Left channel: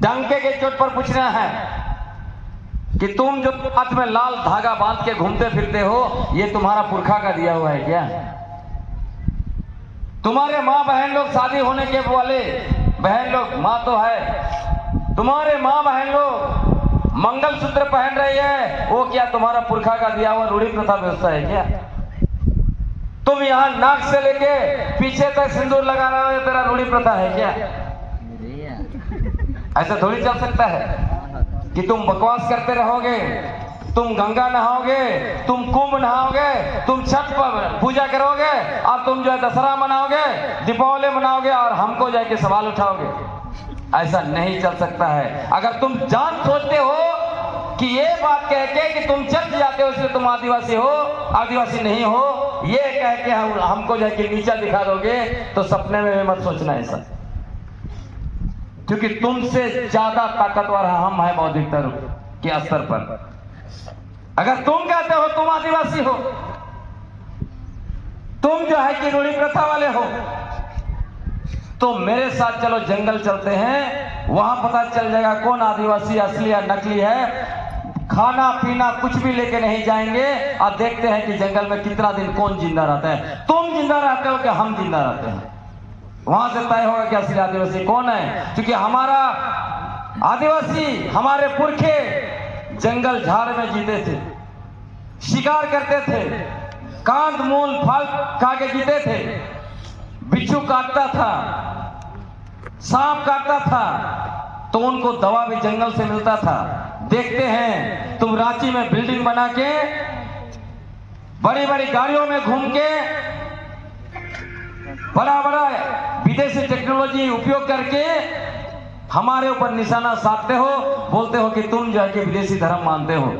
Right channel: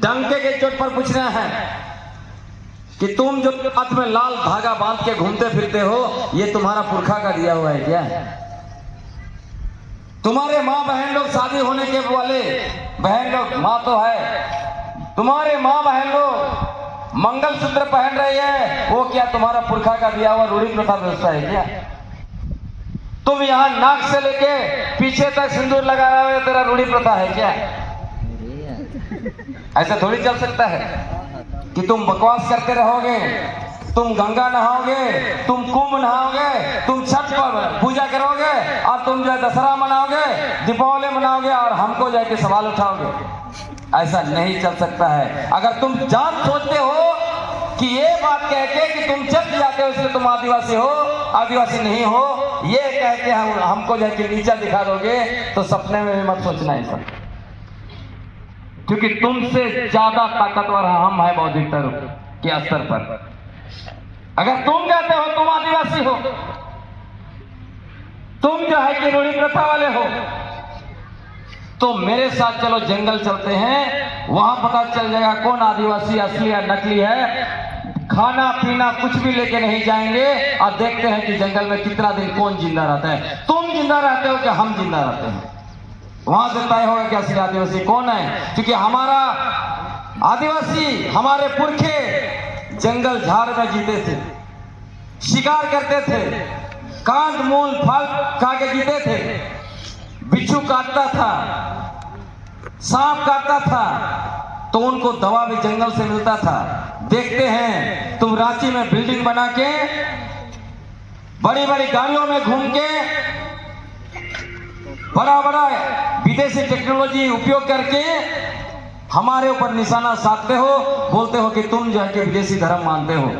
डंके के चोट पर पूछना है कि तुम जो हाथ में लाल धागा बांध के घूमते फिरते हो, ये तुम्हारा पुरखा का दिया हुआ है क्या? तुम्हारे माँ बहन लोग शादी होने के वाले बहन लोग, माँ तो है, तुम्हारे माँ बहन लोग मंगलसूत्र पहन रही है, वो क्या तुम्हारा पुरखा का दिया हुआ रूढ़ी प्रथा व्यवस्था है क्या? तुम यहाँ नाक से लेके पीछे तक सिंदूर लगा रहे हो, ये तेरा रूढ़ी प्रथा है क्या? ऐसा थोड़ी चल सकता है कि तुम बकवास करते रहोगे, तुम गंगा नहाओगे, तुम कुंभ नहाओगे, तुम छठ पर पूजा करोगे और तुम जो है दशहरा मनाओगे, दीपावली मनाओगे और हमको जाके सवाल उठाओगे। ऐसा नहीं चल सकता है। अगर तुम जान सोचते हो कि ये बात कह के कि तुम चर्च जाते हो इसलिए तुम आदिवासी हो, आदिवासी नहीं हो, ये कह के हमको जाके नीचा दिखा दोगे, तो सपने में भी मत सोचना ऐसा, क्योंकि तुमसे ज्यादा ताकतवर हम है बौद्धिकता के स्तर पर। अगर तुम कहते हो तुम आदिवासी हो, तुम जो है कि रूढ़ी प्रथा वाले हो, तो मेरे साथ चलो जंगल चलते हैं, वहां पता चल जाएगा कौन आदिवासी असली या नकली है। खाना पीना कुछ भी लेके नहीं जाएंगे और देखते हैं कि जंगल में कितना दिन कौन जिंदा रहता है। तुम जिंदा रहते हो क्या हम जिंदा रहते हैं? वहां से तय होगा कि असली आदिवासी कौन है, क्योंकि हमारा आदिवासी, हमारे पुरखे जंगल झाड़ में जीते थे, शिकार करते थे, कांद मूल फल खा के जीते थे, बिच्छू काटता था, सांप काटता था, तो उनको दवा भी जंगल से मिलता था। देखते हैं तुम रांची में बिल्डिंग बना के, बड़ी बड़ी गाड़ियों में घूम के, बड़ा बड़ा विदेशी टेक्नोलॉजी उपयोग करके हमारे ऊपर निशाना साधते हो, बोलते हो कि तुम जो है कि विदेशी धर्म मानते हो।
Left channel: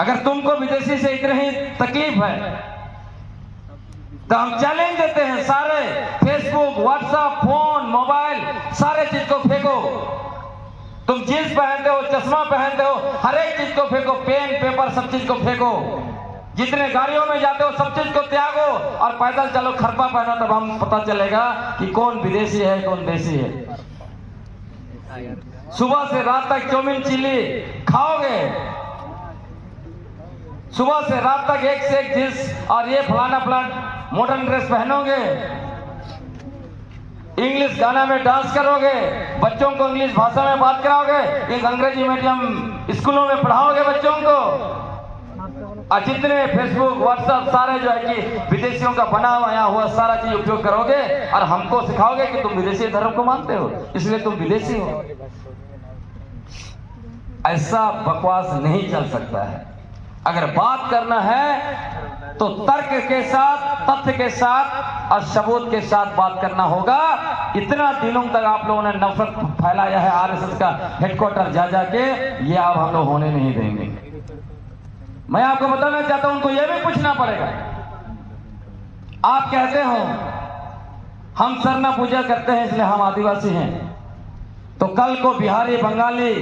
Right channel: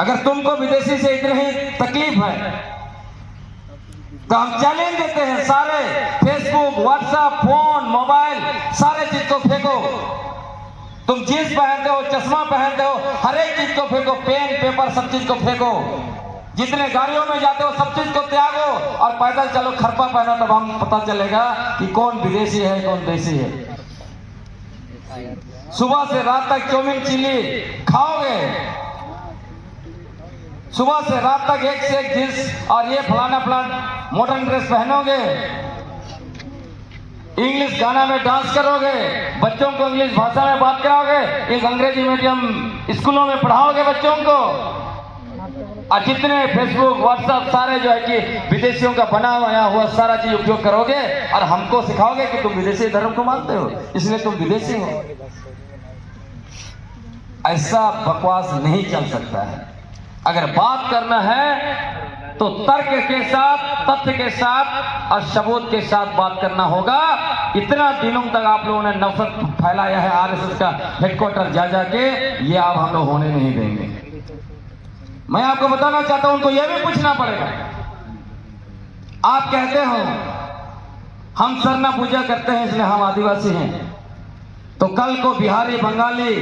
अगर तुमको विदेशी से इतनी ही तकलीफ है तो हम चैलेंज देते हैं, सारे फेसबुक, व्हाट्सएप, फोन, मोबाइल, सारे चीज को फेंको। तुम जींस पहनते हो, चश्मा पहनते हो, हर एक चीज को फेंको, पेन पेपर सब चीज को फेंको। जितने गाड़ियों में जाते हो सब चीज को त्यागो और पैदल चलो, खरपा पहनो, तब हम पता चलेगा कि कौन विदेशी है कौन देशी है। सुबह से रात तक चाउमीन चिल्ली खाओगे, सुबह से रात तक एक से एक जींस और ये फलाना फलाना मॉडर्न ड्रेस पहनोगे, इंग्लिश गाना में डांस करोगे, बच्चों को इंग्लिश भाषा में बात कराओगे, एक अंग्रेजी मीडियम स्कूलों में पढ़ाओगे बच्चों को, और जितने फेसबुक व्हाट्सएप सारे जो है कि विदेशियों का बना हुआ सारा चीज उपयोग करोगे और हमको सिखाओगे कि तुम विदेशी धर्म को मानते हो इसलिए तुम विदेशी हो। ऐसा बकवास नहीं चल सकता है। अगर बात करना है तो तर्क के साथ, तथ्य के साथ और सबूत के साथ बात करना होगा। इतना दिनों तक आप लोगों ने नफरत फैलाया है आरएसएस का हेडक्वार्टर जा जाके, ये आप हम लोग होने नहीं देंगे। मैं आपको बताना चाहता हूं, उनको यह भी पूछना पड़ेगा। आप कहते हो हम सरना पूजा करते हैं इसलिए हम आदिवासी हैं, तो कल को बिहारी, बंगाली,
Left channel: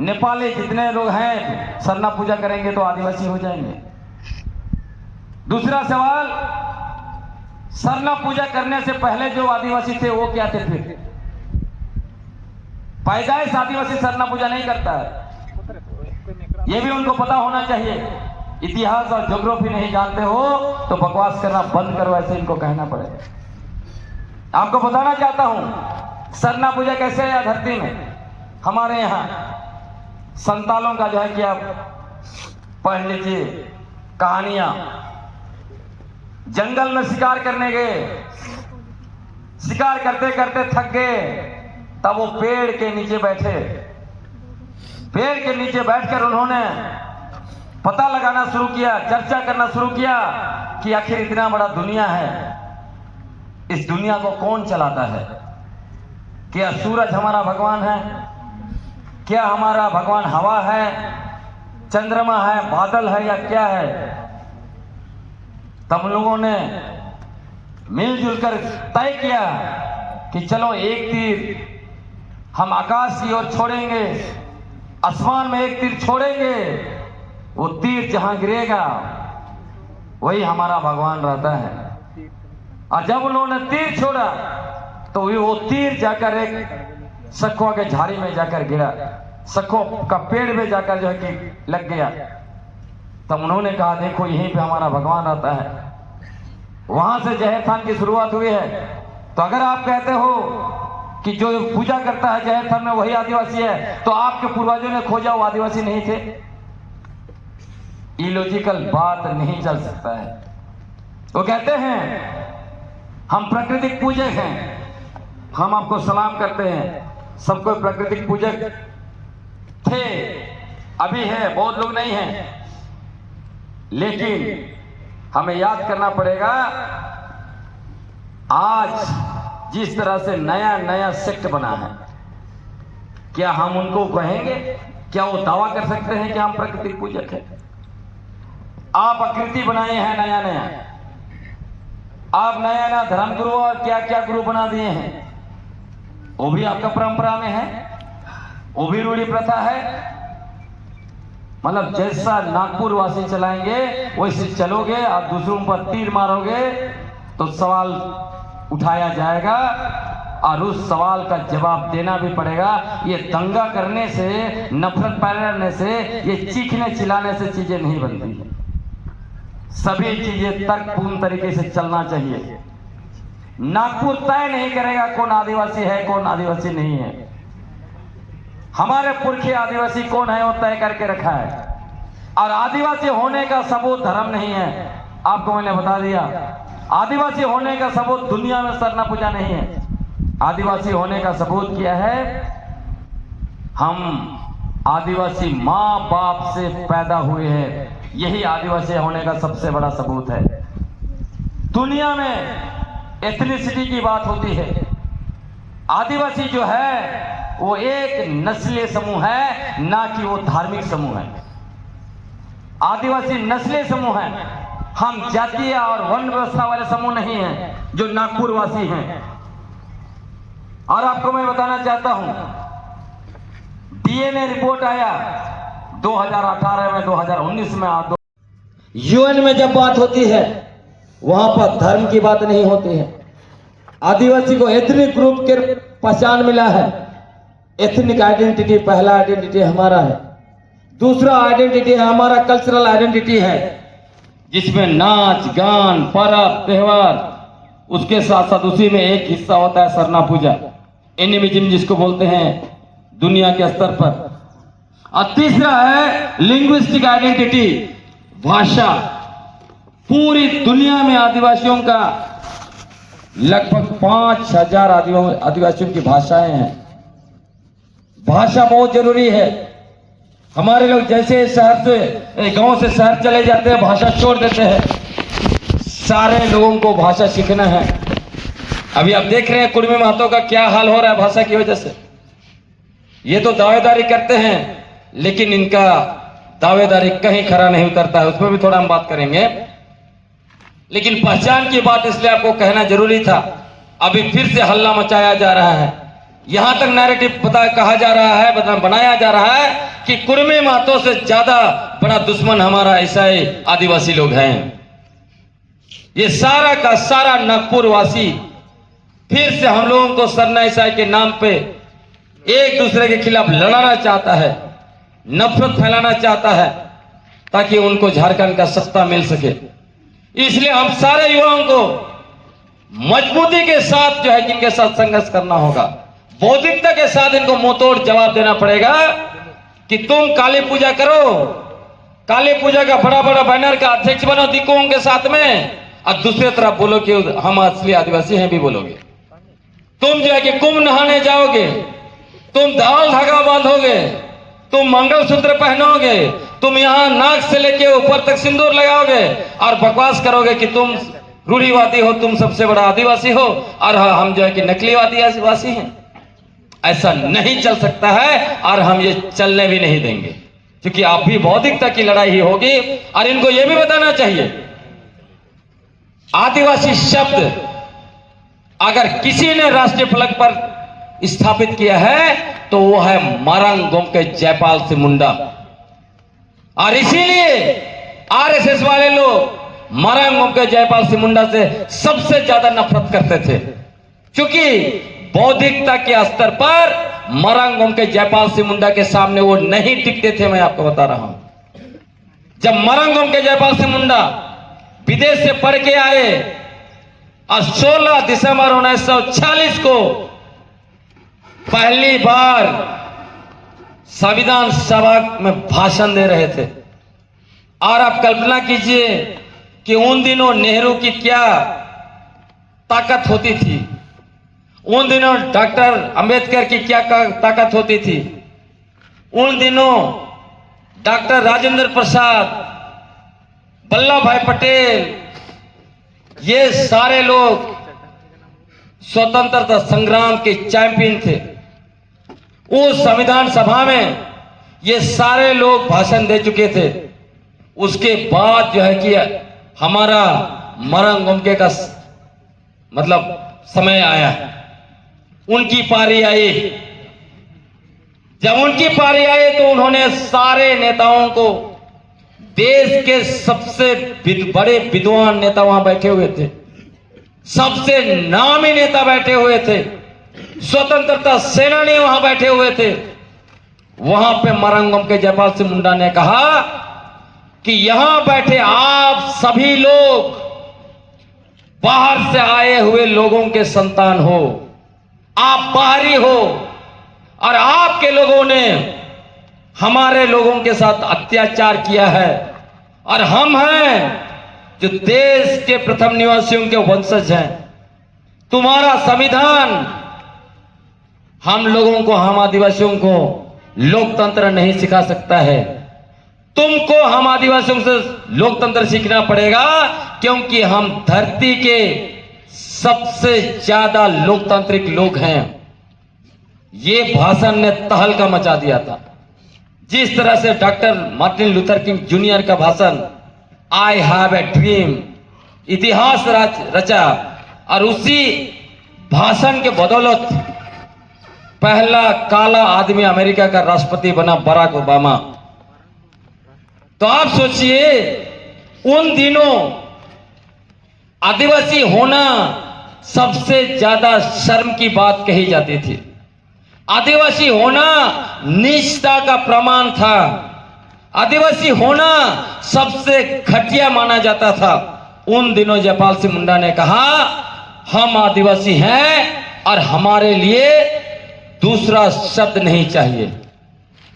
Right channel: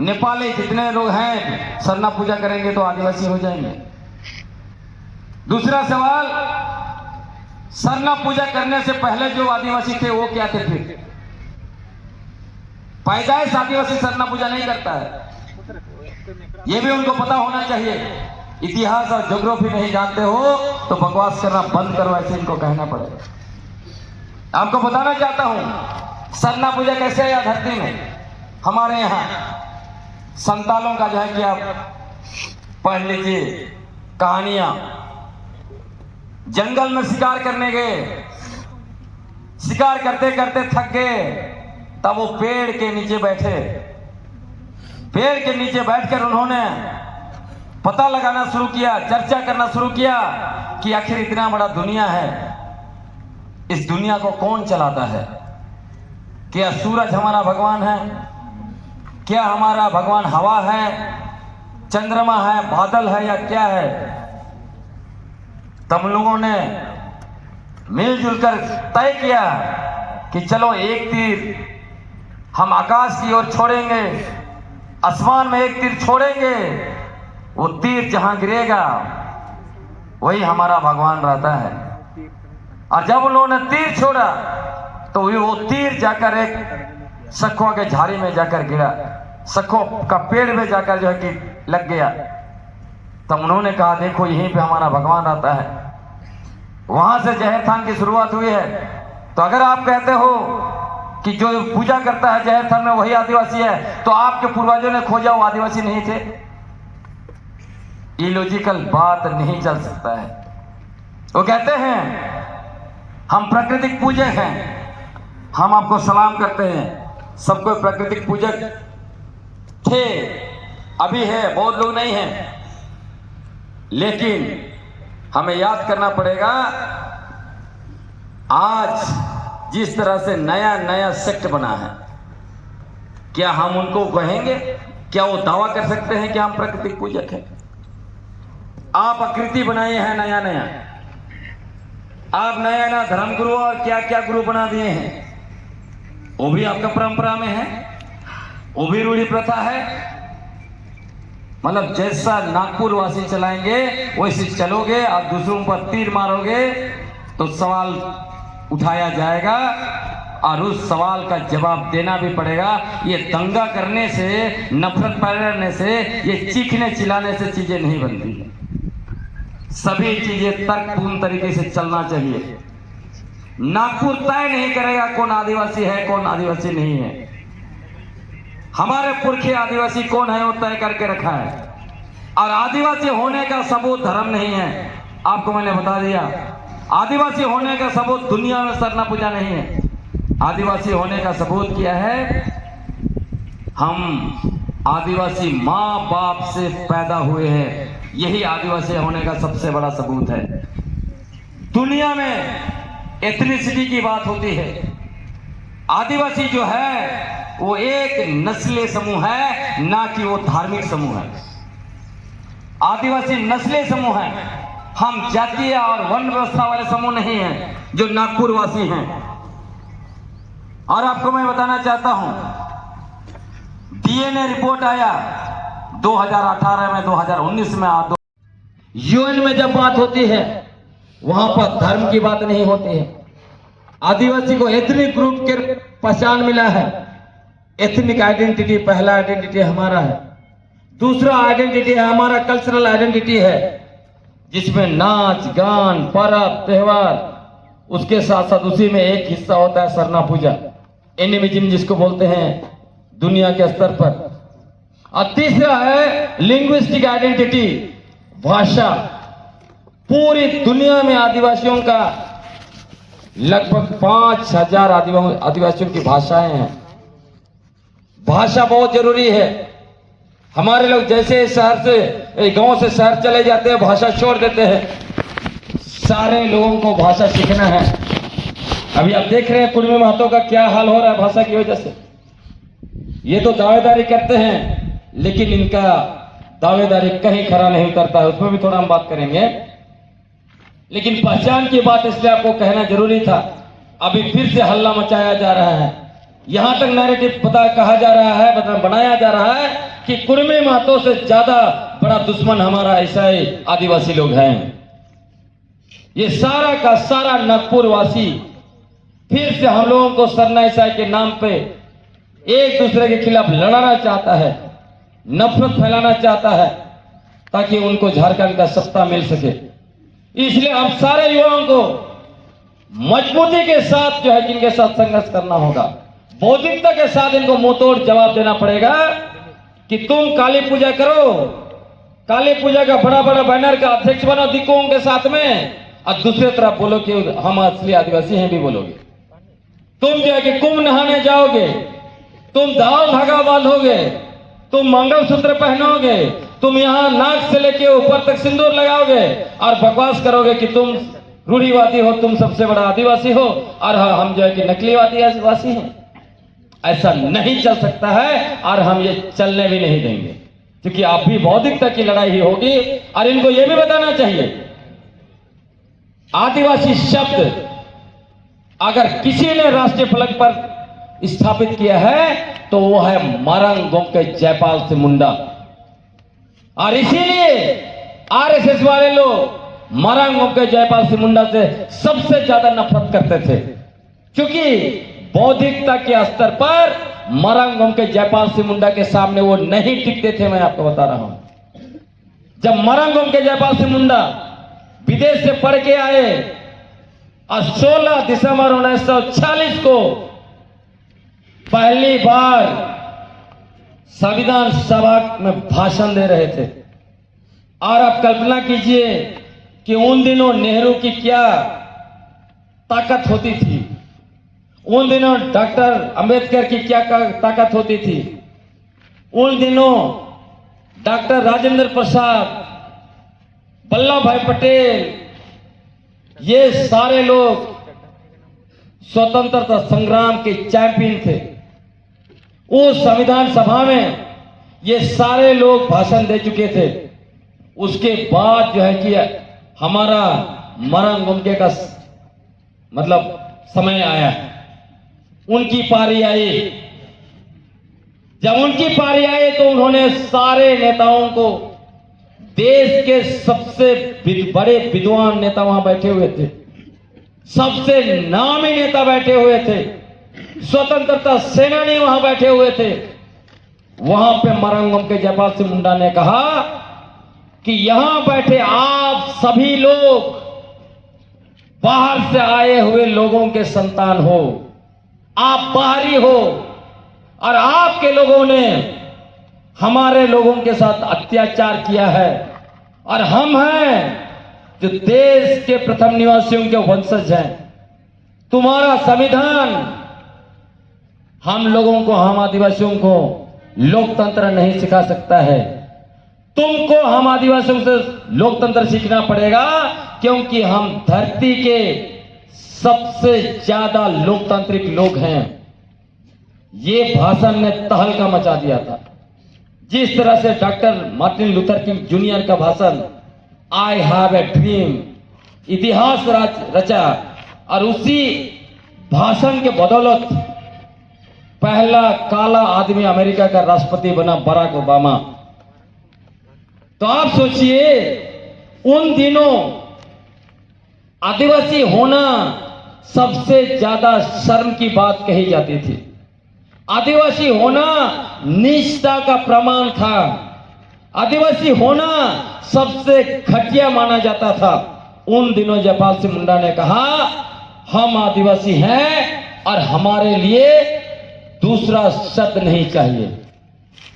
नेपाली जितने लोग हैं सरना पूजा करेंगे तो आदिवासी हो जाएंगे। दूसरा सवाल, सरना पूजा करने से पहले जो आदिवासी थे वो क्या थे? फिर पैदाइश आदिवासी सरना पूजा नहीं करता है, ये भी उनको पता होना चाहिए। इतिहास और ज्योग्राफी नहीं जानते हो तो बकवास करना बंद करो, ऐसे इनको कहना पड़ेगा। आपको बताना चाहता हूं सरना पूजा कैसे है धरती में। हमारे यहाँ संतालों का जो है कि आप पढ़ लीजिए कहानियां। जंगल में शिकार करने गए, शिकार करते करते थक गए, तब वो पेड़ के नीचे बैठे। पेड़ के नीचे बैठकर उन्होंने पता लगाना शुरू किया, चर्चा करना शुरू किया कि आखिर इतना बड़ा दुनिया है, इस दुनिया को कौन चलाता है? क्या सूरज हमारा भगवान है? क्या हमारा भगवान हवा है, चंद्रमा है, बादल है, या क्या है? तब लोगों ने मिलजुल कर तय किया कि चलो एक तीर हम आकाश की ओर छोड़ेंगे, आसमान में एक तीर छोड़ेंगे, वो तीर जहां गिरेगा वही हमारा भगवान रहता है। और जब उन्होंने तीर छोड़ा तो वो तीर जाकर एक सखों के झाड़ी में जाकर गिरा, सखों का पेड़ में जाकर जो है कि लग गया। तब उन्होंने कहा देखो यहीं पे हमारा भगवान आता है। वहां से जहर थान की शुरुआत हुई है। तो अगर आप कहते हो कि जो पूजा करता है जहर थान में वही आदिवासी है, तो आपके पूर्वजों ने खोजा वो आदिवासी नहीं थे? इलॉजिकल बात नहीं चल सकता है। वो कहते हैं हम प्राकृतिक पूजक हैं, हम आपको सलाम करते हैं। सबको प्राकृतिक पूजक थे, अभी है, बहुत लोग नहीं हैं। लेकिन हमें याद करना पड़ेगा, आज जिस तरह से नया नया सेक्ट बना है, क्या हम उनको कहेंगे? क्या वो दावा कर सकते हैं कि हम प्राकृतिक पूजक हैं? आप आकृति बनाए हैं नया नया, आप नया नया धर्म गुरु और क्या क्या गुरु बना दिए हैं। वो भी आपका परंपरा में है, वो भी रूढ़ी प्रथा है। मतलब जैसा नागपुर वासी चलाएंगे वैसे चलोगे और दूसरों पर तीर मारोगे तो सवाल उठाया जाएगा और उस सवाल का जवाब देना भी पड़ेगा। ये दंगा करने से, नफरत पैरने से, ये चीखने चिल्लाने से चीजें नहीं बनती है। सभी चीजें तर्कपूर्ण तरीके से चलना चाहिए। नागपुर तय नहीं करेगा कौन आदिवासी है कौन आदिवासी नहीं है। हमारे पुरखे आदिवासी कौन है वो तय करके रखा है। और आदिवासी होने का सबूत धर्म नहीं है, आपको मैंने बता दिया। आदिवासी होने का सबूत दुनिया में सरना पूजा नहीं है। आदिवासी होने का सबूत क्या है? हम आदिवासी माँ बाप से पैदा हुए हैं, यही आदिवासी होने का सबसे बड़ा सबूत है। दुनिया में एथनिसिटी की बात होती है। आदिवासी जो है वो एक नस्लीय समूह है, ना कि वो धार्मिक समूह है। आदिवासी नस्लीय समूह है, हम जातीय और वर्ण व्यवस्था वाले समूह नहीं हैं जो नागपुर वासी हैं। और आपको मैं बताना चाहता हूं, डीएनए रिपोर्ट आया 2018 में, 2019 में। यूएन में जब बात होती है वहां पर धर्म की बात नहीं होती है। आदिवासी को एथनिक ग्रुप के पहचान मिला है। एथनिक आइडेंटिटी पहला आइडेंटिटी हमारा है। दूसरा आइडेंटिटी है हमारा कल्चरल आइडेंटिटी है, जिसमें नाच गान पर्व त्योहार, उसके साथ साथ उसी में एक हिस्सा होता है सरना पूजा, एनिमिज्म जिसको बोलते हैं दुनिया के स्तर पर। और तीसरा है लिंग्विस्टिक आइडेंटिटी, भाषा। पूरी दुनिया में आदिवासियों का लगभग 5000 आदिवासियों की भाषाएं हैं। भाषा बहुत जरूरी है। हमारे लोग जैसे शहर से, गांव से शहर चले जाते हैं, भाषा छोड़ देते हैं। सारे लोगों को भाषा सीखना है। अभी आप देख रहे हैं कुर्मी महतो का क्या हाल हो रहा है भाषा की वजह से। ये तो दावेदारी करते हैं, लेकिन इनका दावेदारी कहीं खरा नहीं उतरता है। उसमें भी थोड़ा हम बात करेंगे, लेकिन पहचान की बात इसलिए आपको कहना जरूरी था। अभी फिर से हल्ला मचाया जा रहा है, यहां तक नैरेटिव कहा जा रहा है, बनाया जा रहा है कि कुर्मी महतो से ज्यादा बड़ा दुश्मन हमारा ईसाई आदिवासी लोग हैं। ये सारा का सारा नागपुर वासी फिर से हम लोगों को सरना ईसाई के नाम पे एक दूसरे के खिलाफ लड़ाना चाहता है, नफरत फैलाना चाहता है, ताकि उनको झारखंड का सत्ता मिल सके। इसलिए हम सारे युवाओं को मजबूती के साथ जो है इनके साथ संघर्ष करना होगा। बौद्धिकता के साथ इनको मुंहतोड़ जवाब देना पड़ेगा कि तुम काली पूजा करो, काली पूजा का बड़ा बड़ा बैनर का अध्यक्ष बनो दिक्कुओं के साथ में, और दूसरी तरफ बोलो कि हम असली आदिवासी हैं भी बोलोगे। तुम जो है कि कुंभ नहाने जाओगे, तुम दाल धागा बांधोगे, तुम मंगलसूत्र पहनोगे, तुम यहाँ नाक से लेके ऊपर तक सिंदूर लगाओगे और बकवास करोगे कि तुम रूढ़िवादी हो, तुम सबसे बड़ा आदिवासी हो, और हम जो है कि नकली आदिवासी हैं। ऐसा नहीं चल सकता है और हम ये चलने भी नहीं देंगे, क्योंकि आप भी बौद्धिकता की लड़ाई ही होगी। और इनको यह भी बताना चाहिए, आदिवासी शब्द अगर किसी ने राष्ट्रीय फलक पर स्थापित किया है तो वो है मारंग गोमके जयपाल से मुंडा। और इसीलिए आरएसएस वाले लोग मारंग गोमके जयपाल से मुंडा से सबसे ज्यादा नफरत करते थे, क्योंकि बौद्धिकता के स्तर पर मरंगम के जयपाल सिंह मुंडा के सामने वो नहीं टिकते थे। मैं आपको बता रहा हूं, जब मरंगम के जयपाल सिंह मुंडा विदेश से पढ़ के आए और 16 दिसंबर 1946 को पहली बार संविधान सभा में भाषण दे रहे थे। और आप कल्पना कीजिए कि उन दिनों नेहरू की क्या ताकत होती थी, उन दिनों डॉक्टर अंबेडकर की क्या ताकत होती थी, उन दिनों डॉक्टर राजेंद्र प्रसाद, वल्लभ भाई पटेल, ये सारे लोग स्वतंत्रता संग्राम के चैंपियन थे। उस संविधान सभा में ये सारे लोग भाषण दे चुके थे। उसके बाद जो है कि हमारा मरंगम के का मतलब समय आया, उनकी पारी आई। जब उनकी पारी आई तो उन्होंने सारे नेताओं को, देश के सबसे बड़े विद्वान नेता वहां बैठे हुए थे, सबसे नामी नेता बैठे हुए थे, स्वतंत्रता सेनानी वहां बैठे हुए थे। वहां पे मरंगम के जयपाल सिंह मुंडा ने कहा कि यहां बैठे आप सभी लोग बाहर से आए हुए लोगों के संतान हो, आप बाहरी हो, और आपके लोगों ने हमारे लोगों के साथ अत्याचार किया है, और हम हैं जो देश के प्रथम निवासियों के वंशज हैं। तुम्हारा संविधान हम लोगों को, हम आदिवासियों को लोकतंत्र नहीं सिखा सकता है। तुमको हम आदिवासियों से लोकतंत्र सीखना पड़ेगा, क्योंकि हम धरती के सबसे ज्यादा लोकतांत्रिक लोग हैं। ये भाषण ने तहलका मचा दिया था। जिस तरह से doctor Martin Luther king junior का भाषण आई हैव ए ड्रीम इतिहास रचा, और उसी भाषण के बदौलत पहला काला आदमी अमेरिका का राष्ट्रपति बना बराक ओबामा। तो आप सोचिए, उन दिनों आदिवासी होना सबसे ज्यादा शर्म की बात कही जाती थी। आदिवासी होना नीचता का प्रमाण था। आदिवासी होना सबसे घटिया माना जाता था। उन दिनों जयपाल सिंह मुंडा ने कहा, हम आदिवासी हैं और हमारे लिए दूसरा शब्द नहीं चाहिए।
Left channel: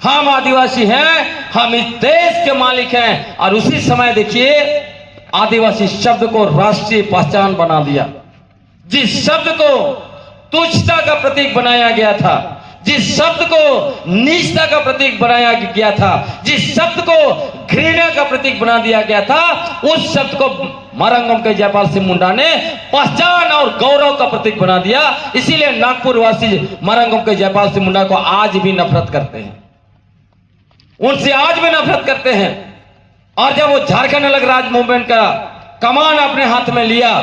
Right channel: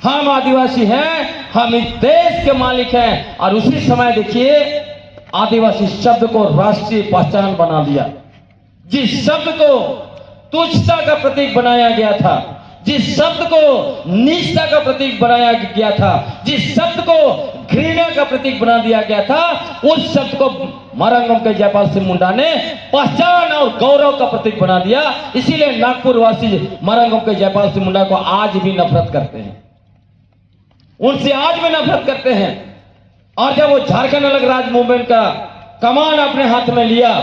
हम आदिवासी हैं, हम इस देश के मालिक हैं। और उसी समय देखिए, आदिवासी शब्द को राष्ट्रीय पहचान बना दिया। जिस शब्द को तुच्छता का प्रतीक बनाया गया था, जिस शब्द को नीचता का प्रतीक बनाया गया था, जिस शब्द को घृणा का प्रतीक बना दिया गया था, उस शब्द को मरंगम के जयपाल सिंह मुंडा ने पहचान और गौरव का प्रतीक बना दिया। इसीलिए नागपुर वासी मरंगम के जयपाल सिंह मुंडा को आज भी नफरत करते हैं, उनसे आज भी नफरत करते हैं। और जब वो झारखंड अलग राज्य मूवमेंट का कमान अपने हाथ में लिया,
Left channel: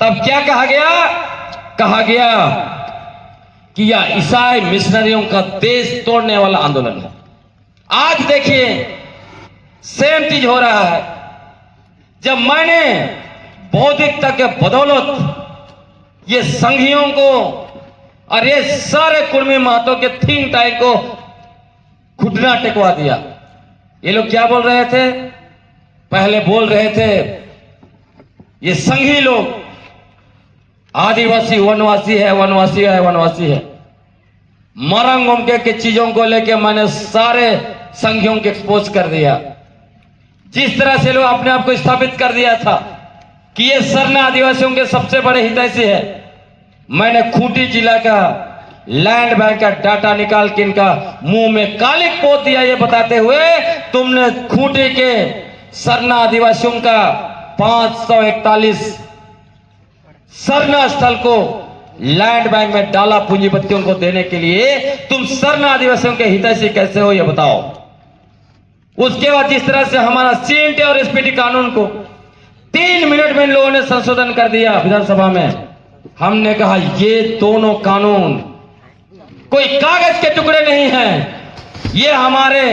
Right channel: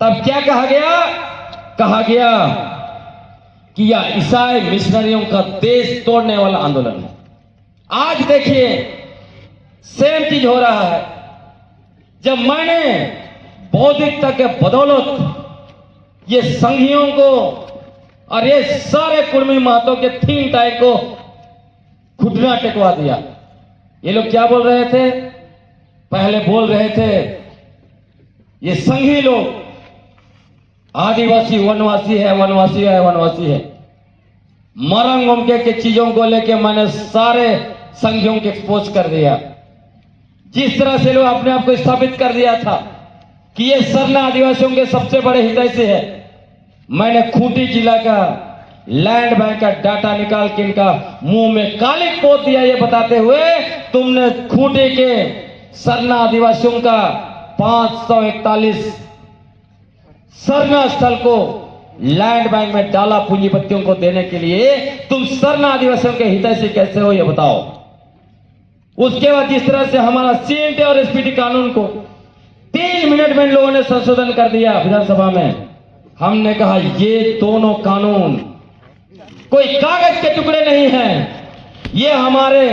तब क्या कहा गया? कहा गया कि यह ईसाई मिशनरियों का देश तोड़ने वाला आंदोलन है। आज देखिए, सेम चीज हो रहा है। जब मैंने बौद्धिकता के बदौलत ये संघियों को और ये सारे कुर्मी महतो के थिंक टैंक को घुटना टेकवा दिया। ये लोग क्या बोल रहे थे? पहले बोल रहे थे ये संघी लोग आदिवासी वनवासी है, वनवासी है, वनवासी है। मरंगम के चीजों को लेके मैंने सारे संघियों को एक्सपोज कर दिया। जिस तरह से लोग अपने आप को स्थापित कर दिया था कि ये सरना आदिवासियों के सबसे बड़े हितैषी है, मैंने खूंटी जिला का लैंड बैंक का डाटा निकाल के इनका मुंह में कालिक पोत दिया, ये बताते हुए तुमने खूंटी के सरना आदिवासियों का 541 सरना स्थल को लैंड बैंक में डाला पूंजीपतियों को देने के लिए। तुम सरना आदिवासियों के हितैषी कैसे हो, ये बताओ। उसके बाद जिस तरह से हमारा सीएनटी और एसपीटी कानून को 3 मिनट में इन लोगों ने संशोधन कर दिया विधानसभा में। हमने कहा ये दोनों कानून कोई कागज के टुकड़े नहीं हैं, ये हमारे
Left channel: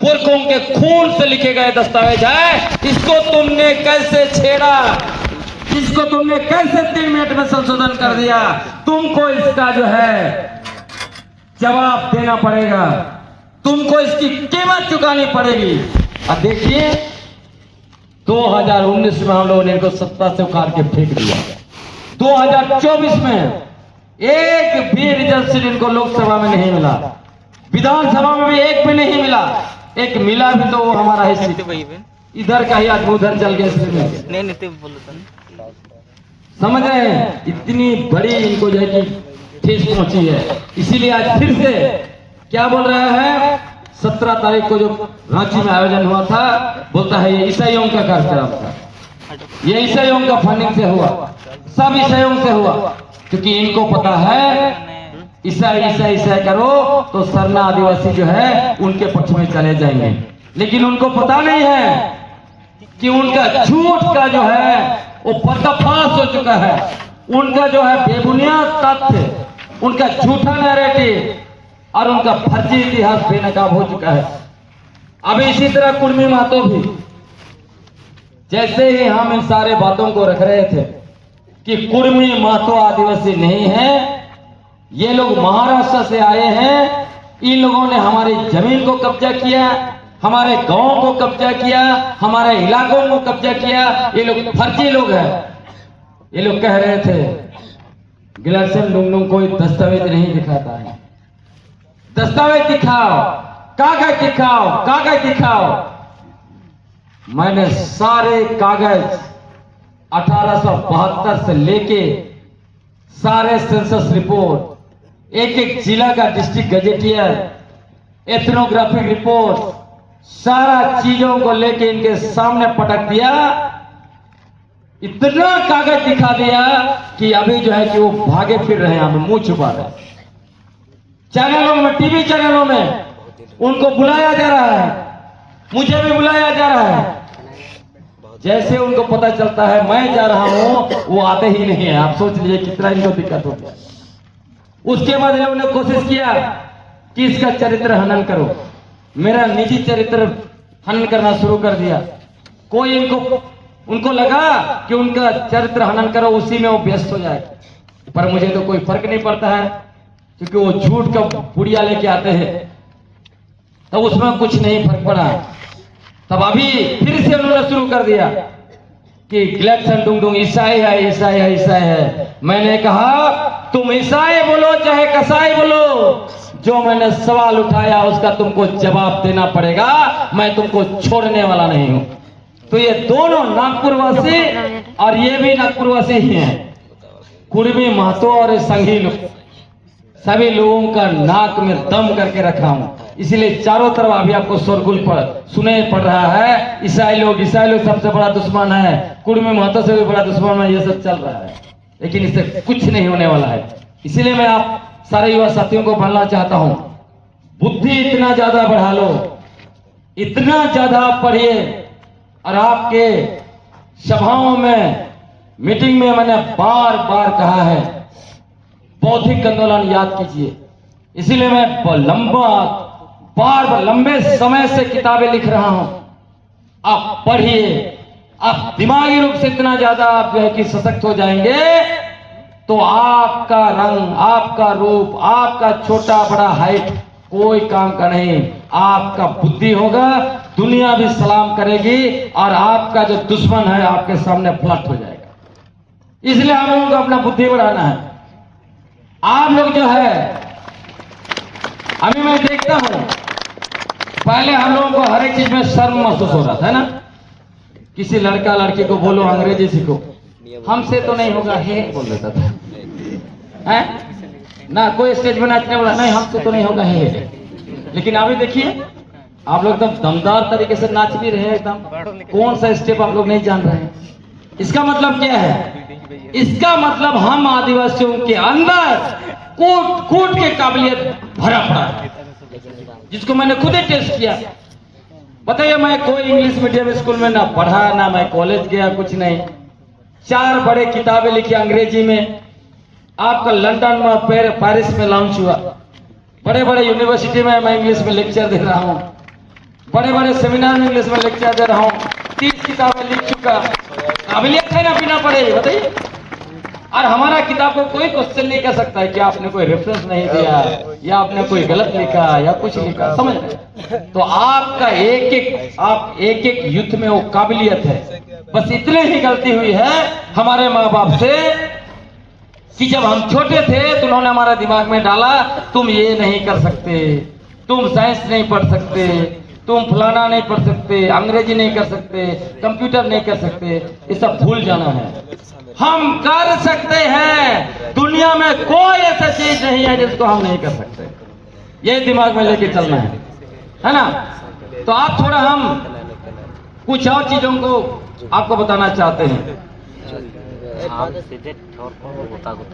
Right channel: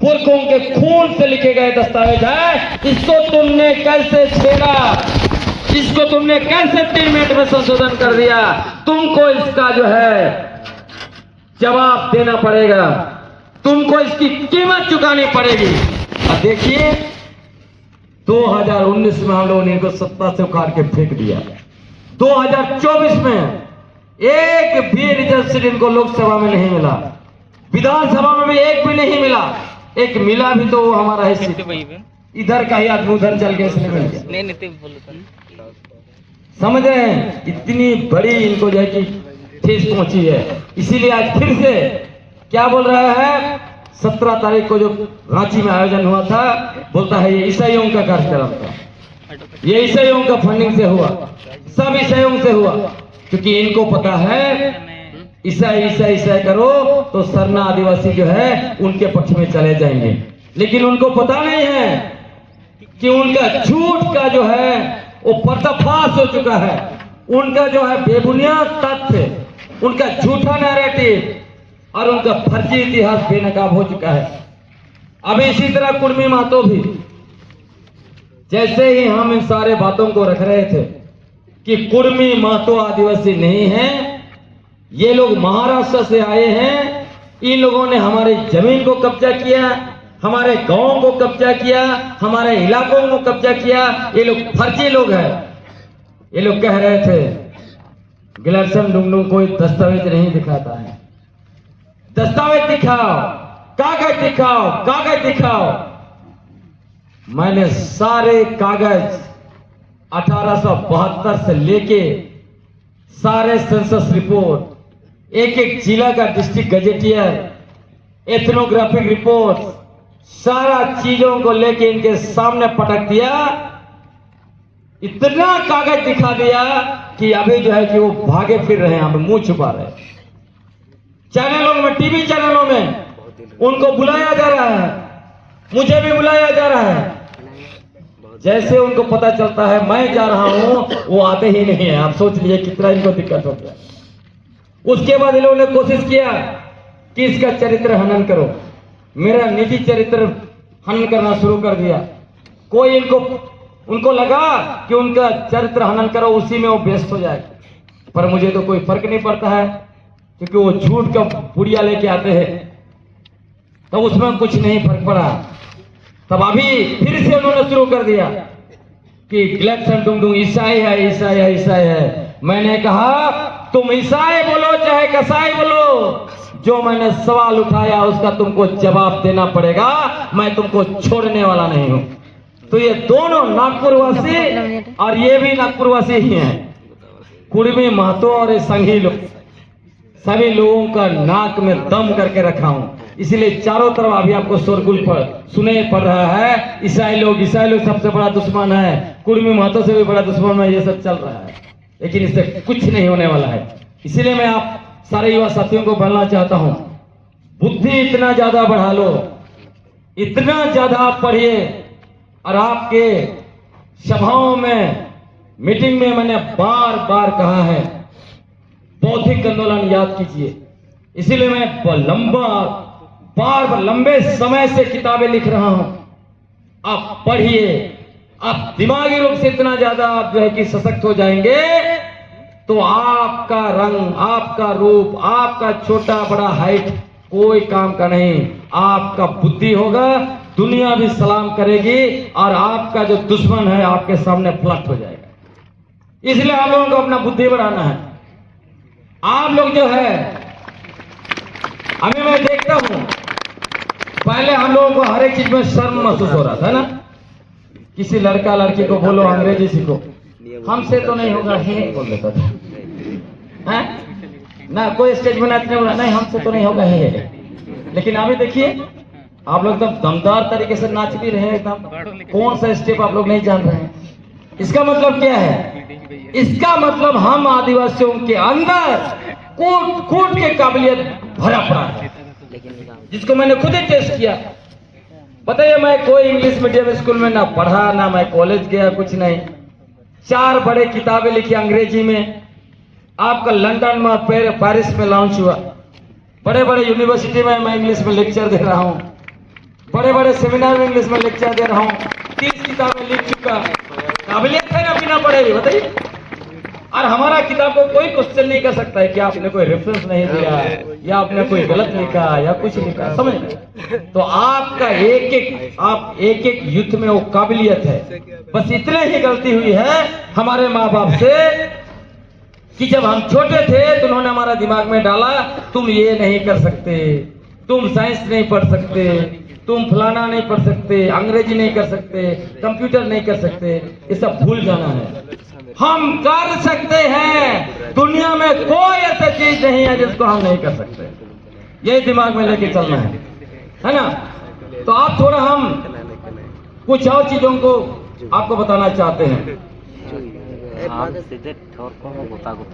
पुरखों के खून से लिखे गए दस्तावेज है। इसको तुमने कैसे छेड़ा, इसको तुमने कैसे 3 मिनट में संशोधन कर दिया? तुमको इसका जो है जवाब देना पड़ेगा, तुमको इसकी कीमत चुकानी पड़ेगी। अब देखिए 2019 में हम लोगों ने इनको सत्ता से उखाड़ के फेंक दिया। 2024 में एक भी रिजर्व सीट इनको लोकसभा में नहीं मिला, विधानसभा में भी एक भी नहीं मिला। एक मिला भी तो वो हमारा है सीट, इधर का ही आदमी उधर चल गया, इसलिए मिल गया। नहीं समझ रहे हैं, इतनी बड़ी इनको जो है कि ठेस पहुंची है। इसीलिए आज फिर से क्या बोल रहा है, 17 तारीख को जो रांची में आयोजन हुआ था, बोलता है ये ईसाइयों का कार्यक्रम था, ये ईसाइयों का फंडिंग से हुआ, सब ईसाइयों से हुआ। क्योंकि इनको पता है ईसाई ईसाई ईसाई करो तो सरना आदिवासी जो है उनके पक्ष में चले जाएंगे। लेकिन उनको पता नहीं है कि उनका झूठ का जो है वो पर्दाफाश हो चुका है। उनका जो है बेबुनियाद तथ्य, उनका झूठा नैरेटिव और उनका फर्जी इतिहास बेनकाब हो चुका है। अब इसी तरह कुर्मी महतो भी, जैसे ही हम इन सारे बातों को रख रहे थे कि कुर्मी महतो आदिवासी नहीं है, ये लोग महाराष्ट्र से आए हैं, इन लोगों ने हमारी जमीन को कब्जा किया, हमारे गांवों को कब्जा किया, हमारे इलाकों को कब्जा किया, ये लोग फर्जी लोग हैं। ये लोग कह रहे थे गिलर्सन डुंगडुंग कोई दस्तावेज नहीं दिखाता है, दस्तावेज दिखाओ, कागज दिखाओ, कागज दिखाओ। मैंने सारे कागज 1872 से लेके सारे सेंसस रिपोर्ट, एक एक जिला का डिस्ट्रिक्ट गजेटियर, एथनोग्राफिक रिपोर्ट, सारा चीजों को लेके इनके सामने पटक दिया। इतना कागज दिखा दिया कि अभी जो है कि वो भागे फिर रहे हैं, हमें मुंह छुपा रहे हैं। चैनलों में, टीवी चैनलों में उनको बुलाया जा रहा है, मुझे भी बुलाया जा रहा है। जैसे उनको पता चलता है मैं जा रहा हूं, वो आते ही नहीं है। आप सोच लीजिए कितना इनको दिक्कत हो गया। उसके बाद इन लोगों ने कोशिश किया कि इसका चरित्र हनन करो, मेरा निजी चरित्र हनन करना शुरू कर दिया। कोई उनको लगा कि उनका चरित्र हनन करो, उसी में वो व्यस्त हो जाए। पर मुझे तो कोई फर्क नहीं पड़ता है, क्योंकि वो झूठ का पुड़िया लेके आते हैं, तो उसमें कुछ नहीं फर्क पड़ा। तब अभी फिर से उन्होंने शुरू कर दिया कि गिलर्सन डुंगडुंग ईसाई है, ईसाई है, ईसाई है। मैंने कहा तुम ईसाई बोलो चाहे कसाई बोलो, जो मैंने सवाल उठाया उसका तुमको जवाब देना पड़ेगा, मैं तुमको छोड़ने वाला नहीं हूं। तो ये दोनों नागपुरवासी और ये भी नागपुरवासी ही हैं, कुर्मी महतो और संघी लोग, सभी लोगों का नाक में दम करके रखा हूं। इसलिए चारों तरफ अभी आपको शोरगुल पर सुने पड़ रहा है, ईसाई लोग सबसे बड़ा दुश्मन है, कुर्मी महतो से भी बड़ा दुश्मन है, ये सब चल रहा है। लेकिन इससे कुछ नहीं होने वाला है। इसीलिए मैं आप सारे युवा साथियों को बोलना चाहता हूं, बुद्धि इतना ज्यादा बढ़ा लो, इतना ज्यादा पढ़िए। और आपके सभाओं में, मीटिंग में मैंने बार बार कहा है, बौद्धिक आंदोलन याद कीजिए। इसीलिए मैं लंबे समय से किताबें लिख रहा हूं। आप पढ़िए, आप दिमागी रूप से इतना ज्यादा आप जो है कि सशक्त हो जाएंगे, तो आपका रंग, आपका रूप, आपका छोटा बड़ा हाइट कोई काम का नहीं। आपका बुद्धि होगा, दुनिया भी सलाम करेगी, और आपका जो दुश्मन है आपके सामने पलट हो जाएगा। इसलिए हम लोगों को अपना बुद्धि बढ़ाना है। आप लोग जो है, अभी मैं देखता हूं, पहले हम लोगों को हर एक चीज में शर्म महसूस हो रहा था ना, किसी लड़का लड़की को बोलो अंग्रेजी सीखो, हमसे तो नहीं होगा हे बोल देता था, है ना। कोई स्टेज में नाचने वाला नहीं, हमसे तो नहीं होगा हे। लेकिन अभी देखिए आप लोग एकदम दमदार तरीके से नाच भी रहे हैं, एकदम कौन सा स्टेप आप लोग नहीं जान रहे हैं। इसका मतलब क्या है? इसका मतलब हम आदिवासियों के अंदर कूट के काबिलियत भरा पड़ा है, जिसको मैंने खुद ही टेस्ट किया। बताइए, मैं कोई इंग्लिश मीडियम स्कूल में ना पढ़ा, ना मैं कॉलेज गया, कुछ नहीं। 4 बड़े किताबें लिखी अंग्रेजी में, आपका लंदन में, पेरिस में लॉन्च हुआ। बड़े बड़े यूनिवर्सिटी में मैं इंग्लिश में लेक्चर दे रहा हूँ, बड़े बड़े सेमिनार में इंग्लिश में लेक्चर दे रहा हूँ। 30 किताबें लिख चुका। काबिलियत है ना, बिना पढ़े, बताइए। और हमारा किताब को कोई क्वेश्चन नहीं कर सकता है कि आपने कोई रेफरेंस नहीं दिया या आपने कोई गलत लिखा या कुछ लिखा, समझ गए? तो आपका आप एक एक युद्ध में वो काबिलियत है। बस इतने ही गलती हुई है हमारे माँ बाप से कि जब हम छोटे थे तो उन्होंने हमारा दिमाग में डाला, तुम ये नहीं कर सकते, तुम साइंस नहीं पढ़ सकते, तुम फलाना नहीं पढ़ सकते, अंग्रेजी नहीं कर सकते, कंप्यूटर नहीं कर सकते, ये सब भूल जाना है। हम कर सकते हैं, दुनिया में कोई ऐसा चीज नहीं है जिसको हम नहीं कर सकते, ये दिमाग में लेके चलना है ना? तो आप थोड़ा हम कुछ और चीजों को आपको बताना चाहते हैं।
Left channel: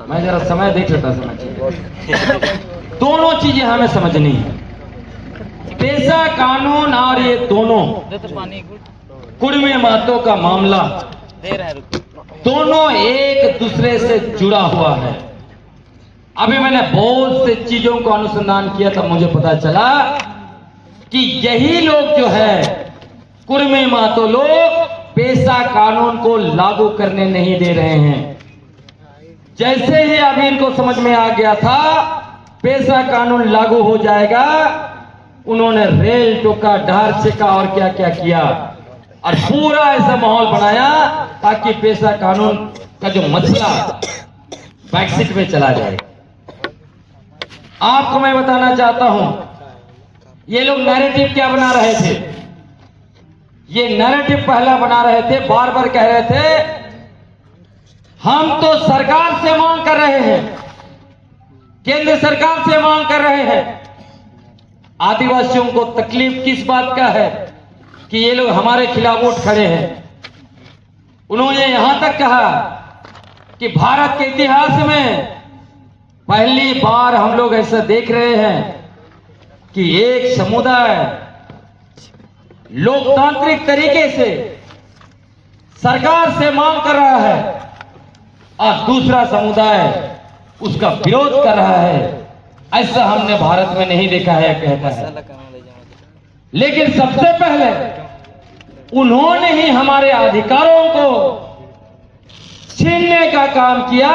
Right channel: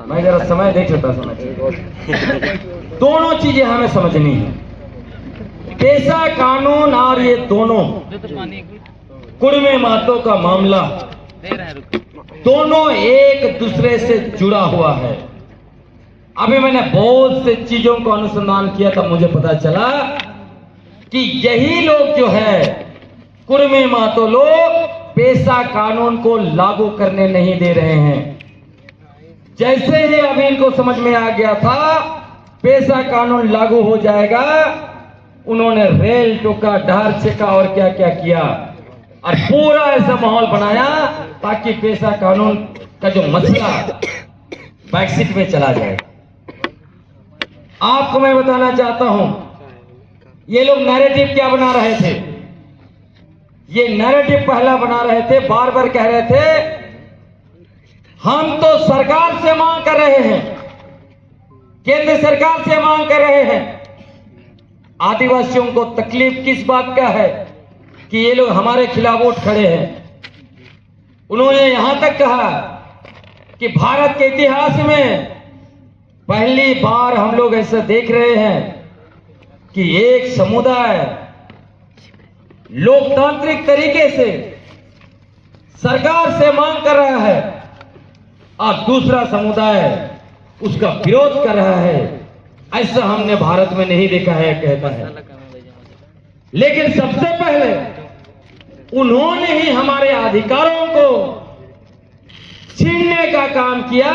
मैं जरा समय देख लेता, समय दोनों चीजें हमें समझनी है, पेशा कानून और ये दोनों कुड़मे मातों का मामला दोनों एक दूसरे से जुड़ा हुआ है। अभी मैंने बहुत से चीजों को अनुसंधान किया तब मुझे पता चला कि यही लोग जो है कुड़मे मातों लोग पेशा कानून को लागू करने नहीं दे रहे हैं। जैसे ही अभी इनको समझ में आ गया था पेशा कानून लागू हो जाएगा, उन्होंने रेल टोका, ढार छेका और क्या क्या किया और पूरा ऐसा माहौल बनाया ताकि पेशा कानून का जो मसला बैकसीट में चला जाए। आपको मैं बताना चाहता हूं, ये लोग नैरेटिव क्या बना रहे थे, ये नैरेटिव पहला बना रहे थे, बार बार कह रहे थे हम तो सरकार से मांग कर रहे हैं, केंद्र सरकार से मांग कर रहे हैं। आदिवासियों को तकलीफ किस बात का है कि ये लोग हमारे खिलाफ उठ खड़े हैं। उन्होंने यहां तक कहा कि भारत के इतिहास में पहली बार हम लोग ऐसा देख रहे हैं कि एक समुदाय लोकतांत्रिक तरीके से सरकार से मांग कर रहा है और दूसरा समुदाय उसका विरोध कर रहा है। ऐसा हमने भारत में नहीं देखा है, कहता है। लेकिन सबसे पहले उन्होंने ही हमारे अधिकारों को छीनने का काम किया,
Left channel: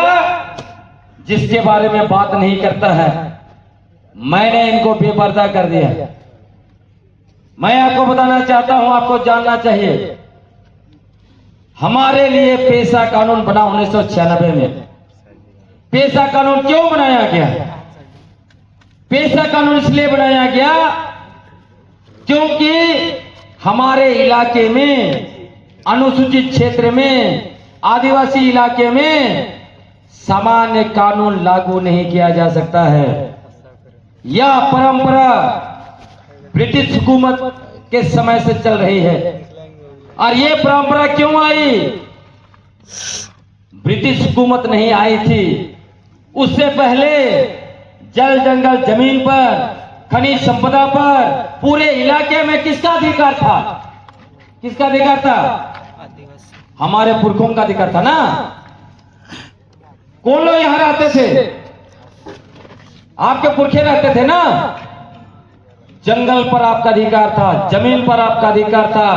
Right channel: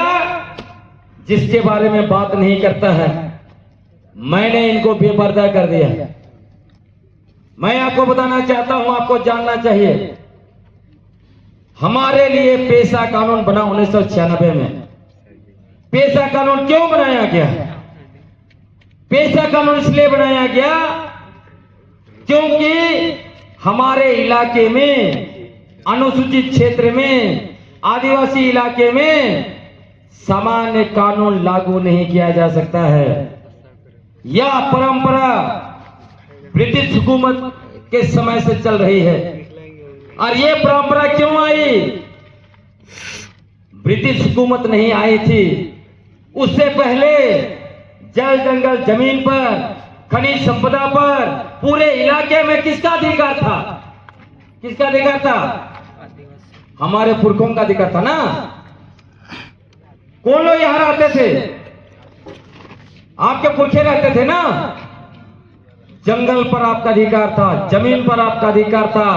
जिसके बारे में बात नहीं करता है। मैंने इनको बेपर्दा कर दिया। मैं आपको बताना चाहता हूं, आपको जानना चाहिए, हमारे लिए पेशा कानून बना 1996 में। पेशा कानून क्यों बनाया गया? पेशा कानून इसलिए बनाया गया क्योंकि हमारे इलाके में, अनुसूचित क्षेत्र में, आदिवासी इलाके में सामान्य कानून लागू नहीं किया जा सकता है। यह परंपरा ब्रिटिश हुकूमत के समय से चल रही है। और यह परंपरा क्यों आई? ब्रिटिश हुकूमत नहीं आई थी, उससे पहले जल जंगल जमीन पर, खनिज संपदा पर पूरे इलाके में किसका अधिकार था? किसका अधिकार था? हमारे पुरखों का अधिकार था ना। कौन लोग यहां रहते थे? आपके पुरखे रहते थे ना। जंगल पर आपका अधिकार था, जमीन पर आपका अधिकार था,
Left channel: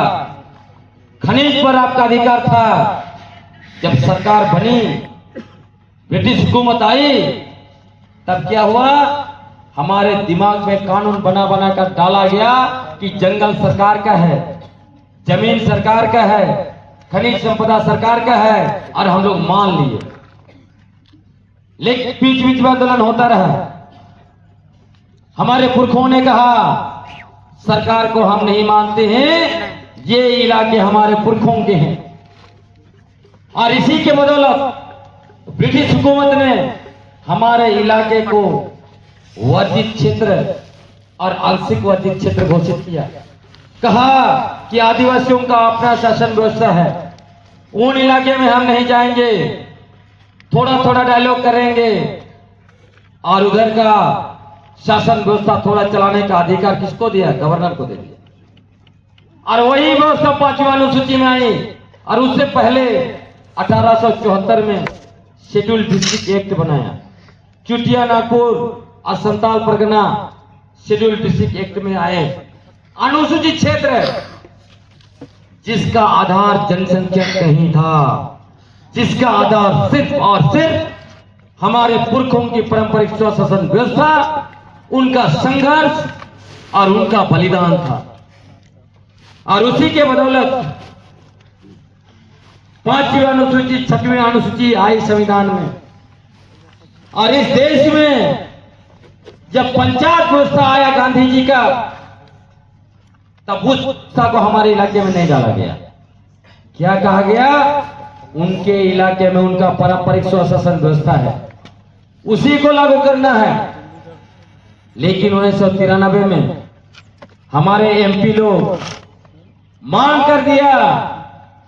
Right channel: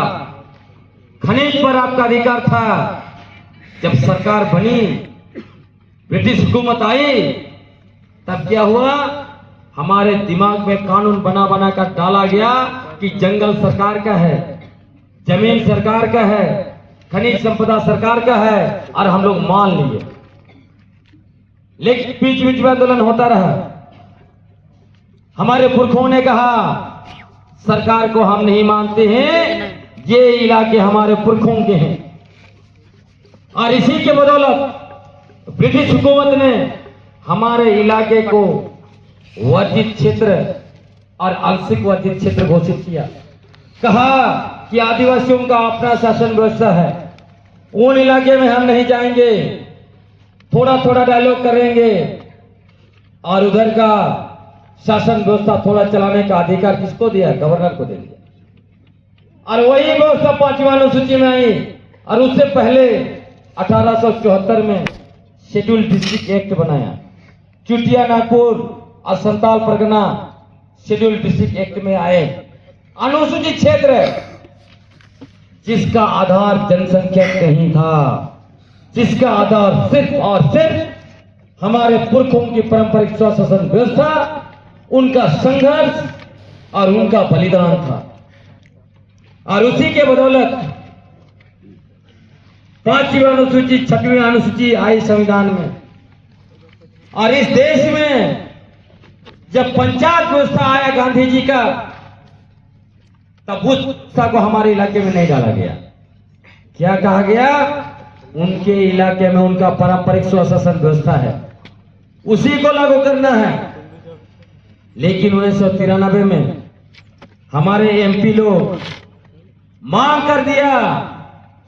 खनिज पर आपका अधिकार था। जब सरकार बनी, ब्रिटिश हुकूमत आई, तब क्या हुआ? हमारे दिमाग में कानून बना बना कर डाला गया कि जंगल सरकार का है, जमीन सरकार का है, खनिज संपदा सरकार का है, और हम लोग मान लिए। लेकिन बीच बीच में आंदोलन होता रहा। हमारे पुरखों ने कहा सरकार को हम नहीं मानते हैं, ये इलाके हमारे पुरखों के हैं। और इसी के बदौलत ब्रिटिश हुकूमत ने हमारे इलाके को वर्जित क्षेत्र और आंशिक वर्जित क्षेत्र घोषित किया। कहा कि आदिवासियों का अपना शासन व्यवस्था है, उन इलाके में हम नहीं जाएंगे, थोड़ा थोड़ा डायलॉग करेंगे, और उधर का शासन व्यवस्था थोड़ा चलाने का अधिकार किसको दिया? गवर्नर को दे दिया। और वही व्यवस्था 5वीं अनुसूची में आई। और उससे पहले 1874 में शेड्यूल डिस्ट्रिक्ट एक्ट बनाया। चुटिया नागपुर और Santal Pargana schedule district act में आए। अनुसूचित क्षेत्र जिसका आधार जनसंख्या नहीं था, जिसका आधार सिर्फ और सिर्फ हमारे पुरखों की पारंपरिक स्वशासन व्यवस्था, उनका संघर्ष और उनका बलिदान था। और उसी के बदौलत 5वीं अनुसूची 6वीं अनुसूची आई संविधान में। और इस देश में जब पंचायत व्यवस्था आया गांधी जी का, तब उस व्यवस्था को हमारे इलाके में नहीं डाला गया। क्या कहा गया? उनके इलाके में उनका पारंपरिक स्वशासन व्यवस्था है, उसी को लागू करना है। लेकिन 1993 में हमारे एमपी लोग मांग कर दिया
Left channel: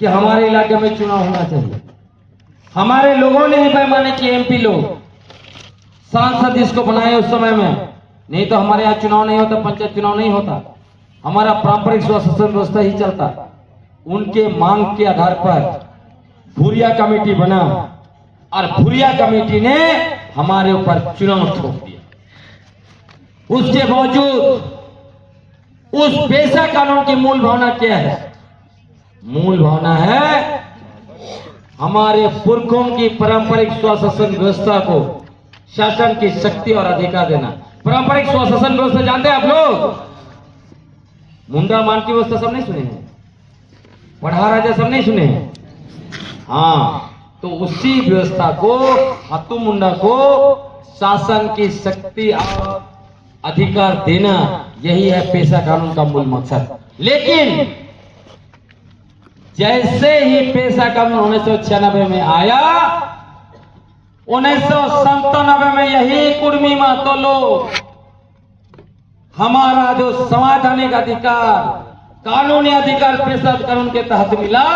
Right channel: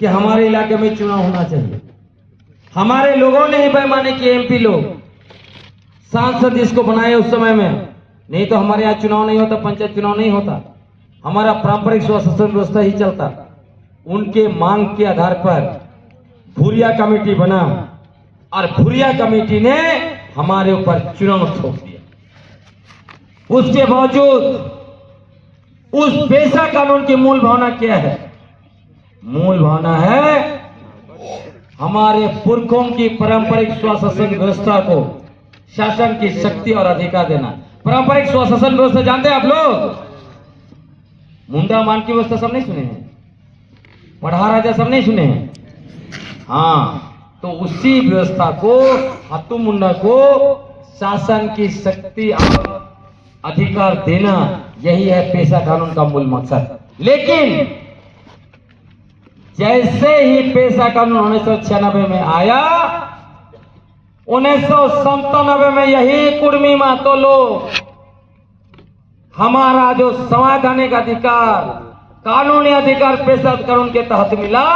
कि हमारे इलाके में चुनाव होना चाहिए। हमारे लोगों ने ही पैमाने किए, एमपी लोग, सांसद इसको बनाए उस समय में। नहीं तो हमारे यहाँ चुनाव नहीं होता, पंचायत चुनाव नहीं होता, हमारा पारंपरिक स्वशासन व्यवस्था ही चलता। उनके मांग के आधार पर भूरिया कमेटी बना और भूरिया कमेटी ने हमारे ऊपर चुनाव थोप दिया। उसके बावजूद उस पेशा कानून की मूल भावना क्या है? मूल भावना है हमारे पुरखों की पारंपरिक स्वशासन व्यवस्था को शासन की शक्ति और अधिकार देना। पारंपरिक स्वशासन व्यवस्था जानते हैं आप लोग? मुंडा मान की व्यवस्था सब नहीं सुने हैं? पढ़ा राजा सब नहीं सुने हैं? हाँ, तो उसी व्यवस्था को, हत्तू मुंडा को शासन की शक्ति और अधिकार देना, यही है पेशा कानून का मूल मकसद। लेकिन जैसे ही पेशा कानून 1996 में आया, 1997 में यही कुर्मी महतो लोग हमारा जो संवैधानिक अधिकार, कानूनी अधिकार पेशा कानून के तहत मिला,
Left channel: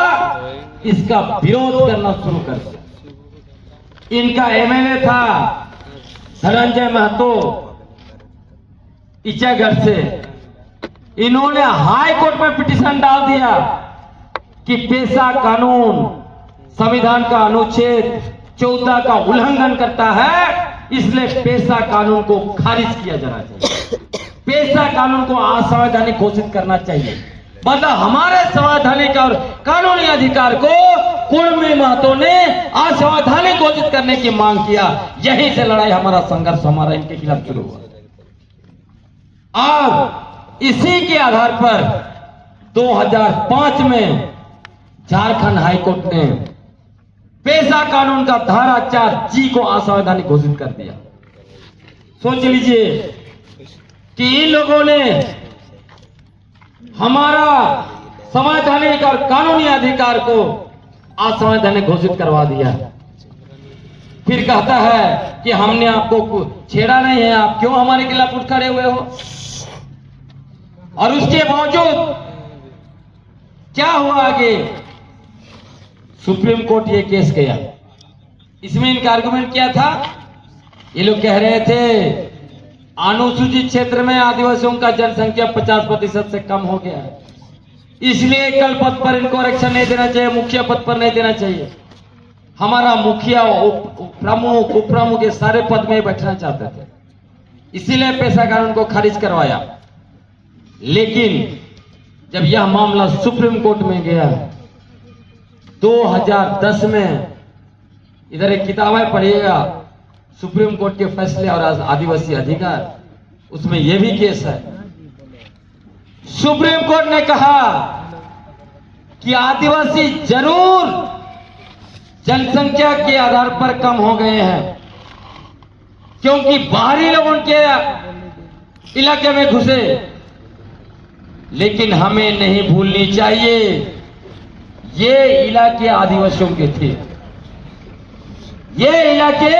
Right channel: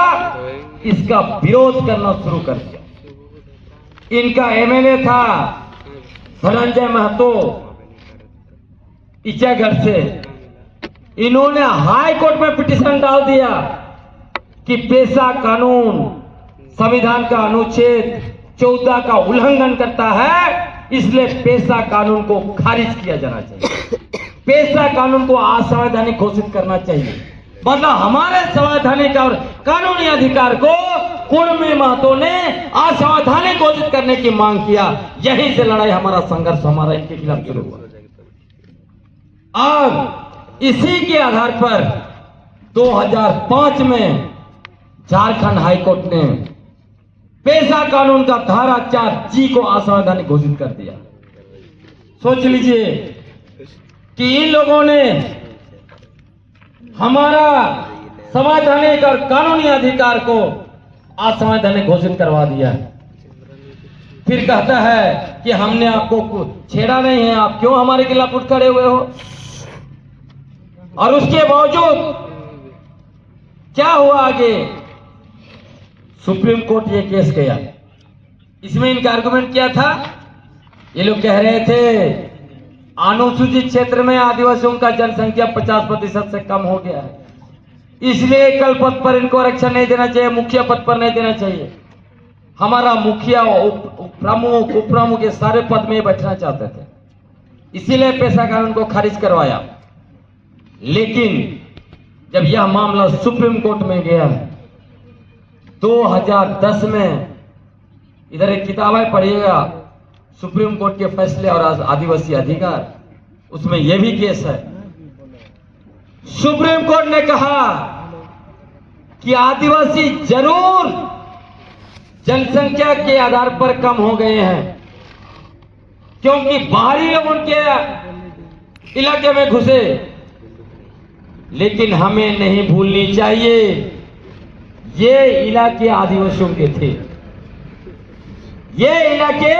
इसका विरोध करना शुरू कर दिया। इनका एमएलए था धनंजय महतो इचागढ़ से। इन्होंने हाई कोर्ट में पिटीशन डाल दिया कि पेशा कानून संविधान का अनुच्छेद 14 का उल्लंघन करता है, इसलिए पेशा कानून को खारिज किया जाना चाहिए, पेशा कानून को असंवैधानिक घोषित करना चाहिए। मतलब हमारे संवैधानिक और कानूनी अधिकार को कुर्मी महतो ने असंवैधानिक घोषित करने की मांग किया। यहीं से लड़ाई, हमारा संघर्ष, हमारा इनके खिलाफ शुरू हुआ। और इसी के आधार पर 2005 में झारखंड हाईकोर्ट ने पेशा कानून का धारा 4G को असंवैधानिक घोषित कर दिया। सोच लीजिए कि इन लोगों ने हमारा संवैधानिक और कानूनी अधिकार को असंवैधानिक घोषित करवा दिया। फिर कहता है कि हमने आपको छेड़ा नहीं है, आप क्यों हमारे खिलाफ उठ खड़े हुए हो? और उसके बावजूद क्या हुआ आगे? सुप्रीम कोर्ट ये केस गया। इसमें इनका आर्गुमेंट क्या था? ये लोग कह रहे थे अनुसूचित क्षेत्र में आदिवासियों का जनसंख्या 50% से कम हो गया है, इसलिए कल पद पर इनको आरक्षण नहीं देना चाहिए, मुखिया पद पर नहीं देना चाहिए। हमारा मुखिया, प्रमुख, उप प्रमुख ये सारे पद में बैठना चाहते थे, इसीलिए पेशा कानून को खारिज करवाया। लेकिन जब यह मामला सुप्रीम कोर्ट में गया 2010 में, इधर एक किताब है, पढ़िएगा, सुप्रीम कोर्ट के फैसले और आदिवासी अधिकार, उसमें यह भी केस है। सुप्रीम कोर्ट ने कहा कि आदिवासी जरूर जनसंख्या के आधार पर कम हो गए हैं, क्योंकि बाहरी लोग उनके इलाके में घुसे, लेकिन हमें नहीं भूलनी चाहिए ये इलाके आदिवासियों के थे, ये इलाके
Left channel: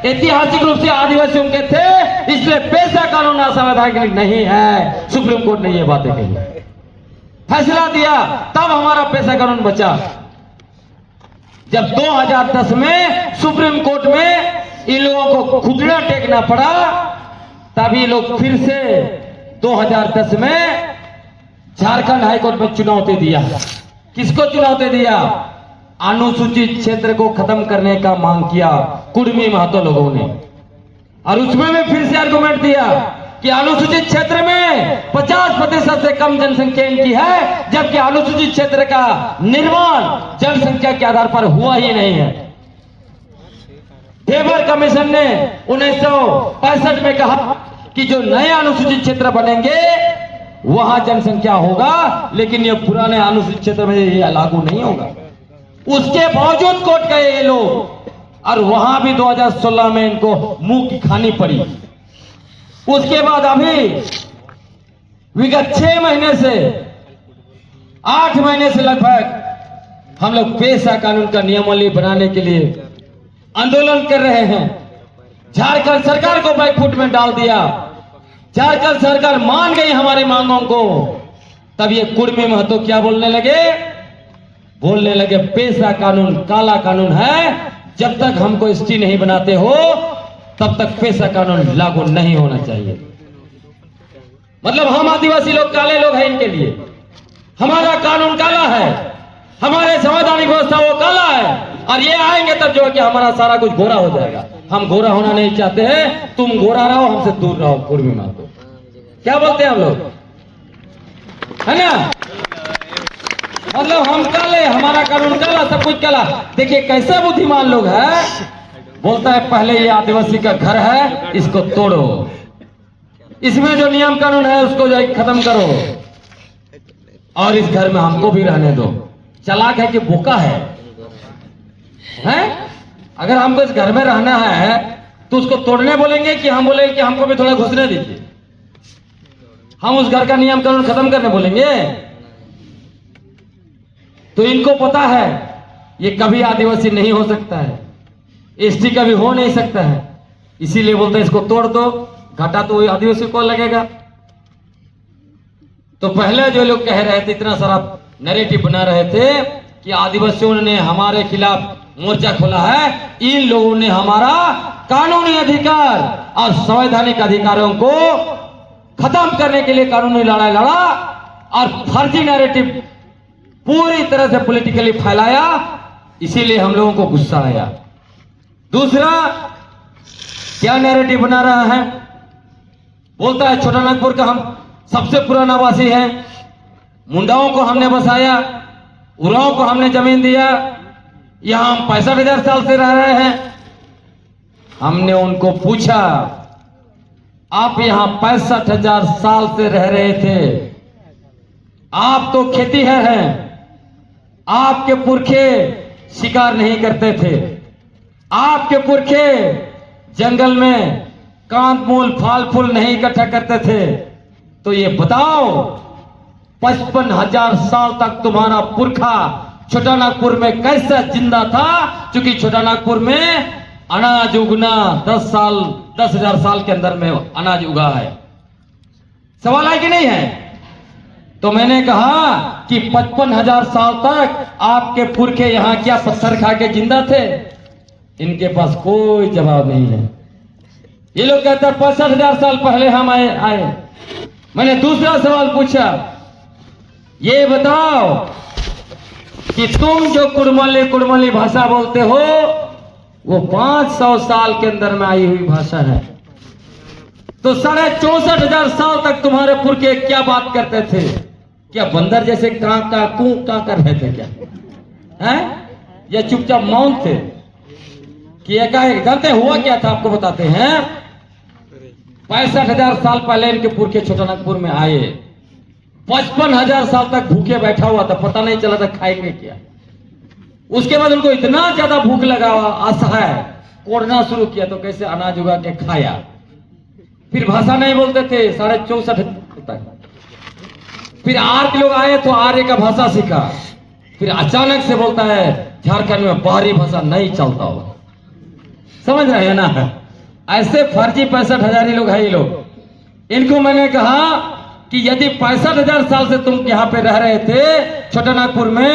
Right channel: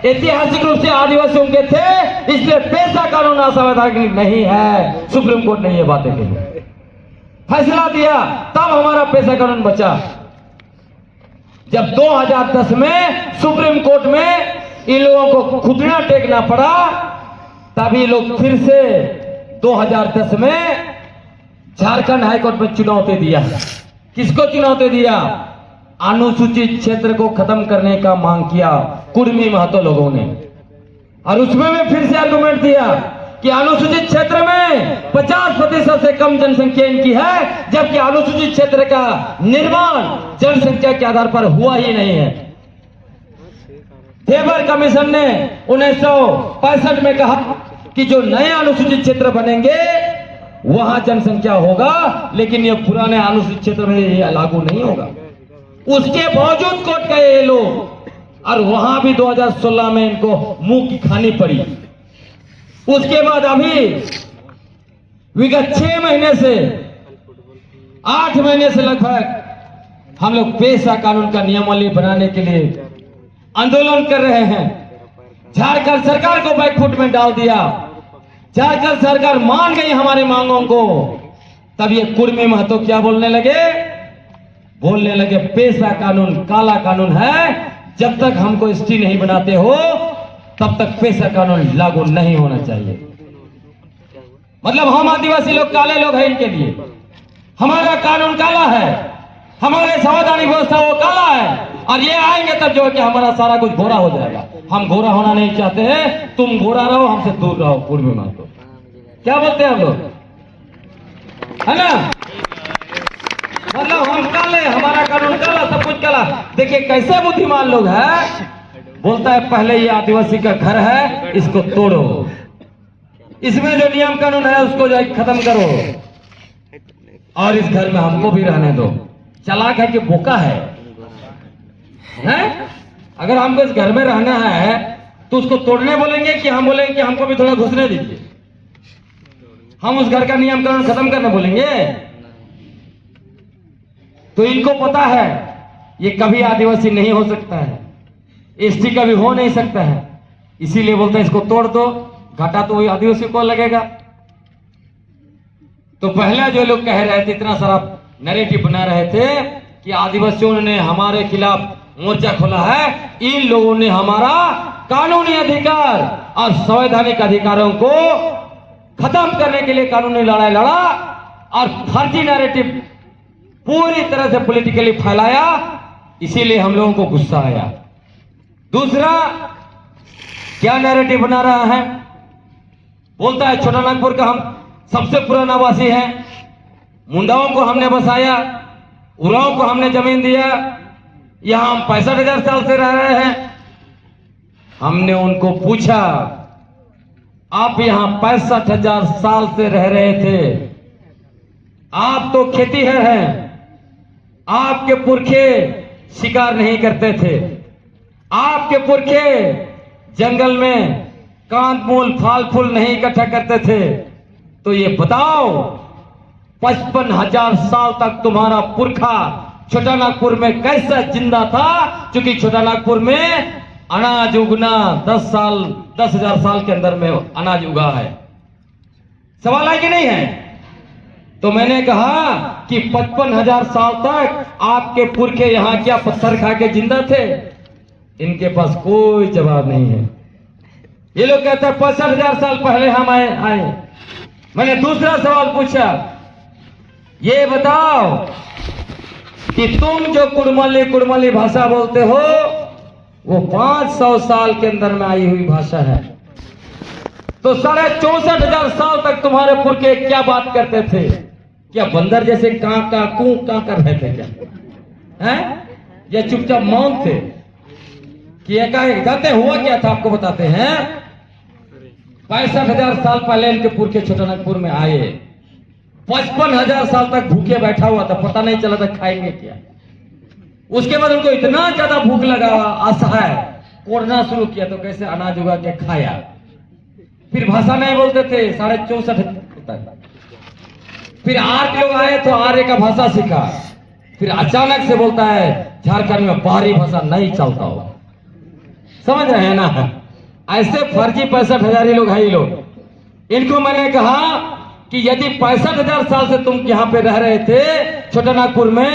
ऐतिहासिक रूप से आदिवासियों के थे, इसलिए पेशा कानून असंवैधानिक नहीं है। सुप्रीम कोर्ट ने ये बातें कही, फैसला दिया, तब हमारा पेशा कानून बचा। जब 2010 में सुप्रीम कोर्ट में इन लोगों को घुटना टेकना पड़ा, तभी लोग फिर से 2010 में झारखंड हाईकोर्ट में चुनौती दिया। किसको चुनौती दिया? अनुसूचित क्षेत्र को खत्म करने का मांग किया कुर्मी महतो लोगों ने। और उसमें भी फिर से आर्गुमेंट दिया कि अनुसूचित क्षेत्र में 50% से कम जनसंख्या इनकी है, जबकि अनुसूचित क्षेत्र का निर्माण जनसंख्या के आधार पर हुआ ही नहीं है। वेबर कमीशन ने 1965 में कहा कि जो नए अनुसूचित क्षेत्र बनेंगे वहां जनसंख्या होगा, लेकिन ये पुराने अनुसूचित क्षेत्र में ये लागू नहीं होगा। उसके बावजूद कोर्ट गए ये लोग, और वहां भी 2016 में इनको मुंह की खानी पड़ी। उसके बाद अभी विगत 6 महीने से 8 महीने से लगभग हम लोग पेशा कानून का नियमावली बनाने के लिए आंदोलन कर रहे हैं। झारखंड सरकार को बैकफुट में डाल दिया। झारखंड सरकार मान गई हमारी मांगों को, तब ये कुर्मी महतो क्या बोलने लगे पेशा कानून काला कानून है, जब तक हमको एसटी नहीं बनाते हो तब तक पेशा कानून लागू नहीं होना चाहिए। मतलब हम आदिवासी लोग काले लोग हैं इनके लिए। हमारा कानून काला है, हमारे संवैधानिक व्यवस्था वो काला है, और ये आएंगे तब जो है कि हमारा सारा कुछ गोरा हो जाएगा। हम गोरा होना नहीं चाहते हैं, तुम गोरा रहो, हमसे दूर रहो। कुर्मी महतो क्या बोलते हैं हम लोग, है ना? मतलब हम काले, हमारा कानून काला, सब कुछ काला। देखिए कैसे बुद्धिमान लोग हैं। बोलता है पहले ये आदिवासी का घर है, इसको तोड़ो, इसमें जो नियम कानून है उसको जो खत्म करो, और इस घर में हमको भी रहने दो। चालाक है कि बोका है? अगर हमको इस घर में रहना है तो उसको तोड़ने बोलेंगे कि हम बोलेंगे कि हमको भी थोड़ा घुसने दीजिए? हम उस घर का नियम कानून खत्म करने बोलेंगे? तो इनको पता है ये कभी आदिवासी नहीं हो सकता है, एसटी कभी हो नहीं सकता है, इसीलिए बोलते हैं इसको तोड़ दो, घाटा तो आदिवासी को लगेगा। तो पहले जो लोग कह रहे थे, इतना सारा नैरेटिव बना रहे थे कि आदिवासियों ने हमारे खिलाफ मोर्चा खोला है, इन लोगों ने हमारा कानूनी अधिकार और संवैधानिक अधिकारों को खत्म करने के लिए कानूनी लड़ाई लड़ा, और फर्जी नैरेटिव पूरी तरह से पॉलिटिकली फैलाया, इसीलिए हम लोगों को गुस्सा आया। दूसरा क्या नैरेटिव बना रहा है, बोलता है छोटा नागपुर का हम सबसे पुराना वासी है, मुंडाओं को हमने बसाया, उरांव को हमने जमीन दिया, यहां हम 65,000 साल से रह रहे हैं। हमने उनको पूछा आप यहां 65,000 साल से रह रहे थे, आप तो खेतीहर हैं, आपके पुरखे शिकार नहीं करते थे, आपके पुरखे जंगल में कांद-मूल फल फूल नहीं इकट्ठा करते थे, तो ये बताओ 55,000 साल तक तुम्हारा पुरखा छोटा नागपुर में कैसे जिंदा था? क्योंकि छोटा नागपुर में अनाज उगना 10,000 साल के अंदर में अनाज उगा है। सवाल है कि नहीं है? तो मैंने कहा कि 55,000 साल तक आपके पुरखे यहां क्या पत्थर खा के जिंदा थे? इनके पास कोई जवाब नहीं है। ये लोग कहते हैं 65,000 साल पहले हम आए। मैंने दूसरा सवाल पूछा, ये बताओ कि तुम जो कुड़मली भाषा बोलते हो वो 500 साल के अंदर में आई हुई भाषा है, तो 64,500 साल तक तुम्हारे पुरखे क्या बात करते थे? क्या बंदर जैसे कां कर रहे थे क्या? हैं? या चुपचाप मौन थे? कि एकाएक जानते हुआ क्या था? आपको बताते हैं। 65,000 साल पहले इनके पुरखे छोटा नागपुर में आए, 55,000 साल तक भूखे बैठा हुआ था, पता नहीं चला था खाएंगे क्या। उसके बाद उनको इतना ज्यादा भूख लगा, असहाय, कोड़ना शुरू किया, तो कैसे अनाज उगा के खाया। फिर भाषा नहीं बोलते थे, 64,500 फिर आर्य लोग आए तो आर्य का भाषा सीखा। फिर अचानक से बोलता है झारखंड में बाहरी भाषा नहीं चलता हो। समझ रहे हैं ना? ऐसे फर्जी 65,000 लोग है। ये लोग, इनको मैंने कहा कि यदि 65,000 साल से तुम यहां पे रह रहे थे छोटा नागपुर में,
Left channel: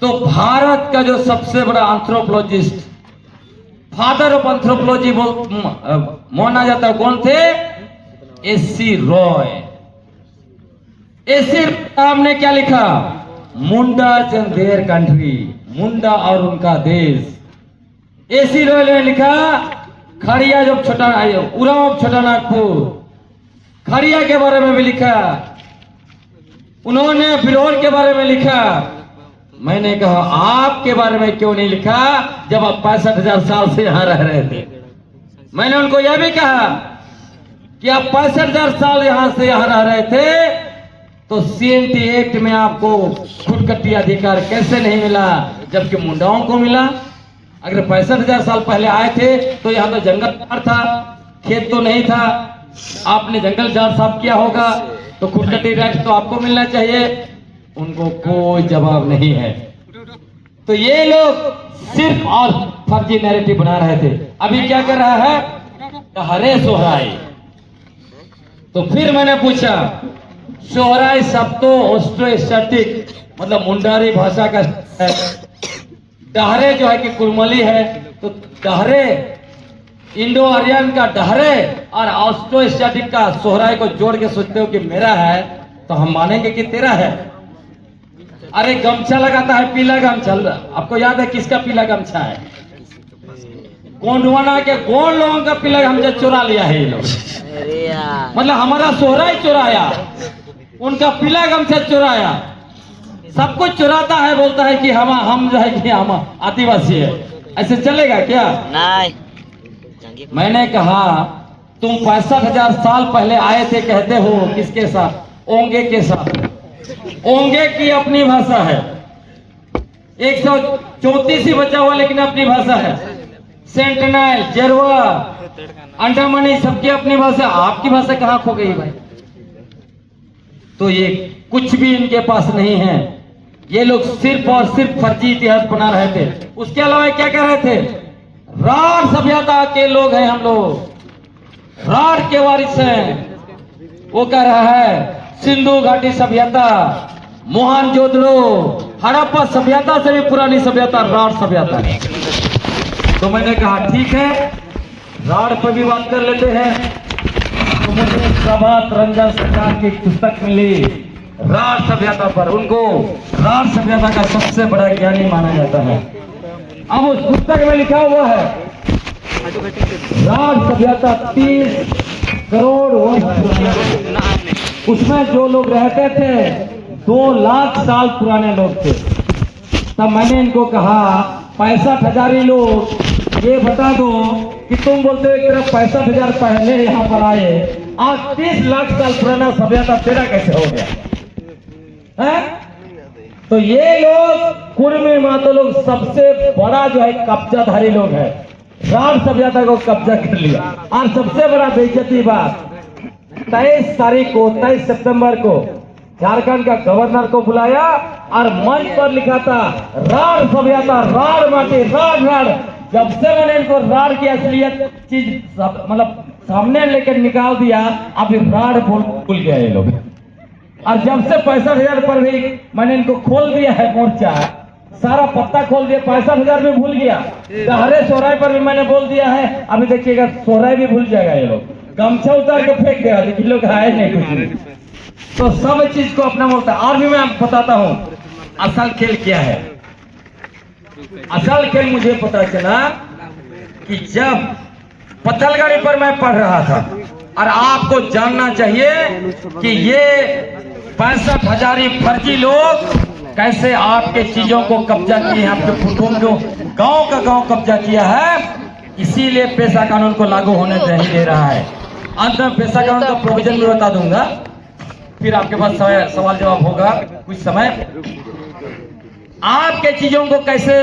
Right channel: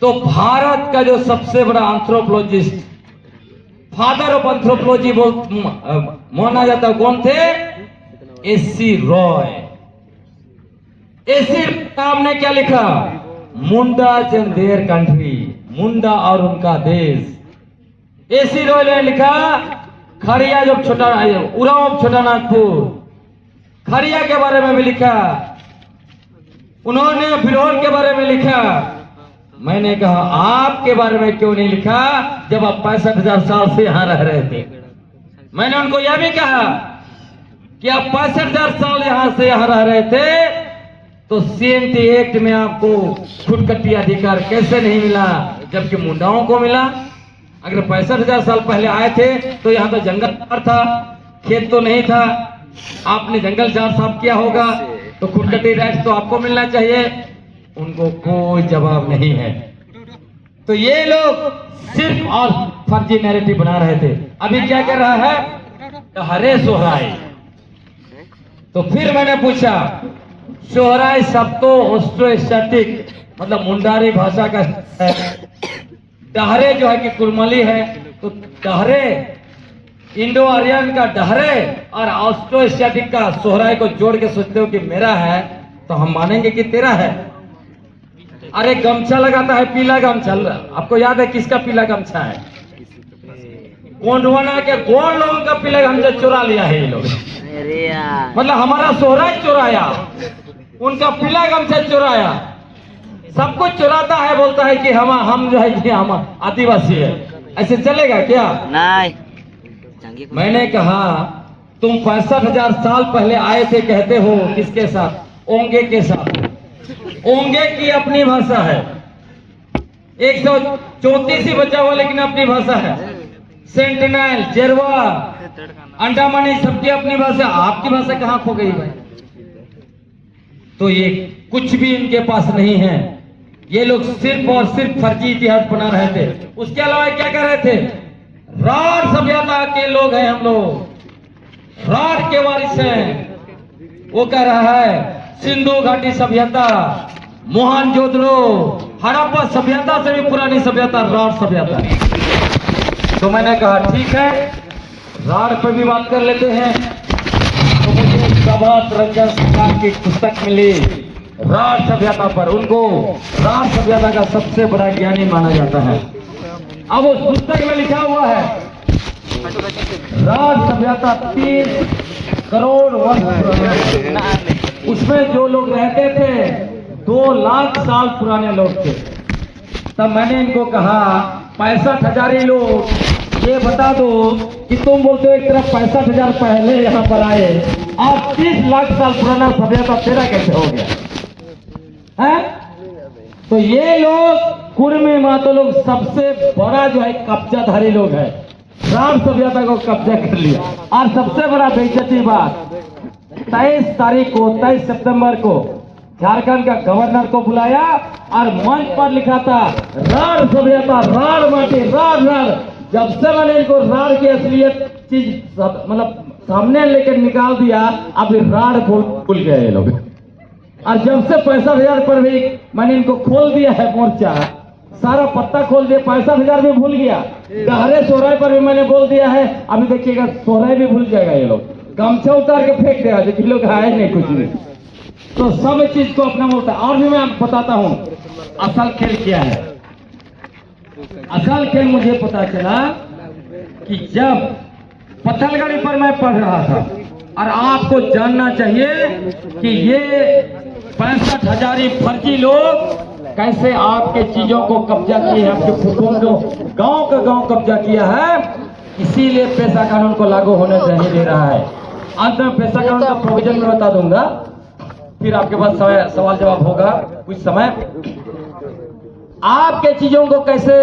तो भारत का जो सबसे बड़ा एंथ्रोपोलॉजिस्ट, फादर ऑफ एंथ्रोपोलॉजी माना जाता है, कौन थे? एस.सी. रॉय। एस.सी. राम ने क्या लिखा? मुंडा एंड देयर कंट्री, मुंडा और उनका देश। एस.सी. रॉय ने लिखा खड़िया जो छोटा उरांव छोटा नागपुर, खड़िया के बारे में भी लिखा, उन्होंने बिरौल के बारे में लिखा। मैंने कहा आपके बारे में क्यों नहीं लिखा जब आप 65,000 साल से यहाँ रह रहे थे। मैंने उनको यह भी कहा कि आप 65,000 साल यहाँ से यहाँ रह रहे थे तो CNT एक्ट में आपको खुदकट्टी अधिकार कैसे नहीं मिला जबकि मुंडाओं को मिला। अगर 65,000 साल पहले आए थे तो यहाँ तो जंगल था, खेत तो नहीं था, आपने जंगल झाड़ साफ किया होगा तो खुदकट्टी राइट तो आपको मिलना चाहिए। उनको कोई जवाब नहीं है। तो ये लोग सिर्फ और फर्जी नैरेटिव बना रहे थे। अभी क्या कर रहा है, हरे सोहराय। तो फिर मैंने पूछा सोहराय शब्द तो ऑस्ट्रोएशियाटिक मतलब मुंडारी भाषा का है, डहरे जो है कि कुरमली है, तो डहरे इंडो आर्यन का डहरे और ऑस्ट्रोएशियाटिक का सोहराय को जोड़ के सोचते हो कि मेरा है तो हम मानेंगे कि तेरा है। अरे गमछा लगाता है पीला गमछा, आपको याद है किसका पीला गमछा है? गोंडवाना के गोंड लोगों का पीला गमछा चुरा लिया है ये लोग। मतलब हमारा सोहराय चुराया, उनका पीला गमछा चुराया, सब कुछ चुराता है, बोलता है कि हम जो है कि हम आदिवासी है। ऐसे चलेगा क्या? नहीं। मैंने कहा तुम 65,000 साल पहले आए थे, कहते हो किसके साथ? ओंगे के साथ। ओंगे की अपनी भाषा है, 134 ही बचा हुआ लेकिन अपनी भाषा है। सेंटिनल, जेरवा, अंडमानी सबकी अपनी भाषा। आपकी भाषा कहाँ खो गई भाई? तो ये कुछ भी इनके पास नहीं है। ये लोग सिर्फ और सिर्फ फर्जी इतिहास बना रहे थे। उसके अलावा क्या कह रहे थे? राढ़ सभ्यता के लोग हैं हम लोग, राढ़ के वारिस हैं। वो कह रहा है सिंधु घाटी सभ्यता, मोहनजोदड़ो, हड़प्पा सभ्यता से भी पुरानी सभ्यता राढ़ सभ्यता है। तो मैंने कहा ठीक है, राढ़ पर भी बात कर लेते हैं। प्रभात रंजन सरकार की पुस्तक मिली राढ़ सभ्यता पर, उनको राढ़ सभ्यता का सबसे बड़ा ज्ञानी माना जाता है। अब उस पुस्तक में लिखा हुआ है राढ़ सभ्यता 30 करोड़ वर्ष पुरानी। उसमें जो लोग रहते थे 2 लाख साल पुराने लोग थे। तब मैंने इनको कहा 65,000 लोग, ये बता दो कि तुम बोलते हो एक तरफ 65,000 पहले यहाँ पर आए, आज 30 लाख साल पुराना सभ्यता तेरा कैसे हो गया है? तो ये लोग कुर्मी मातो लोग सबसे बड़ा जो है कब्जाधारी लोग है, राढ़ सभ्यता को कब्जा कर लिया। और सबसे बड़ा बेइज्जती बात, 23 सितंबर को झारखंड का गवर्नर को बुलाया और मंच पर लिखा था राढ़ सभ्यता, राढ़ माटी, राढ़। जब से मैंने इनको राढ़ की असलियत चीज मतलब सामने लेकर निकाल दिया, अभी राढ़ भूल गए लोग। और जब से 65,000 पर भी मैंने इनको खोल दिया है मोर्चा, सारा पत्ता खोल दिया, 65,000 भी भूल गया। डहरे सोहराय पर भी मैंने बोल दिया है, अभी देखिएगा सोहराय भी भूल जाएगा ये लोग। गमछा उतार के फेंक देगा, देखिए लोग आए नहीं कुछ नहीं। तो सब चीज को अपना होता है। और भी मैं बताता हूँ असल खेल क्या है। असल खेल मुझे पता चला कि जब पत्थलगढ़ी पर मैं पढ़ रहा था, और आपको जानना चाहिए कि ये 65,000 फर्जी लोग कैसे आपके चीजों को कब्जा किए, आपके कुटुंब को गांव का गांव कब्जा किया है। इसीलिए पेशा कानून को लागू होने नहीं दे रहा है। अंत में पेशा कानून का प्रोविजन में बता दूंगा, फिर आपके पास सवाल जवाब होगा कुछ समय। आपके चीजों को कैसे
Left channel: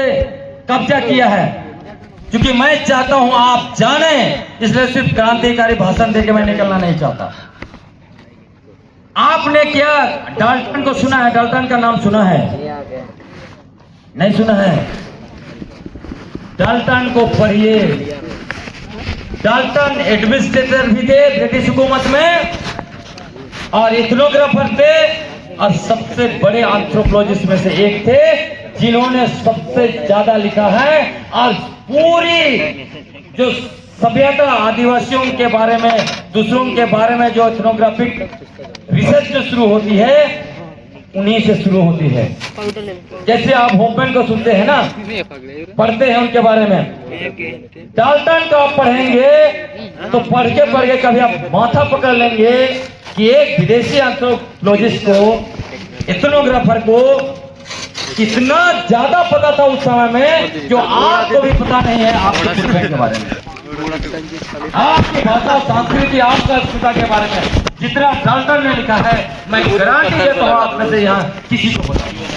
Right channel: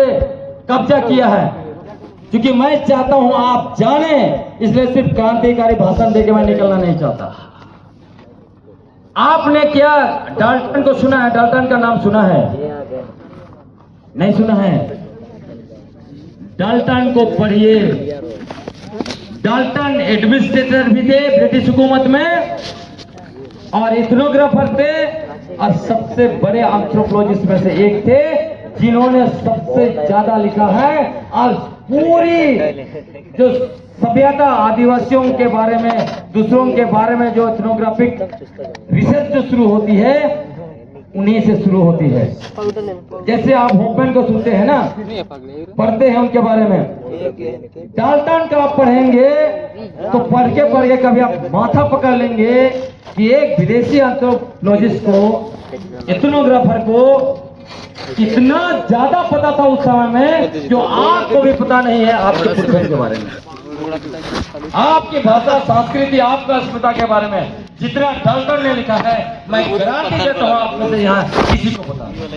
कब्जा किया है, क्योंकि मैं चाहता हूं आप जाने, इसलिए सिर्फ क्रांतिकारी भाषण देके मैं निकलना नहीं चाहता। आपने क्या डाल्टन को सुना है? डाल्टन का नाम सुना है? नहीं सुना है? डाल्टन को पढ़िए। डाल्टन एडमिनिस्ट्रेटर भी थे ब्रिटिश हुकूमत में और इथनोग्राफर थे और सबसे बड़े एंथ्रोपोलॉजिस्ट में से एक थे, जिन्होंने सबसे ज्यादा लिखा है। और पूरी जो सभ्यता आदिवासियों के बारे में, दूसरों के बारे में जो इथनोग्राफिक रिसर्च जो शुरू होती है, उन्हीं से शुरू होती है। जैसे आप होपन को सुनते हैं ना, पढ़ते हैं उनके बारे में। डाल्टन का आप पढ़ेंगे तो पढ़ के कभी आप माथा पकड़ लेंगे कि एक विदेशी एंथ्रोपोलॉजिस्ट को, एथनोग्राफर को इतना ज्यादा पता था उस समय में जो आपको भी पता नहीं है आपके पुरखों के बारे में, आपकी भाषा, संस्कृति, आपका अस्मिता के बारे में जितना डाल्टन ने लिखा है, मैं गारंटी देता हूं आप में से यहाँ किसी को पता नहीं।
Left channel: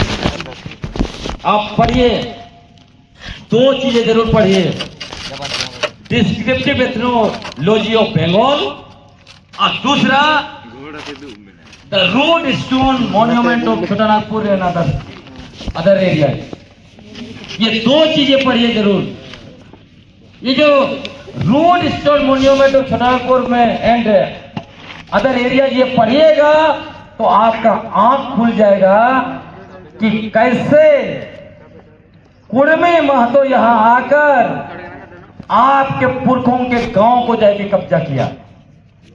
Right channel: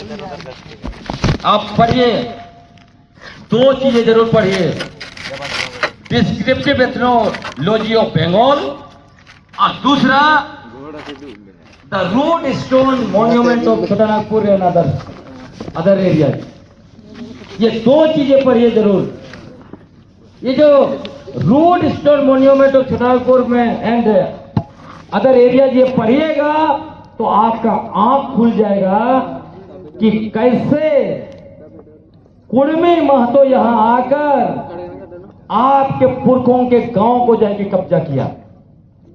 आप पढ़िए, दो चीजें जरूर पढ़िए, डिस्क्रिप्टिव एथनोलॉजी ऑफ बंगाल और दूसरा the road stone monument of Chotanagpur and other area. ये दो चीजें पढ़िए जरूर। ये जो road stone monument of Chotanagpur में एंड अदर एरिया ये पढ़िएगा तो आपका आंख खुल जाएगा कि कैसे कुर्मी महतो यहां आकर आपके पुरखों के गांव को जाके कब्जा किया,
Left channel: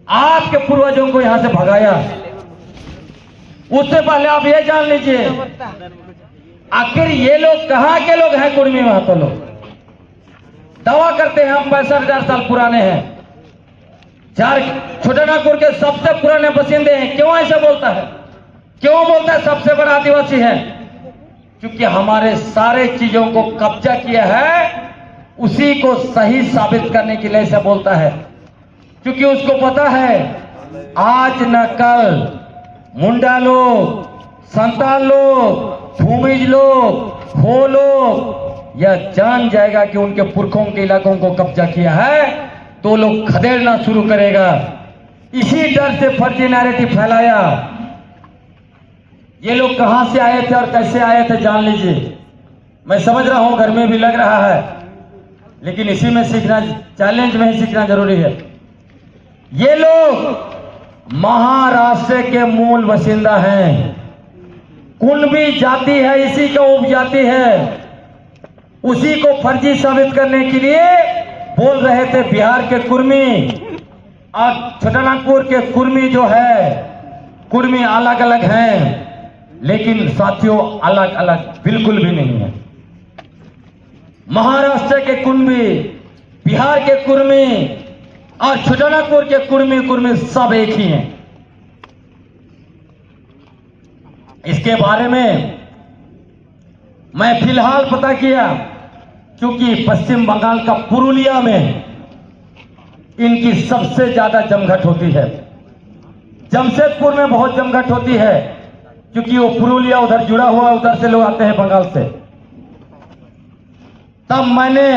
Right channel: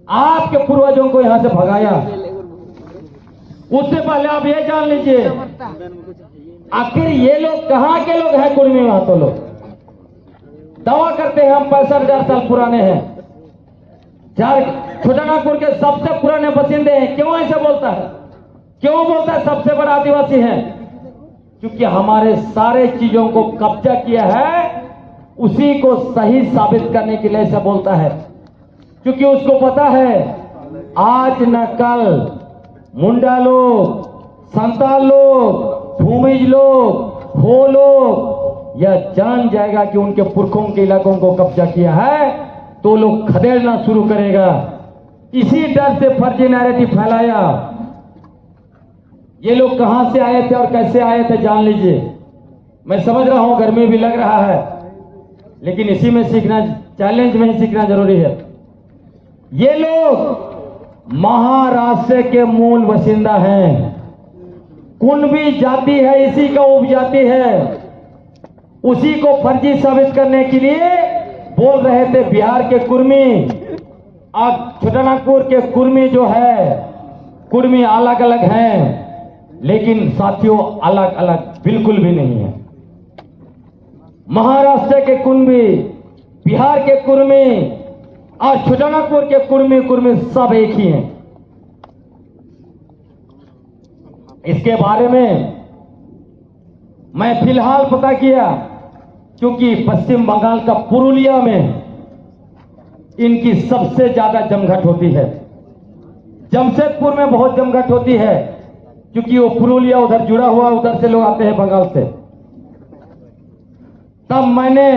आपके पूर्वजों को यहां से भगाया। उससे पहले आप ये जान लीजिए आखिर ये लोग कहां के लोग हैं। कुर्मी महतो लोग दावा करते हैं हम 65,000 साल पुराने हैं, छोटानागपुर के सबसे पुराने बसिंदे हैं। क्यों ऐसा बोलता है? क्यों बोलता है सबसे बड़ा आदिवासी है? क्योंकि हमारे सारे चीजों को कब्जा किया है, उसी को सही साबित करने के लिए ऐसा बोलता है। क्योंकि उसको पता है आज न कल मुंडा लोग, संताल लोग, भूमिज लोग, हो लोग यह जान जाएगा कि उनके पुरखों के इलाकों को कब्जा किया है तो लोग खदेड़ना शुरू करेगा। इसी डर से फर्जी नैरेटिव फैलाया। ये लोग कहां से आए थे और कैसे आए थे जान लीजिए। मैं समझ रहा हूं गर्मी भी लग रहा है, लेकिन इसी में सीखना, चैलेंज में ही सीखना जरूरी है। ये लोग महाराष्ट्र के मूल बसिंदा हैं, कुणबी जाति है, इसी का उपजाति है। उसी को फर्जी साबित करने के लिए बोल रहे थे बिहार के कुर्मी और छोटानागपुर के कुर्मी जो है, कुर्मी अलग अलग हैं, लेकिन साथियों अलग अलग बिल्कुल भी नहीं है। महाराष्ट्र के कुर्मी, बिहार के कुर्मी और छोटानागपुर के कुर्मी सब एक ही हैं। इसके बारे में मैं फिलहाल पता किया, क्योंकि पश्चिम बंगाल का पुरुलिया में इनकी सबसे ज्यादा जमघट होती है। जमशेदपुर में बहुत जमघट होती है, क्योंकि वो पुरुलिया उधर जुड़ा हुआ, उधर से लोग आते हैं बंगाल से। तब मैंने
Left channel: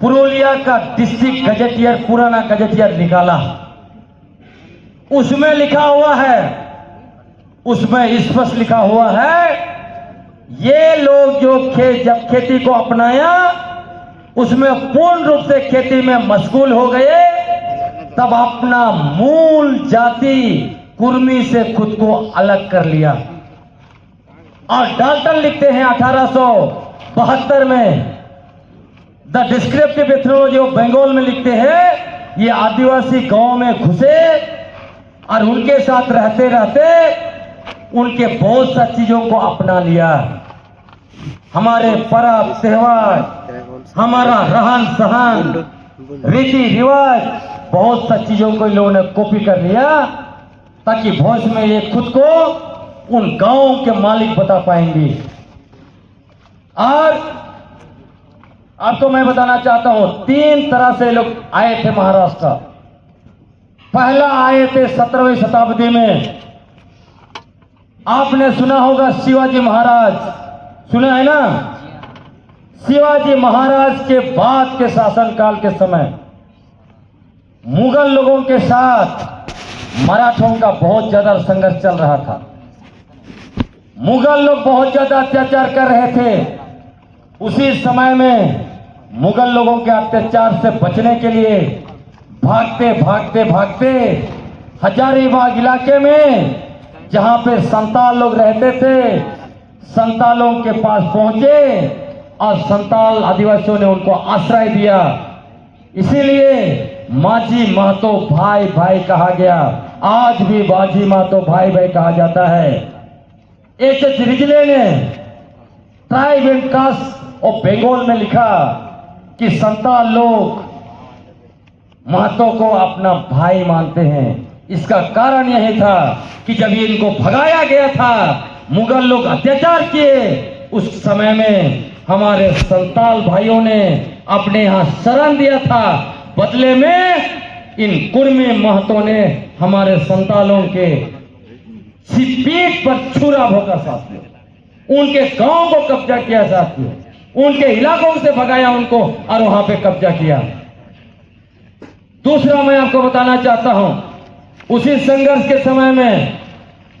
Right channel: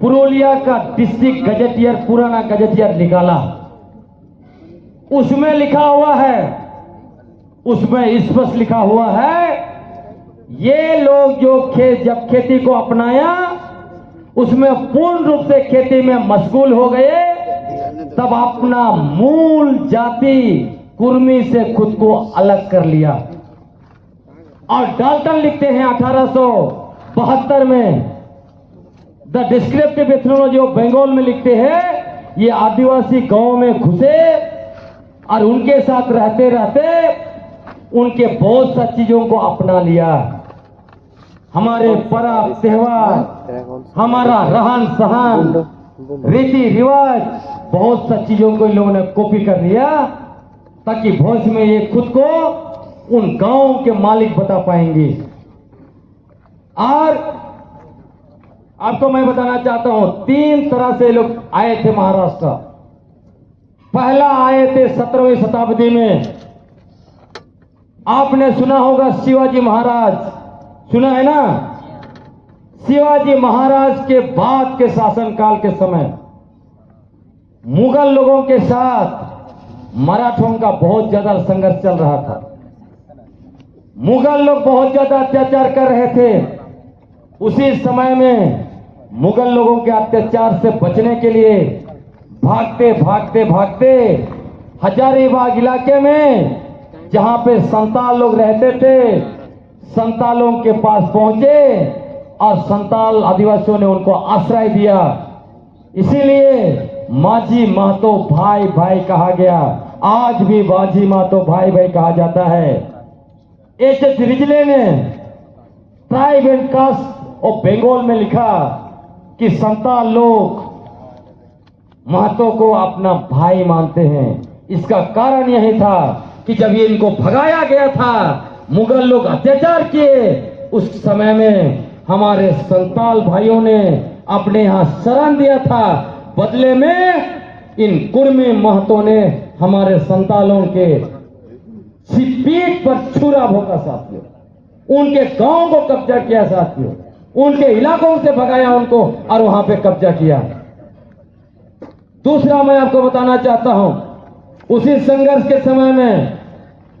पुरुलिया का डिस्ट्रिक्ट गजेटियर, पुराना गजेटियर निकाला। उसमें लिखा हुआ है, उसमें स्पष्ट लिखा हुआ है, ये लोग जो जब खेती को अपनाया उसमें पूर्ण रूप से खेती में मशगूल हो गए, तब अपना मूल जाति कुर्मी से खुद को अलग कर लिया। और डाल्टन लिखते हैं 1872 में the descriptive ethnology of Bengal में लिखते हैं, ये आदिवासी गांव में घुसे और उनके साथ रहते रहते उनके बहुत सा चीजों को अपना लिया। हमारे पर्व त्योहार, हमारा रहन सहन, रीति रिवाज, बहुत सा चीजों को इन लोगों ने कॉपी कर लिया, ताकि भविष्य में ये खुद को उन गांवों के मालिक बता पाएंगे। और आपको मैं बताना चाहता हूं, 3 तरह से लोग आए थे महाराष्ट्र। पहला आए थे 17वीं शताब्दी में, आपने सुना होगा शिवाजी महाराज, सुना है ना? शिवाजी महाराज के बाद के शासनकाल के समय मुगल लोगों के साथ मराठों का बहुत ज्यादा संघर्ष चल रहा था। मुगल लोग बहुत ज्यादा अत्याचार कर रहे थे। उसी समय में मुगल लोगों के अत्याचार से बचने के लिए भागते भागते भागते हजारीबाग इलाके में, जहां पे संताल लोग रहते थे, संतालों के पास पहुंचे और संताल आदिवासियों ने उनको आश्रय दिया। इसीलिए माझी महतो भाई भाई कहा गया। आज भी माझी महतो भाई भाई कहा जाता है। एच रिजले ने tribe and caste of Bengal में लिखा कि संताल लोग महतो को अपना भाई मानते हैं। इसका कारण यह था कि जब ये इनको भगाया गया था, मुगल लोग अत्याचार किए, उस समय में हमारे संताल भाइयों ने अपने यहाँ शरण दिया था। बदले में इन कुर्मी महतों ने हमारे संतालों के पीठ पर छुरा भोगा साथियों, उनके गांव को कब्जा किया साथियों, उनके इलाकों से भगाया उनको और वहां पे कब्जा किया। दूसरा मैं आपको बताना चाहता हूं, उसी संघर्ष के समय में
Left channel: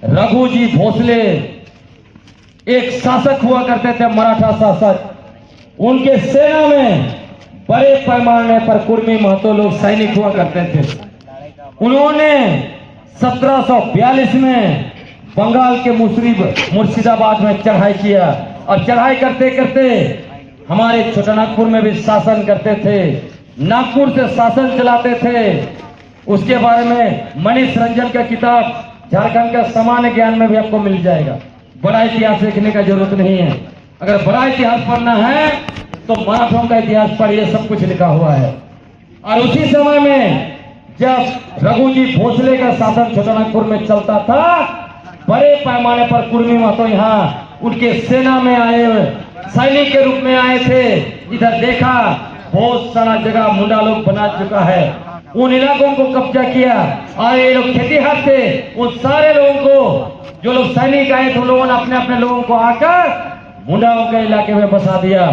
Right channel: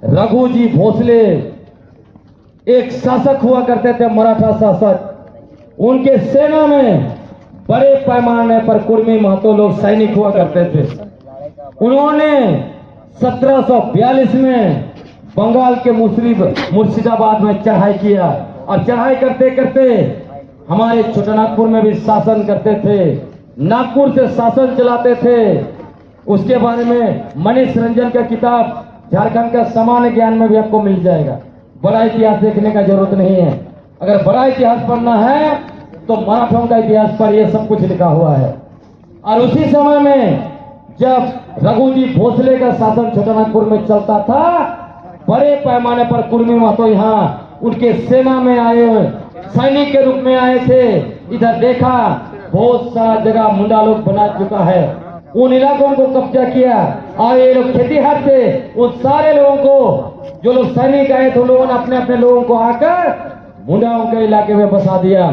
रघुजी भोसले एक शासक हुआ करते थे, मराठा शासक। उनके सेना में बड़े पैमाने पर कुर्मी महतो लोग सैनिक हुआ करते थे। उन्होंने 1742 में बंगाल के मुर्शिदाबाद में चढ़ाई किया और चढ़ाई करते करते हमारे छोटानागपुर में भी शासन करते थे, नागपुर से शासन चलाते थे। उसके बारे में मनीष रंजन का किताब झारखंड का सामान्य ज्ञान में भी आपको मिल जाएगा। बड़ा इतिहास देखने का जरूरत नहीं है। अगर बड़ा इतिहास पढ़ना है तो मराठों का इतिहास पढ़िए, सब कुछ लिखा हुआ है। और उसी समय में जब रघुजी भोसले का शासन छोटानागपुर में चलता था, बड़े पैमाने पर कुर्मी महतो यहाँ उनके सेना में आए, सैनिक के रूप में आए थे। इधर देखा बहुत सारा जगह मुंडा लोग बना चुका है, उन इलाकों को कब्जा किया। और ये लोग खेतीहर थे, उन सारे लोगों को, जो लोग सैनिक आए थे, उन लोगों ने अपने अपने लोगों को आकर मुंडाओं के इलाके में बसा दिया।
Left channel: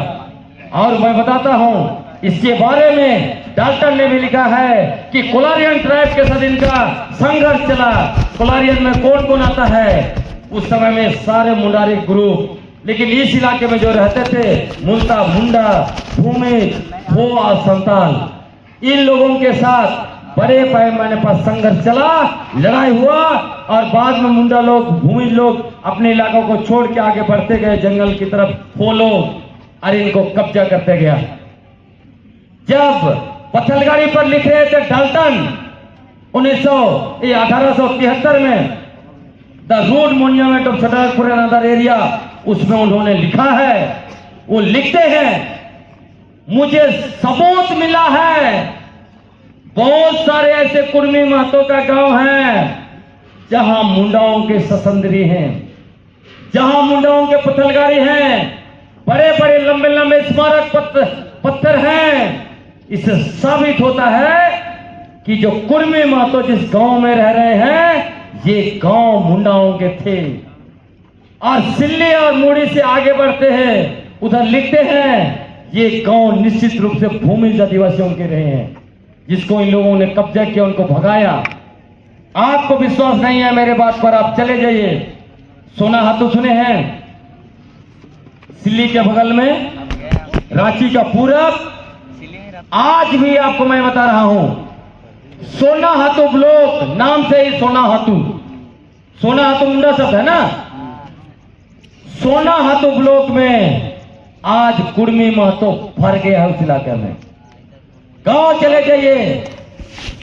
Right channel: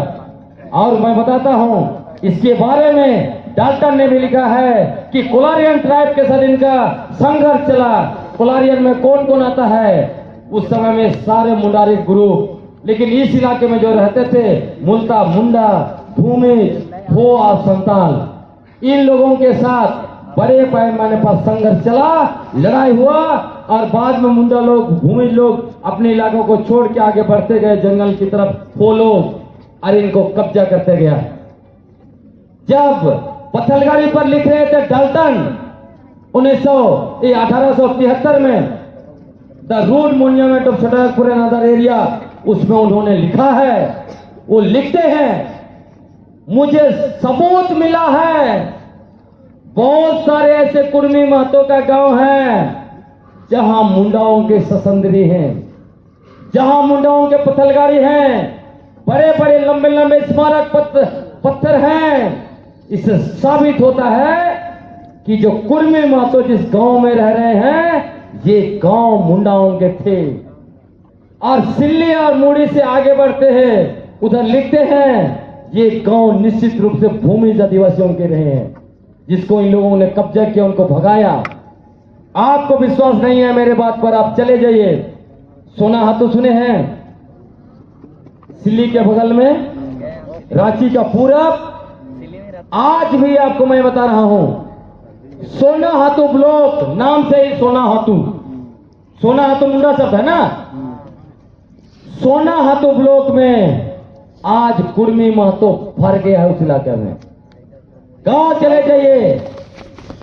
और मैं बताता हूँ, इसके बारे में डाल्टन ने भी लिखा है कि कोलारियन ट्राइब के साथ इनका संघर्ष चला। कोलारियन में कौन कौन आता है? उस समय में सारे मुंडारी ग्रुप, लेकिन इस इलाके में जो रहते थे मुल्ता, मुंडा, भूमि, भो और संताल, इन लोगों के साथ बड़े पैमाने पर संघर्ष चला, लड़ाई हुआ। और बाद में मुंडा लोग, भूमि लोग अपने इलाकों को छोड़ के आगे बढ़ते गए जंगल की तरफ, वो लोग और इनको कब्जा करते गया। जब पत्थलगाड़ी पर लिख रहे थे डाल्टन 1873 में the root monument of Chotanagpur and other area, उसमें उन्होंने लिखा है, वो लिखते हैं, मुझे सबूत मिला है बहुत सारे ऐसे कुर्मी महतों का गांव है जहां मुंडाओं के ससंदरी हैं, जहां मुंडाओं के पत्थलगाड़ी हैं, बड़े बड़े लंबे लंबे स्मारक पत्थर हैं। इससे साबित होता है कि जो कुर्मी महतो जिस गांव में रह रहे हैं, ये गांव मुंडाओं के थे। और सिल्ली और मुड़ी से आगे बढ़ते हैं, उधर लिखते हैं ये गांव निश्चित रूप से भूमिज आदिवासियों के रहे हैं, जिसको इन लोगों ने कब्जा किया, उनको भगाया। आपको विश्वास नहीं है मेरे बात पर, आप चले जाइए। सोना हाथू सुने हैं? सिल्ली के बगल में, रांची का पूरब। आज भी आपको मैं बता रहा हूं, सोना हाथू ब्लॉक नाम से ही सोना हाथू, सोना हाथू मुंडा शब्द है ना। सोना हाथू ब्लॉक में आज कुर्मी महतो भर गया है उस इलाके में। गांव चले जाइए,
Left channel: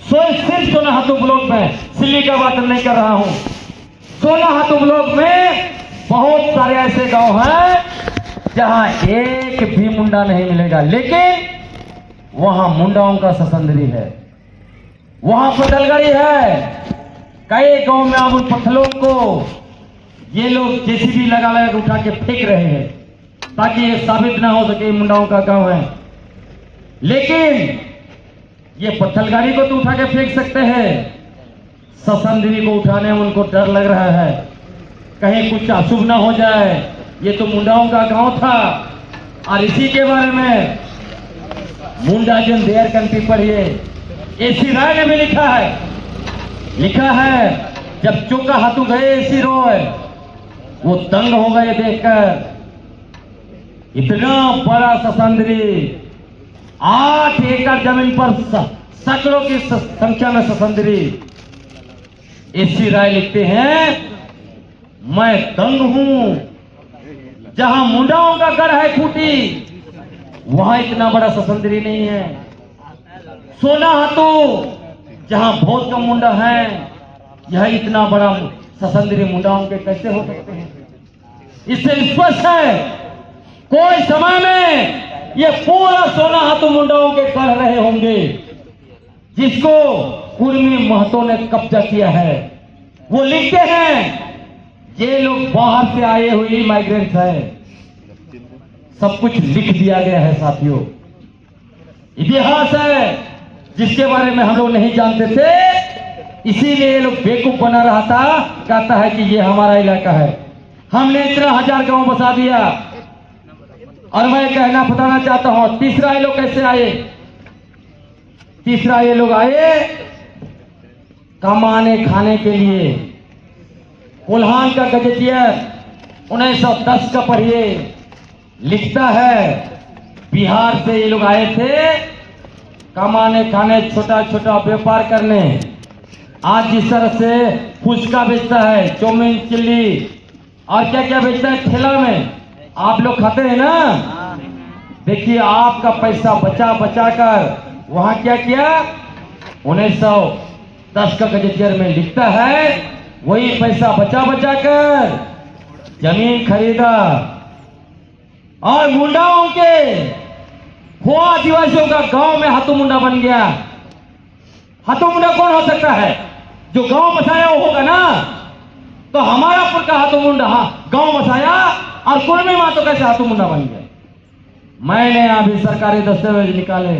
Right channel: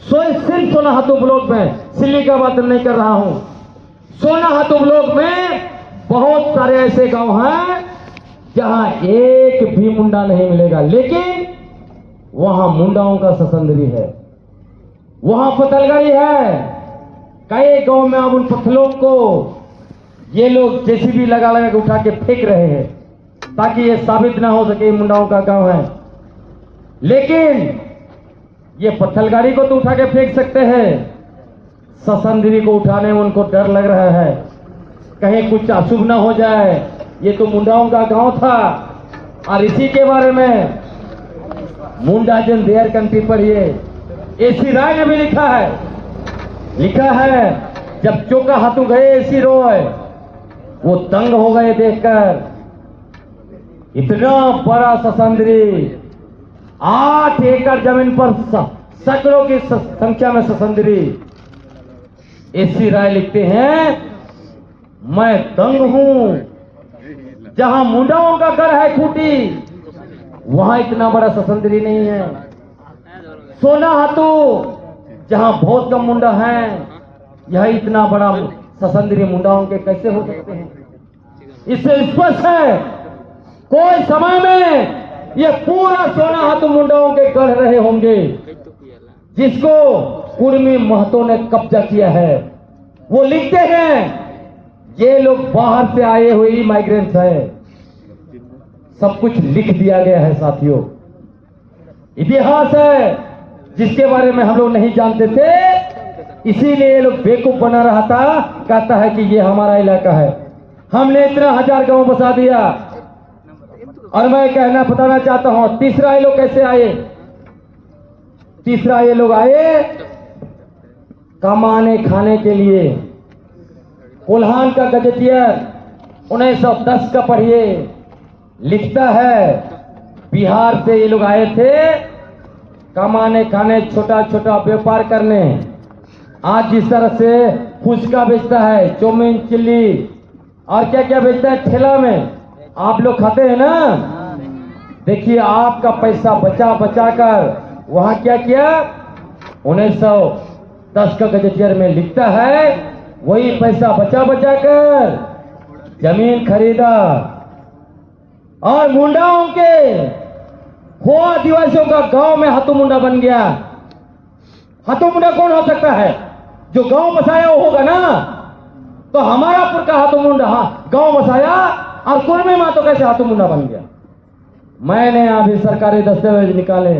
सिर्फ सोना हाथू ब्लॉक में, सिल्ली का बात नहीं कर रहा हूं, सोना हाथू ब्लॉक में बहुत सारे ऐसे गांव हैं जहां एक भी मुंडा नहीं मिलेगा, लेकिन वहां मुंडाओं का ससंदरी है, वहां पत्थलगाड़ी है। कई गांव में अब उन पत्थरों को ये लोग जेसीबी लगा लगा के उठा के फेंक रहे हैं, ताकि ये साबित ना हो सके मुंडाओं का गांव है। लेकिन ये पत्थलगाड़ी को तो उठा के फेंक सकते हैं, ससंदरी को उठाने में उनको डर लग रहा है, कहीं कुछ अशुभ ना हो जाए। ये तो मुंडाओं का गांव था। और इसी के बारे में मुंडा जन देयर कंट्री पर ये एसी राय ने भी लिखा है, जब चोका हाथू गए एसी रॉय, वो दंग हो गए देखकर, इतना बड़ा ससंदरी, 8 एकड़ जमीन पर सैकड़ों की संख्या में ससंदरी। एसी राय लिखते हैं, मैं दंग हूं, जहां मुंडाओं का घर है खूटी, वहां इतना बड़ा ससंदरी नहीं है। सोना हाथू जहां बहुत कम मुंडा है, यह इतना बड़ा ससंदरी मुंडाओं के कैसे हो सकते हैं? इससे स्पष्ट है कोई समय में ये पूरा 16 हाथों मुंडाओं के कह रहे होंगे जिसको कुर्मी महतो ने कब्जा किया है। वो लिखते हैं ये लोग बाहर से आए हुए माइग्रेंट्स है। सब कुछ लिख दिया गया है साथियों। इतिहास है जिसके बारे में हम लोग नहीं जानते थे, इसीलिए ये लोग बेवकूफ बना रहा था। कहता है कि ये हमारा इलाका है, हमने इतना 1000 गांव बसा दिया। और मैं कहना बताना चाहता हूं तीसरा ये लोग कैसे आए। तीसरा ये लोग आए कमाने खाने के लिए। कोल्हान का गजेटियर 1910 का पढ़िए, लिखता है बिहार से ये लोग आए थे कमाने खाने, छोटा छोटा व्यापार करने। आज जिस तरह से फुचका बेचता है, चाउमीन, चिल्ली और क्या क्या बेचता है ठेला में, आप लोग खाते हैं ना। देखिए आपका पैसा बचा बचा कर वहां क्या किया। 1910 का गजेटियर में लिखता है वही पैसा बचा बचा कर जमीन खरीदा। और मुंडाओं के हुआ आदिवासियों का गांव में हाथू मुंडा बन गया। हाथू मुंडा कौन हो सकता है? जो गांव बसाया वो होगा ना। तो हमारा पुर का हाथू मुंडा गांव बसाया और कुर्मी महतो कैसे हाथू मुंडा बन गया। मैंने अभी सरकारी दस्तावेज निकाले,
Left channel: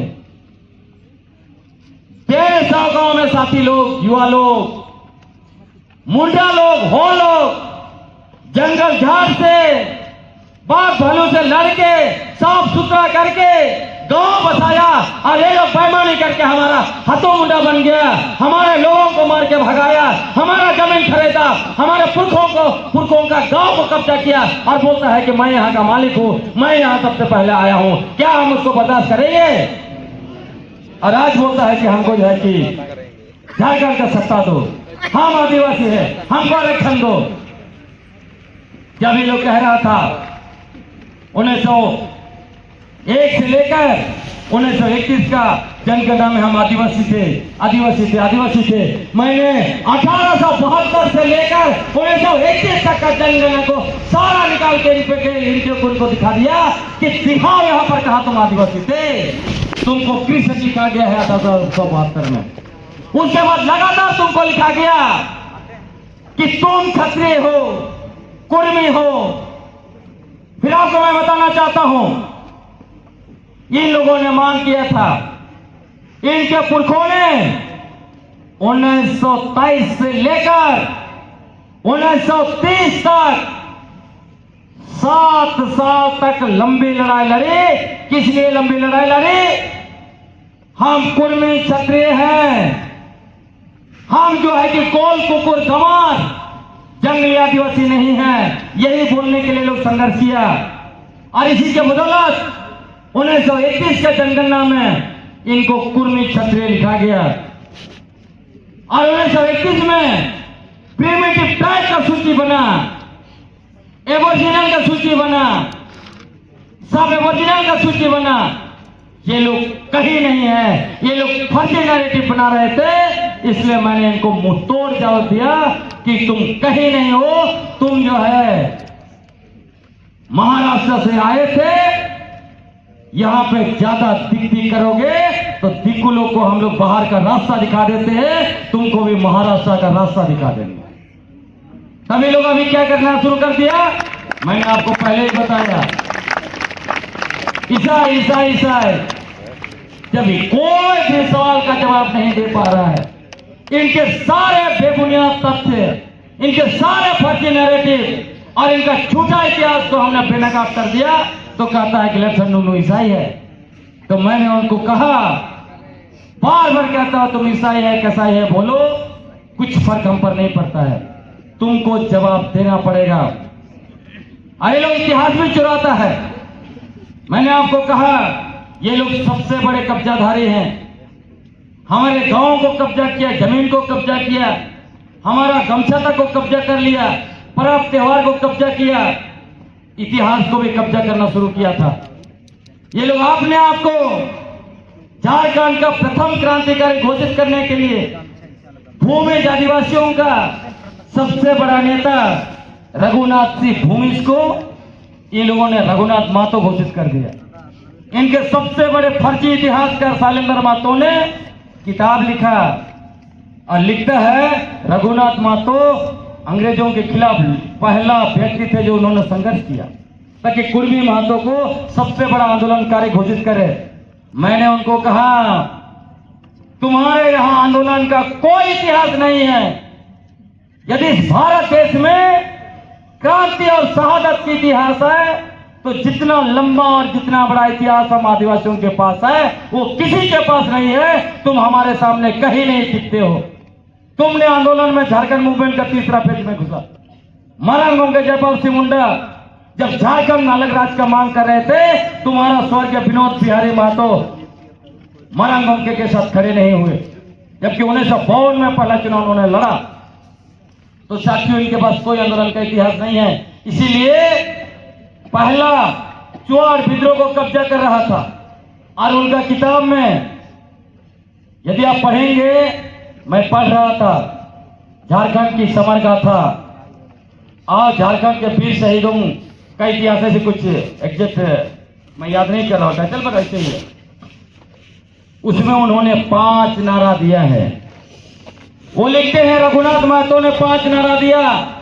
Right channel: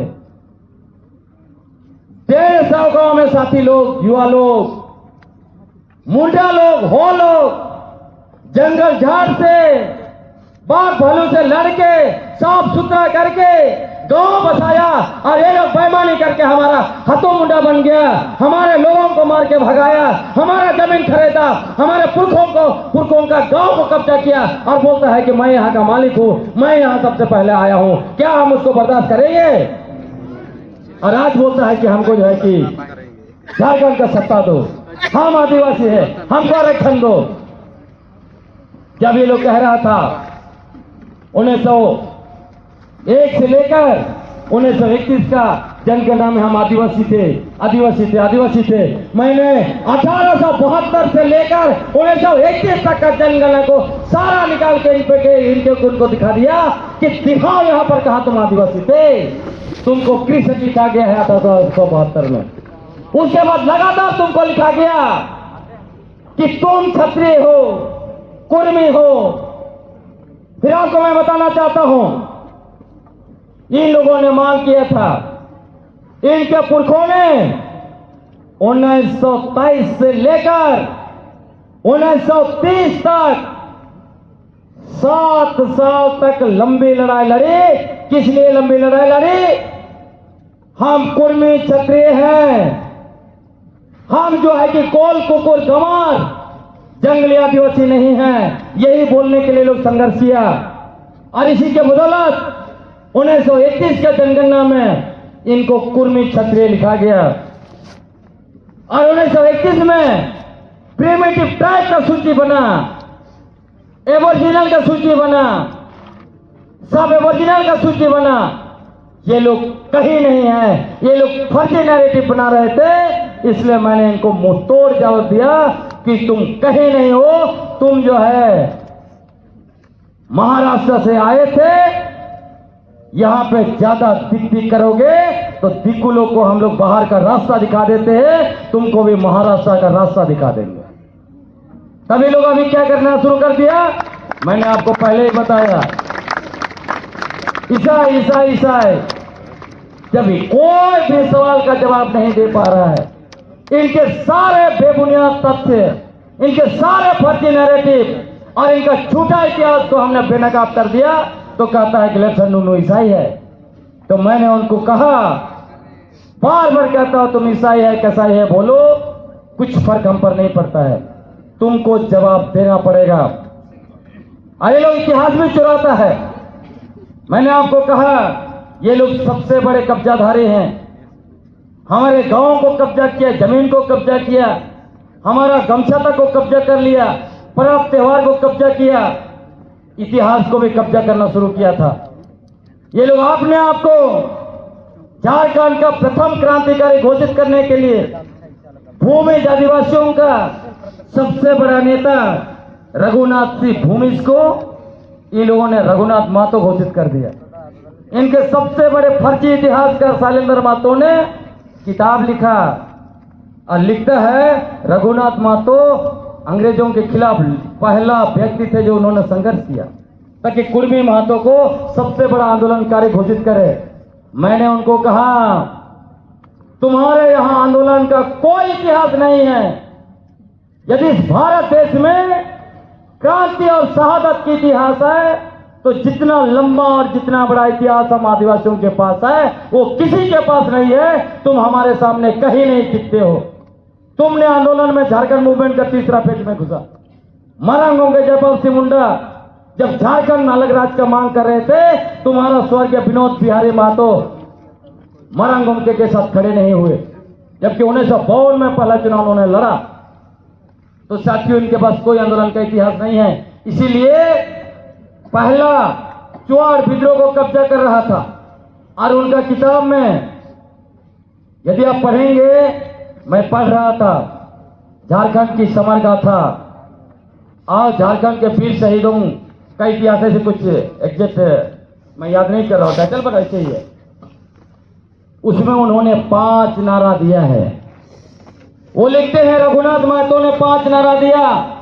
150 गांव में साथी लोग, युवा लोग, मुंडा लोग, हो लोग जंगल झाड़ से, बाघ भालू से लड़के, साफ सुथरा करके गांव बसाया और ये लोग बेईमानी करके हमारा हाथों मुंडा बन गया। हमारे लोगों को मार के भगाया, हमारा जमीन खरीदा, हमारे पुरखों का गांव को कब्जा किया और बोलता है कि मैं यहाँ का मालिक हूँ, मैं यहाँ सबसे पहले आया हूँ। क्या हम उसको बर्दाश्त करेंगे? और आज बोलता है कि हमको जो है कि झारखंड का सत्ता दो, हम आदिवासी है, हमको आरक्षण दो। जब ये लोग कह रहा था 1901 से लेकर 1931 का जनगणना में हम आदिवासी थे। मैंने 1872 से लेकर 1921 तक का जनगणना को सारा निकाल के इनके उनको दिखा दिया कि दिखाओ यहाँ पर कहा तुम आदिवासी थे। तुमको कृष्ण लिखा गया है 1872 में। उसके बाद लगातार तुमको लिखा गया कि तुम क्षत्रिय हो, कुर्मी हो। फिर आपको मैं बताना चाहता हूं इन लोगों ने मांग किया था, इनके पुरखों ने 1923 से लेकर 1930 तक 7 साल तक लंबी लड़ाई लड़ी। किस लिए लंबी लड़ाई लड़ी? हम कुर्मी क्षत्रिय हैं, हम जो है कि कोल कुकुर गंवार जंगली आदिवासी नहीं है, यही बोलने के लिए लोग संघर्ष किया। और इसी के बदौलत 1921 का जनगणना में इनको कुर्मी क्षत्रिय लिखा गया। और 1921 में प्रीमेटिव ट्राइब का सूची बना, एबोरिजिनल का सूची बना, सब एबोरिजिनल का सूची बना। ये लोग कहीं नहीं है, ये लोग फर्जी नैरेटिव बना रहे थे। इसलिए मैंने इनको मुंह तोड़ जवाब दिया कि तुम कहीं नहीं हो, तुम जो है महाराष्ट्र से आए थे, यहां पे ज्यादा दिक करोगे तो दिकुलों को हम लोग बाहर का रास्ता दिखा देते हैं, तुमको भी महाराष्ट्र का रास्ता दिखा देंगे। तभी लोग अभी क्या करना शुरू कर दिया, मैंने आपको पहले ही बताया। ईसाई ईसाई ईसाई, जब कोई भी सवाल का जवाब नहीं दे पा रहा है, इनके सारे बेबुनियाद तथ्य, इनके सारे फर्जी नैरेटिव और इनका झूठा इतिहास को हमने बेनकाब कर दिया, तो कहता है कि लक्षण नूनू ईसाई है। तो मैंने उनको कहा, बार बार कहता हूं तुम ईसाई है कैसाई है बोलो, कुछ फर्क हम पर नहीं पड़ता है, तुमको जवाब देना पड़ेगा। अरे लोग इतिहास में चुराता है। मैंने आपको कहा ये लोग सबसे बड़े कब्जाधारी हैं, हमारे गांव को कब्जा किया, जमीन को कब्जा किया, हमारा गमछा तक को कब्जा कर लिया, पर्व त्योहार को कब्जा किया, इतिहास को भी कब्जा करना शुरू किया था। ये लोग अपने आप को झारखंड का प्रथम क्रांतिकारी घोषित करने के लिए भूमि आदिवासियों का सबसे बड़ा नेता रघुनाथ सिंह भूमिज को इन लोगों ने रघुनाथ महतो घोषित कर दिया। इनके सबसे बड़े फर्जी इतिहासकार शैलेंद्र महतो ने किताब लिखा और लिखता है रघुनाथ महतो अंग्रेजों के खिलाफ पहला व्यक्ति थे जो उन्होंने संघर्ष किया ताकि कुर्मी महतो को सबसे बड़ा आंदोलनकारी घोषित करे। मैंने उनको कहा तुम्हारे यहां आंदोलन का कोई इतिहास नहीं है। यदि भारत देश में क्रांति और शहादत की इतिहास है तो जितना लंबा और जितना बड़ा इतिहास हम आदिवासियों के पास है वो किसी के पास नहीं है। तुम हमारे सामने कहीं नहीं टिकते हो। तुमने आंदोलन में झारखंड मूवमेंट का तीसरा फेज में घुसा। मरांगों के जयपाल सिंह मुंडा जब झारखंड अलग राज्य का मांग कर रहे थे तुम्हारा स्वर्गीय विनोद बिहारी महतो मरांगों के साथ खड़े नहीं हुए, जबकि 1952 में पहला चुनाव उन्होंने लड़ा। तो साथियों इनके पास कोई आंदोलन का इतिहास नहीं है। इसीलिए पहला चुआड़ विद्रोह को कब्जा कर रहा था और उनका किताब में यदि आप पढ़ेंगे, मैं पढ़ रहा था झारखंड की समर गाथा और झारखंड के वीर शहीदों का इतिहास से कुछ एग्जैक्ट मैं याद नहीं कर रहा था, चल पर ऐसे ही है। उसमें उन्होंने 5 नारा दिया है। वो लिखते हैं रघुनाथ महतो ने 5 नारा दिया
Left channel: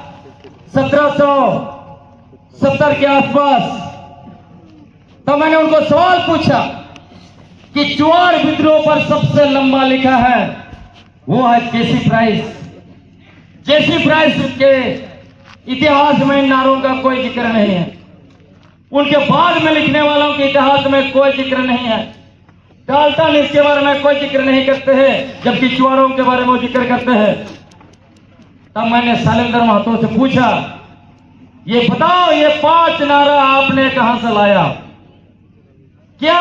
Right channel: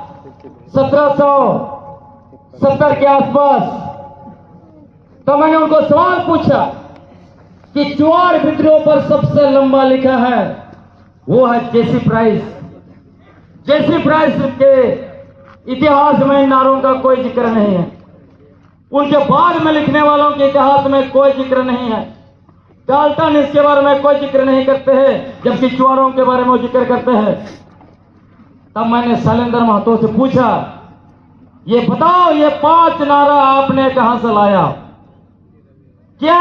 1770 के आसपास। तब मैंने उनको सवाल पूछा कि चुआड़ विद्रोह पर सबसे लंबा लिखा है वो है जेसी प्राइस। जेसी प्राइस के इतिहास में इन नारों का कोई जिक्र नहीं है। उनके बाद में लिखने वालों के इतिहास में कोई जिक्र नहीं है। डाल्टन इसके बारे में कोई जिक्र नहीं करते हैं, जबकि चुआड़ों के बारे में जिक्र करते हैं। तब मैंने शैलेंद्र महतो से पूछा ये बताओ ये 5 नारा आपने कहां से लाया? क्या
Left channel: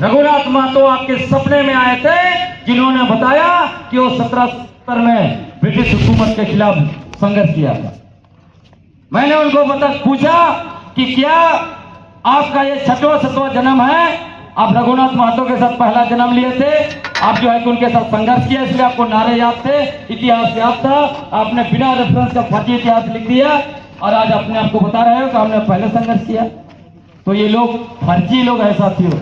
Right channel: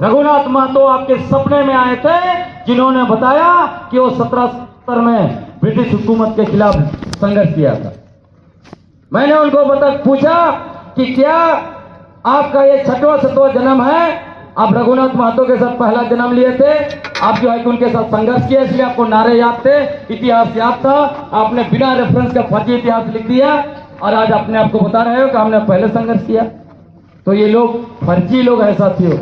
रघुनाथ महतो आपके सपने में आए थे जिन्होंने बताया कि वो 1770 में ब्रिटिश हुकूमत के खिलाफ संघर्ष किया था? मैंने उनको पूछा कि क्या आपका ये 6वां 7वां जन्म है? आप रघुनाथ महतो के साथ पहला जन्म लिए थे, आप जो है कि उनके साथ संघर्ष किया, इसलिए आपको नारे याद थे, इतिहास याद था। आपने बिना रेफरेंस का फर्जी इतिहास लिख दिया और आज अपने आप को बता रहे हो कि हमने पहले संघर्ष किया। तो ये लोग फर्जी लोग हैं साथियों,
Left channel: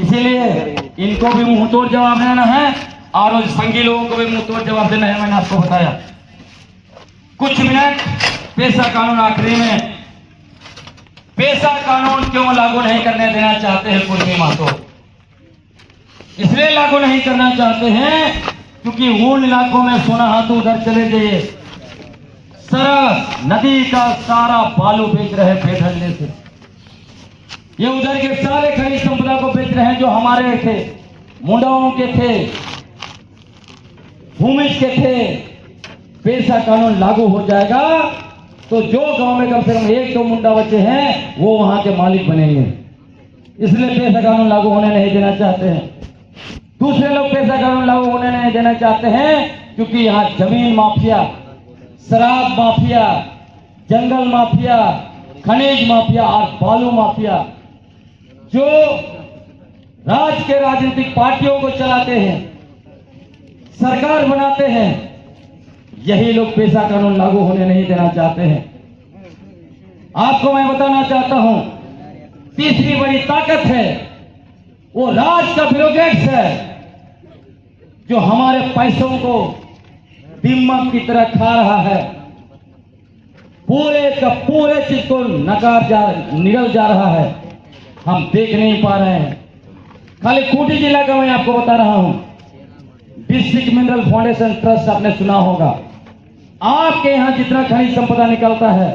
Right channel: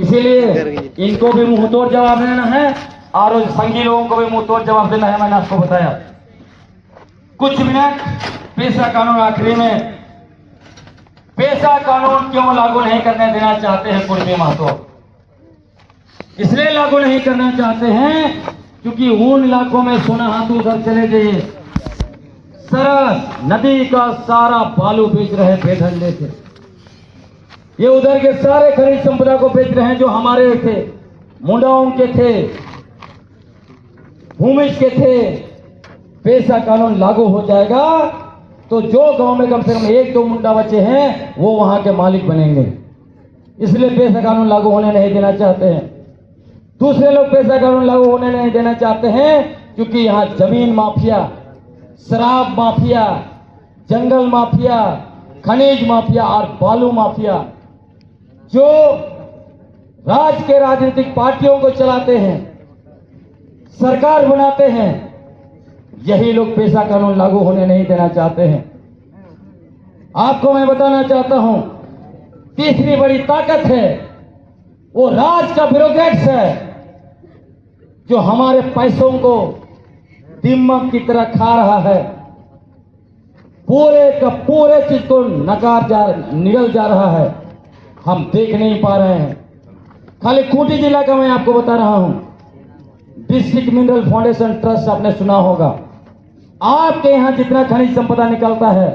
इसीलिए इनको भी मुंह तोड़ जवाब देना है और संघी लोगों को भी मुंह तोड़ जवाब देना है। मैंने आपको बताया। कुछ मिनट पेशा कानून आखिरी में। पेशा कानून क्यों लागू नहीं करने देना चाहते हैं कुर्मी महतो? इसलिए लागू नहीं करना चाहते हैं क्योंकि उन इलाकों में सोना हाथ उधर चले गए, सरस नदी का सारा बालू बेच रहे हैं बेढंडे से। ये उधर के सारे खनिज संपदा को बेच रहे हैं जो हमारे थे, मुंडाओं के थे, भूमिज के थे। पेशा कानून लागू हो जाएगा तो जो गांव में कम से कम 1-2 मुंडा बच्चे हैं वो वहां के मालिक बनेंगे। इसलिए पेशा कानून लागू होने नहीं देना चाहते हैं। दूसरे लोग पेशा कानून लागू होने नहीं देना चाहते हैं क्योंकि यहाँ जमीन माफिया, शराब माफिया, जंगल माफिया, खनिज माफिया और बालू माफिया जो राज्य के राजनीतिक पार्टियों को चलाते हैं, सरकार बनाते हैं, यही लोग पेशा कानून लागू होने नहीं देना चाहते हैं। आपको मैं बताना चाहता हूं, तीसरी बड़ी ताकत है वो राज का ब्यूरोक्रेट्स है जो हमारे पैसों को दिमाग की तरह खा रहा है। पूरे का पूरे चीज को निगल जा रहा है, हम देख नहीं पा रहे हैं। खाली खूंटी जिला का मैं आपको बता रहा हूं, डिस्ट्रिक्ट मिनरल फाउंडेशन ट्रस्ट आपने सुना होगा। आपके यहां जितना खनिज संपदा निकलता है,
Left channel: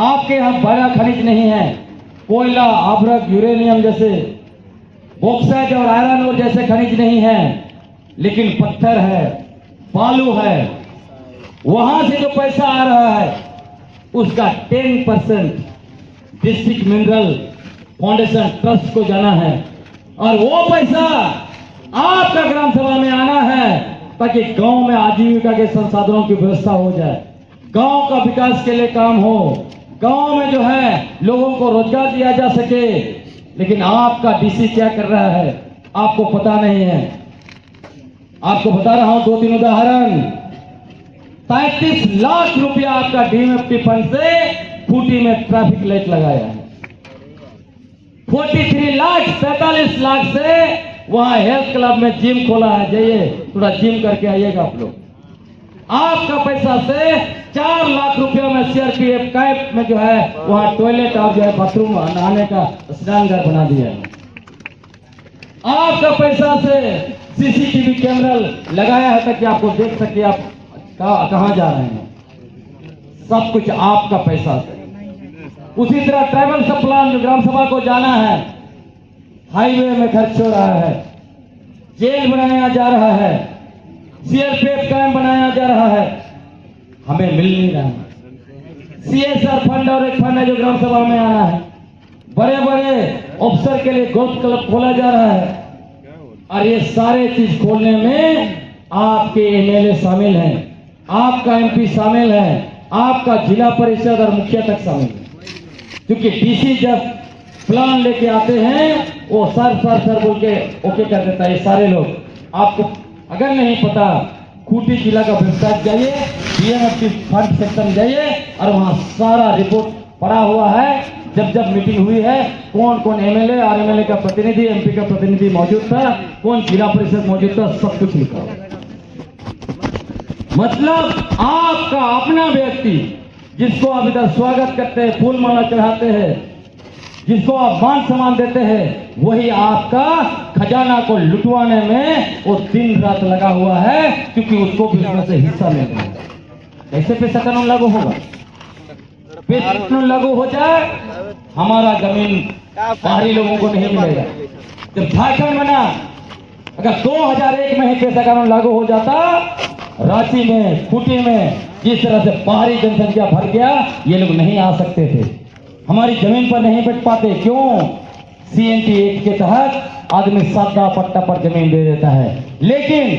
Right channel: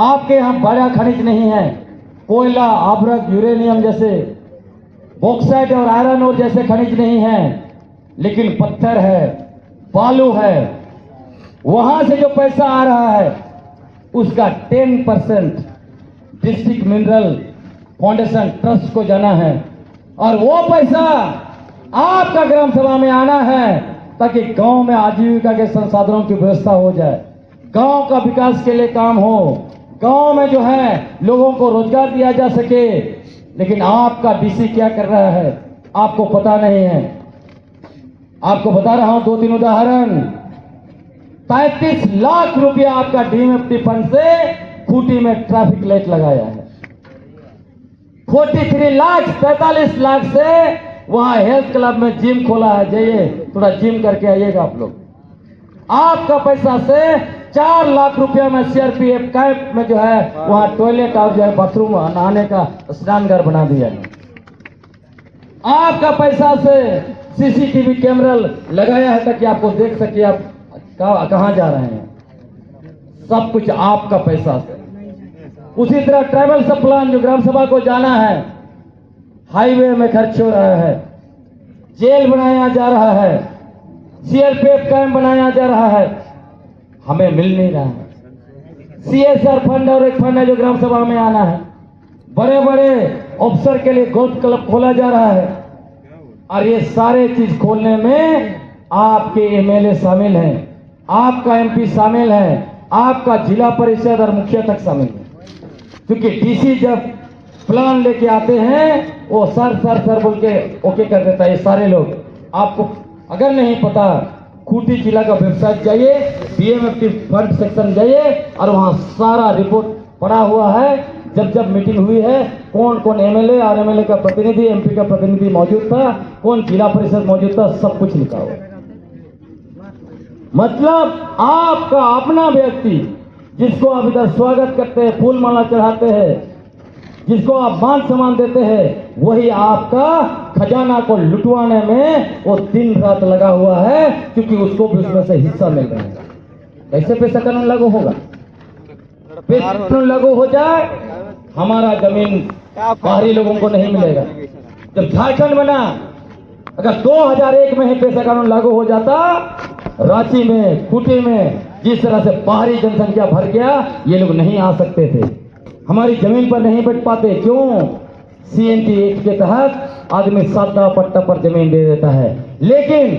आपके यहां बड़ा खनिज नहीं है। कोयला, अभ्रक, यूरेनियम जैसे, बॉक्साइट और आयरन ओर जैसे खनिज नहीं है, लेकिन पत्थर है, बालू है। वहां से जो पैसा आ रहा है उसका 10% डिस्ट्रिक्ट मिनरल फाउंडेशन ट्रस्ट को जाना है और वो पैसा आपका ग्राम सभा में आना है ताकि गांव में आजीविका के संसाधनों की व्यवस्था हो जाए, गांव का विकास के लिए काम हो, गांव में जो है लोगों को रोजगार दिया जा सके। लेकिन आपका डीसी क्या कर रहा है आपको पता नहीं है। आपको बता रहा हूं 2-3 उदाहरण 33 लाख रुपया आपका डीएमएफटी फंड से खूंटी में ट्रैफिक लाइट लगाया है। 43 लाख से वहां हेल्थ क्लब में जिम खोला है। जाइए थोड़ा जिम करके आइएगा आप लोग। आपका पैसा से 4 लाख रुपया में सीआरपीएफ कैंप में जो है वहां टॉयलेट और जो है बाथरूम नहाने का स्नान घर बना दिया है। आपका पैसा से सीसीटीवी कैमरा लगाया है ताकि आपको देख सके आप कहां जा रहे हैं। सब कुछ आपका पैसा से। उसी तरह ट्रैवल सब प्लान जो ग्राम सभा को जाना है, हाईवे में खर्च हो रहा है, जेल बनाया जा रहा है, सीआरपीएफ कैंप बनाया जा रहा है, हमें मिल नहीं रहा है। सीएसआर फंड और एक फंड है जो ग्राम सभा में आना है। बड़े बड़े अफसर के लिए गोल्फ क्लब खोला जा रहा है और ये सारे चीज खोलने में आपके एमएलए शामिल हैं, आपका एमपी शामिल है, आपका जिला परिषद और मुखिया तक शामिल है। क्योंकि डीसी जब प्लान लेके आते हैं वो सर बोल के ओके कर देता है। ये सारे लोग आपको अगर नहीं पता, खूंटी जिला का वेबसाइट जाइए, डीएमएफटी फंड सेक्शन जाइए और वहां सारा रिपोर्ट पड़ा हुआ है। जब मीटिंग हुई है, कौन कौन एमएलए और एमएलए का प्रतिनिधि, एमपी का प्रतिनिधि मौजूद था, कौन जिला परिषद मौजूद था, सब कुछ लिखा हुआ। मतलब आपका अपना व्यक्ति जिसको आप इधर स्वागत करते हैं, फूल माला चढ़ाते हैं, जिसको आप मान सम्मान देते हैं, वही आपका खजाना को लुटवाने में वो दिन रात लगा हुआ है, क्योंकि उसको भी उसमें से हिस्सा मिल रहा है। कैसे पैसा कानून लागू होगा? पैसा कानून लागू हो जाए, हमारा जमीन बाहरी लोगों को नहीं मिलेगा। जब झारखंड बना, अगर 2001 में ही पैसा कानून लागू हो जाता, रांची में, खूंटी में जिस तरह से बाहरी जनसंख्या भर गया, ये लोग नहीं आ सकते थे, हमारी जमीन पर नहीं बैठ पाते। क्यों? सीएनटी एक्ट के तहत आदमी सादा पट्टा पर जमीन दे देता है, लेकिन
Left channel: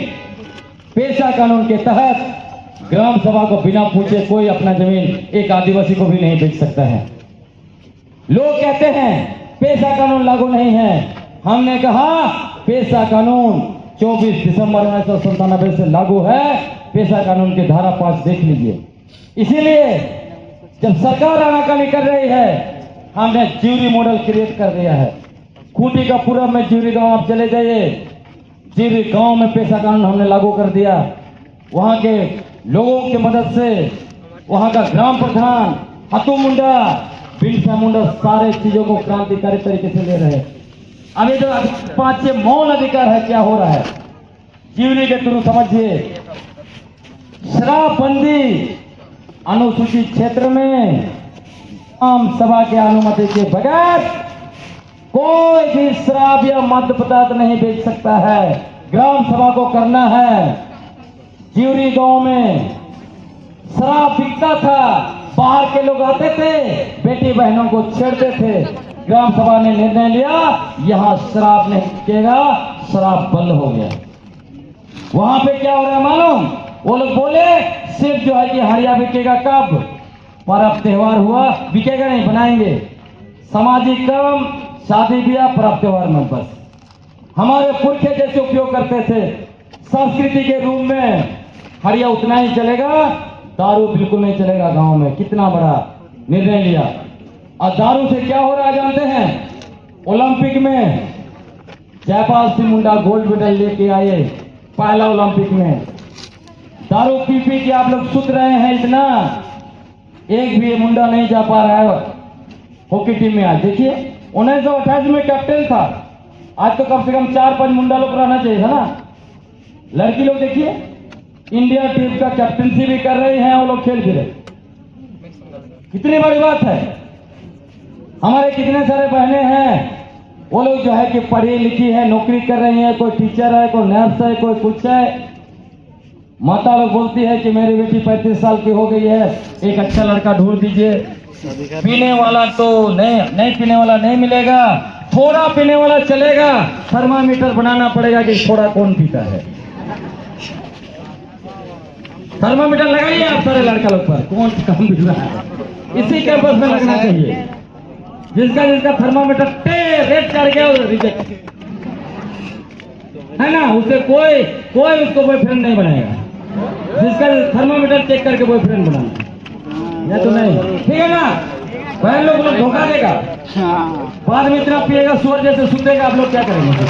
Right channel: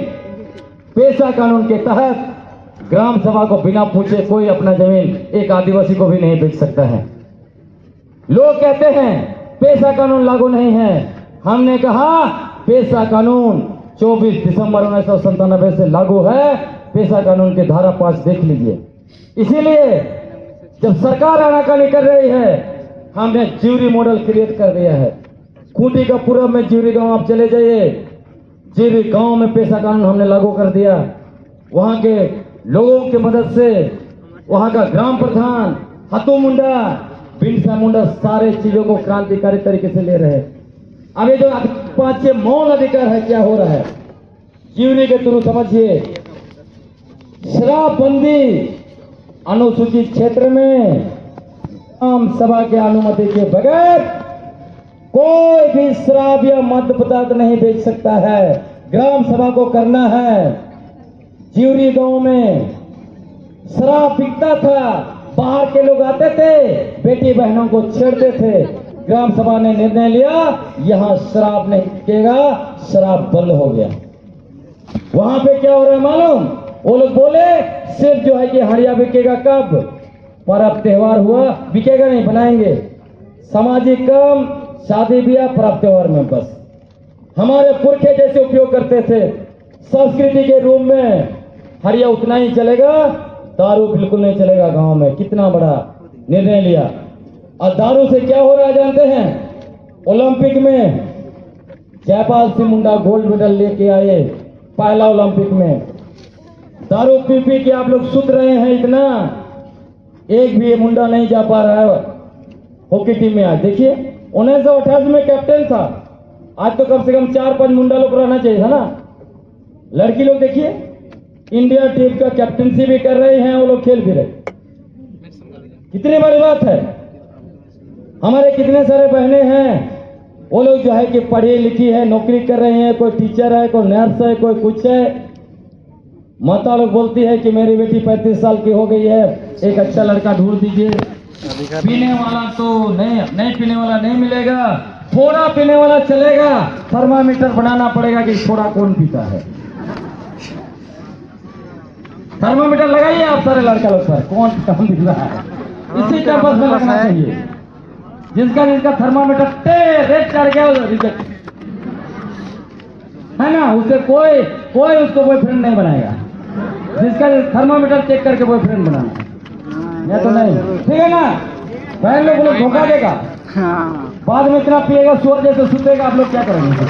पेशा कानून के तहत ग्राम सभा को बिना पूछे कोई अपना जमीन एक आदिवासी को भी नहीं बेच सकता है। लोग कहते हैं पेशा कानून लागू नहीं है। हमने कहा पेशा कानून 24 दिसंबर 1997 से लागू है। पेशा कानून के धारा 5 देख लीजिए। इसीलिए जब सरकार आनाकानी कर रही है, हमने ज्यूरी मॉडल क्रिएट कर दिया है। खूंटी का पूरब में ज्यूरी गांव आप चले जाइए, ज्यूरी गांव में पेशा कानून हमने लागू कर दिया। वहां के लोगों की मदद से वहां का ग्राम प्रधान हतू मुंडा, बिरसा मुंडा सारे चीजों को क्रांतिकारी तरीके से ले रहे हैं। अभी जो 5 मौन अधिकार है, क्या हो रहा है ज्यूरी के थ्रू समझिए। शराबबंदी अनुसूचित क्षेत्र में आम सभा के अनुमति के बगैर कोई भी शराब या मद्य पदार्थ नहीं बेच सकता है। ग्राम सभा को करना है। ज्यूरी गांव में शराब बिकता था, बाहर के लोग आते थे, बेटी बहनों को छेड़ते थे। ग्राम सभा ने निर्णय लिया यहां शराब नहीं बिकेगा, शराब बंद हो गया। वहां पे क्या हो रहा है मालूम? वो लोग बोले सिर्फ जो है कि हरिया बिकेगा कब? पर्व त्योहार हुआ, बिकेगा नहीं, बनाएंगे सामाजिक काम, शादी ब्याह, पर्व त्योहार में बस। हमारे पुरखे जैसे उपयोग करते थे संस्कृति के रूप में। हरिया उतना ही चलेगा, दारू बिल्कुल नहीं चलेगा गांव में। कितना बड़ा निर्णय लिया। और दारू से क्या हो रहा है जानते हैं? ओलंपिक में जयपाल सिंह मुंडा गोल्ड मेडल लेके आए, पहला ओलंपिक में। दारू पी पी के आप लोग सुत रहे हैं इतना, एक भी मुंडा नहीं जा पा रहा है हॉकी टीम में। आज देखिए 1928 में कैप्टन था, आज तो कम से कम 4-5 मुंडा लोग रहना चाहिए था ना। लड़की लोग देखिए इंडिया टीम का कैप्टनसी भी कर रहे हैं, वो लोग खेल भी रहे। कितनी बड़ी बात है। हमारे कितने सारे बहनें हैं, वो लोग जो है कि पढ़ी लिखी है, नौकरी कर रही हैं, कोई टीचर है, कोई नर्स है, कोई कुछ है। माता लोग बोलती है कि मेरी बेटी 35 साल की हो गई है, एक अच्छा लड़का ढूंढ दीजिए। पीने वाला तो नहीं पीने वाला नहीं मिलेगा, थोड़ा पीने वाला चलेगा। थर्मामीटर बनाना पड़ेगा कि थोड़ा कौन पीता है। थर्मामीटर लगाइए आप सारे लड़का लोग पर, कौन कम पी रहा है, इसी कैंपस में लगना चाहिए। जिसका थर्मामीटर रेट चढ़ गया रिजेक्ट है ना, उसे कोई उसको बॉयफ्रेंड नहीं बनाएगा। जिसका थर्मामीटर चेक करके बॉयफ्रेंड बनाना, नहीं तो नहीं, ठीक है ना? बहन लोग धोखा देगा, बाद में इतना पिएगा शोर जैसे सुनेगा, आप लोग क्या करेंगे?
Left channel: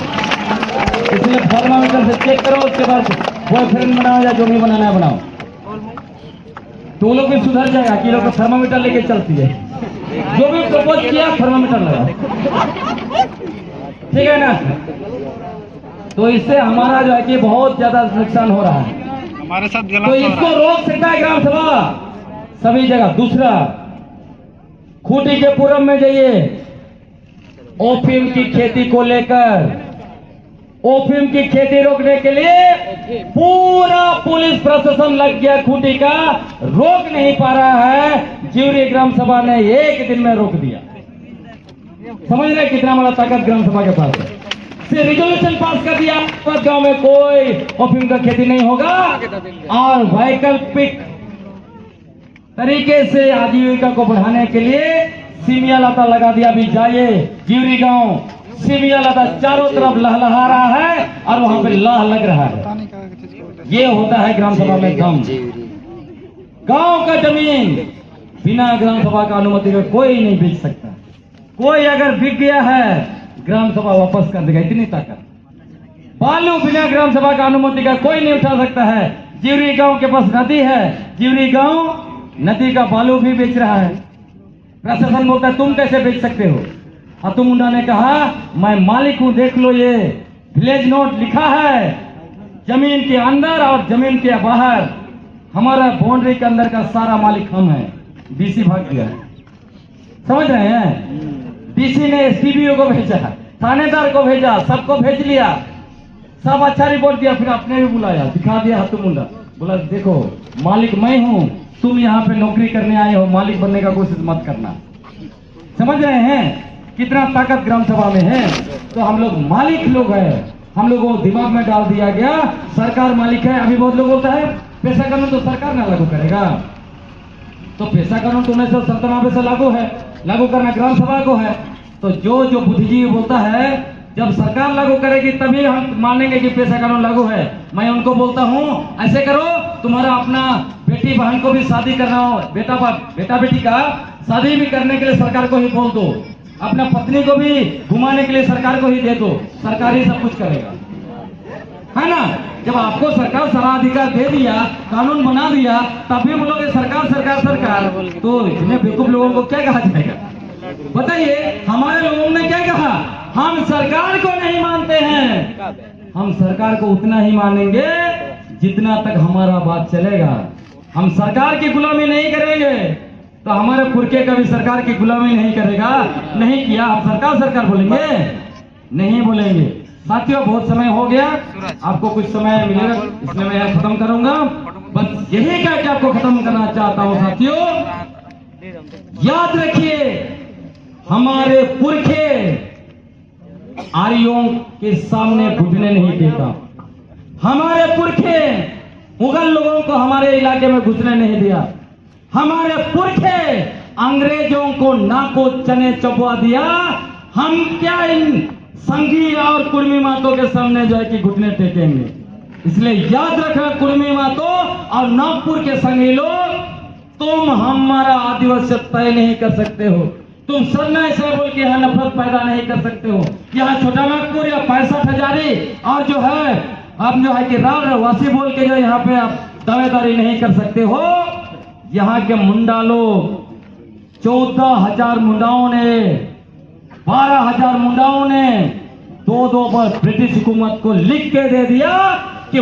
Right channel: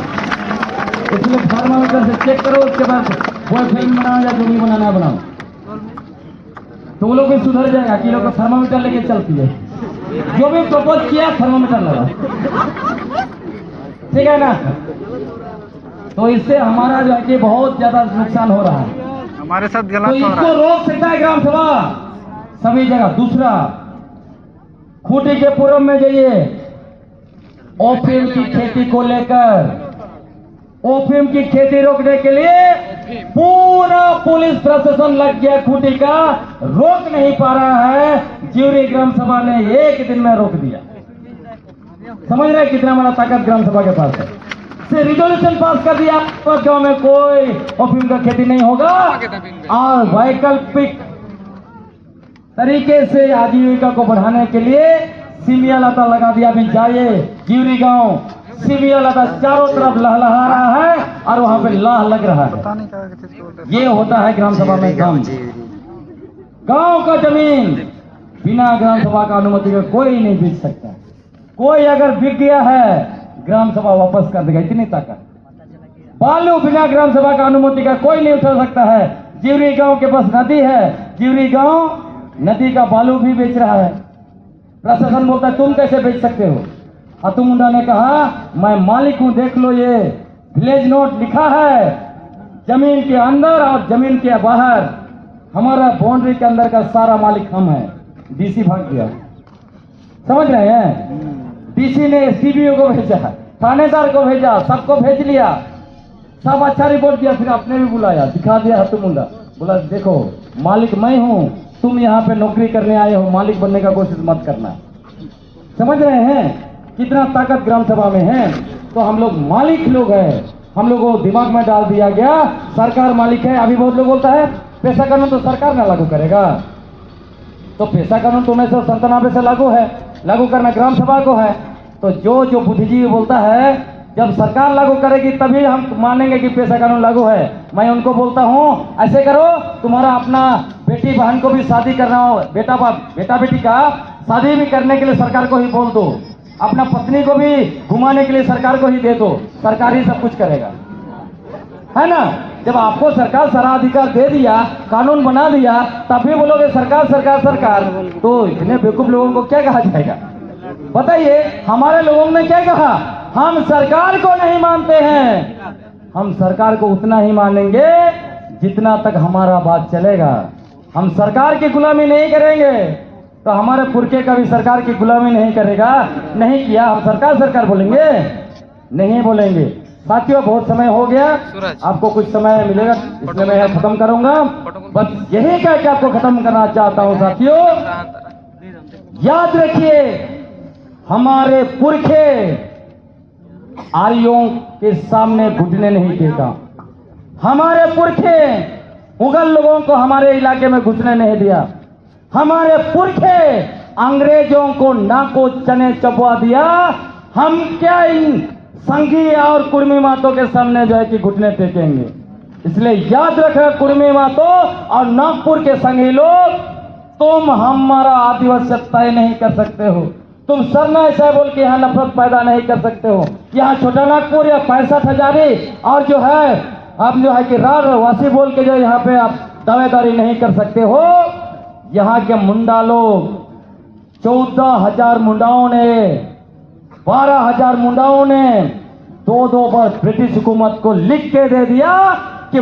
इसलिए थर्मामीटर से चेक करो, उसके बाद बॉयफ्रेंड बनाओ या जो भी बनाना है बनाओ। तो लोग भी सुधर जाएगा कि लोग थर्मामीटर लेके चलती है, जो भी प्रपोज किया थर्मामीटर लगा, ठीक है ना? तो इससे हमारा जो है कि बहुत ज्यादा नुकसान हो रहा है, हमारे साथ गलत तो हो रहा है। इसको रोक सकता है ग्राम सभा सभी जगह। दूसरा, खूंटी के पूरब में जाइए, ओपीएम की खेती को लेकर, ओपीएम की खेती रोकने के लिए पूरा पुलिस प्रशासन लग गया खूंटी का, रोक नहीं पा रहा है। जिवरी ग्राम सभा ने एक दिन में रोक दिया। समझ रहे कितना बड़ा ताकत ग्राम सभा के पास है। सिर्फ रिजोल्यूशन पास कर दिया, गांव में कोई ओपीएम का खेती नहीं होगा, और वैकल्पिक तरीके से आजीविका को बढ़ाने के लिए सीमिया लता लगा दिया। अभी जाइए जिवरी गांव, सीमिया लता चारों तरफ लहलहा रहा है और वहां पे लाह लग रहा है। ये होता है ग्राम सभा में काम। गांव का जमीन बिना ग्राम सभा का अनुमति के कोई नहीं बेच सकता। कोई अगर बिक गया है, ग्राम सभा वापस कर देगा, इतनी ताकत। बालू बिना ग्राम सभा का अनुमति का कोई नहीं उठा सकता है। जिवरी गांव के पास नदी है, जिवरी गांव नदी का बालू भी बेच रहा है। प्रशासन बोलता है तुम कैसे बेच सकते हो? हाथू मुंडा ने कहा मैं मालिक हूं, देख लो ये विलेज नोट लिखा है, जमीन के अंदर और जमीन के बाहर हमारा बाउंड्री के अंदर का सारा मालिक हम है। डीसी भाग गया, समझ रहे हैं? डीसी ने एसडीपीओ को भेजा, थानेदार को भेजा, सबको भेज लिया, सब अच्छा रिपोर्ट दिया, फिर अपने भी बुलाया, दिखा दिया हाथू मुंडा, बोला देखो मालिक मैं हूं, तुम यहाँ पे नौकरी करने आए हो, मालिक बनने का कोशिश मत करना। समझ रहे हैं कितना ताकत ग्राम सभा में है? तो हम लोग मालिक लोग हैं, हम लोगों को दिमाग में डाल दिया गया सरकार मालिक है। अभी बहुत लोग बोलता है पेशा कानून तो सरकार ना लागू करेगा, तो पेशा कानून तो 1997 से लागू है, लागू करना ग्राम सभा को है। तो जो बुद्धिजीवी बोलता है जब सरकार लागू करेगी तभी हम मानेंगे कि पेशा कानून लागू है, मैं उनको बोलता हूं ऐसे करो, तुम्हारा अपना बेटी बहन को भी शादी करना हो, बेटा बेटी का शादी भी करने के लिए सरकार को ही बोल दो, अपना पत्नी को भी घुमाने के लिए सरकार को ही दे दो, सरकार ही सब कुछ करेगा, है ना? जब आपको सरकार सारा अधिकार दे दिया, कानून बना दिया, तब भी बोलोगे सरकार सरकार सरकार, तो इतने बेवकूफ लोगों को क्या कहा जाएगा? बताइए, हमारे लोगों ने क्या कहा? हम सरकार को नहीं मानते हैं, हम सरकार को उतना ही मानेंगे जितना तक हमारा बात चलेगा, हम सरकार की गुलामी नहीं करेंगे। तो हमारे पुरखे का भी सरकार की गुलामी नहीं करेगा, नहीं किया हम सरकार सरकार बोलेंगे? नहीं बोलेंगे। साथियों बहुत समय हो गया, आपको कुछ समय मिलेगा इसलिए मैं खत्म करूंगा। बस यही कह के आपको खत्म करना चाहता हूं साथियों, याद रखिए हमारे पुरखे आर्यों के सामने घुटने नहीं देता, हमारे पुरखे मुगल लोगों को हमारे इलाके में घुसने नहीं दिया, हमारे पुरखे अंग्रेजों को नाको चने चबवा दिया। हम क्या इन संघी और कुर्मी मातों के सामने जो है कि घुटने टेकेंगे? इसलिए याद रखना कुर्मी मातों और नागपुर के संघी लोग, तुम हमारा आदिवासी तय नहीं कर सकते हो, तुम सरना ऐसा बोल के यहाँ नफरत पैदा नहीं कर सकते हो। यहाँ छोटा नागपुर या 65 हजारी और जो है आप जो है कि रार वासी बोल के जो यहाँ पे आप दावेदारी नहीं कर सकते हो। यहाँ के मुंडा लोग 14,000 मुंडाओं ने, 12,000 मुंडाओं ने दो बार ब्रिटिश हुकूमत को लिख के दे दिया कि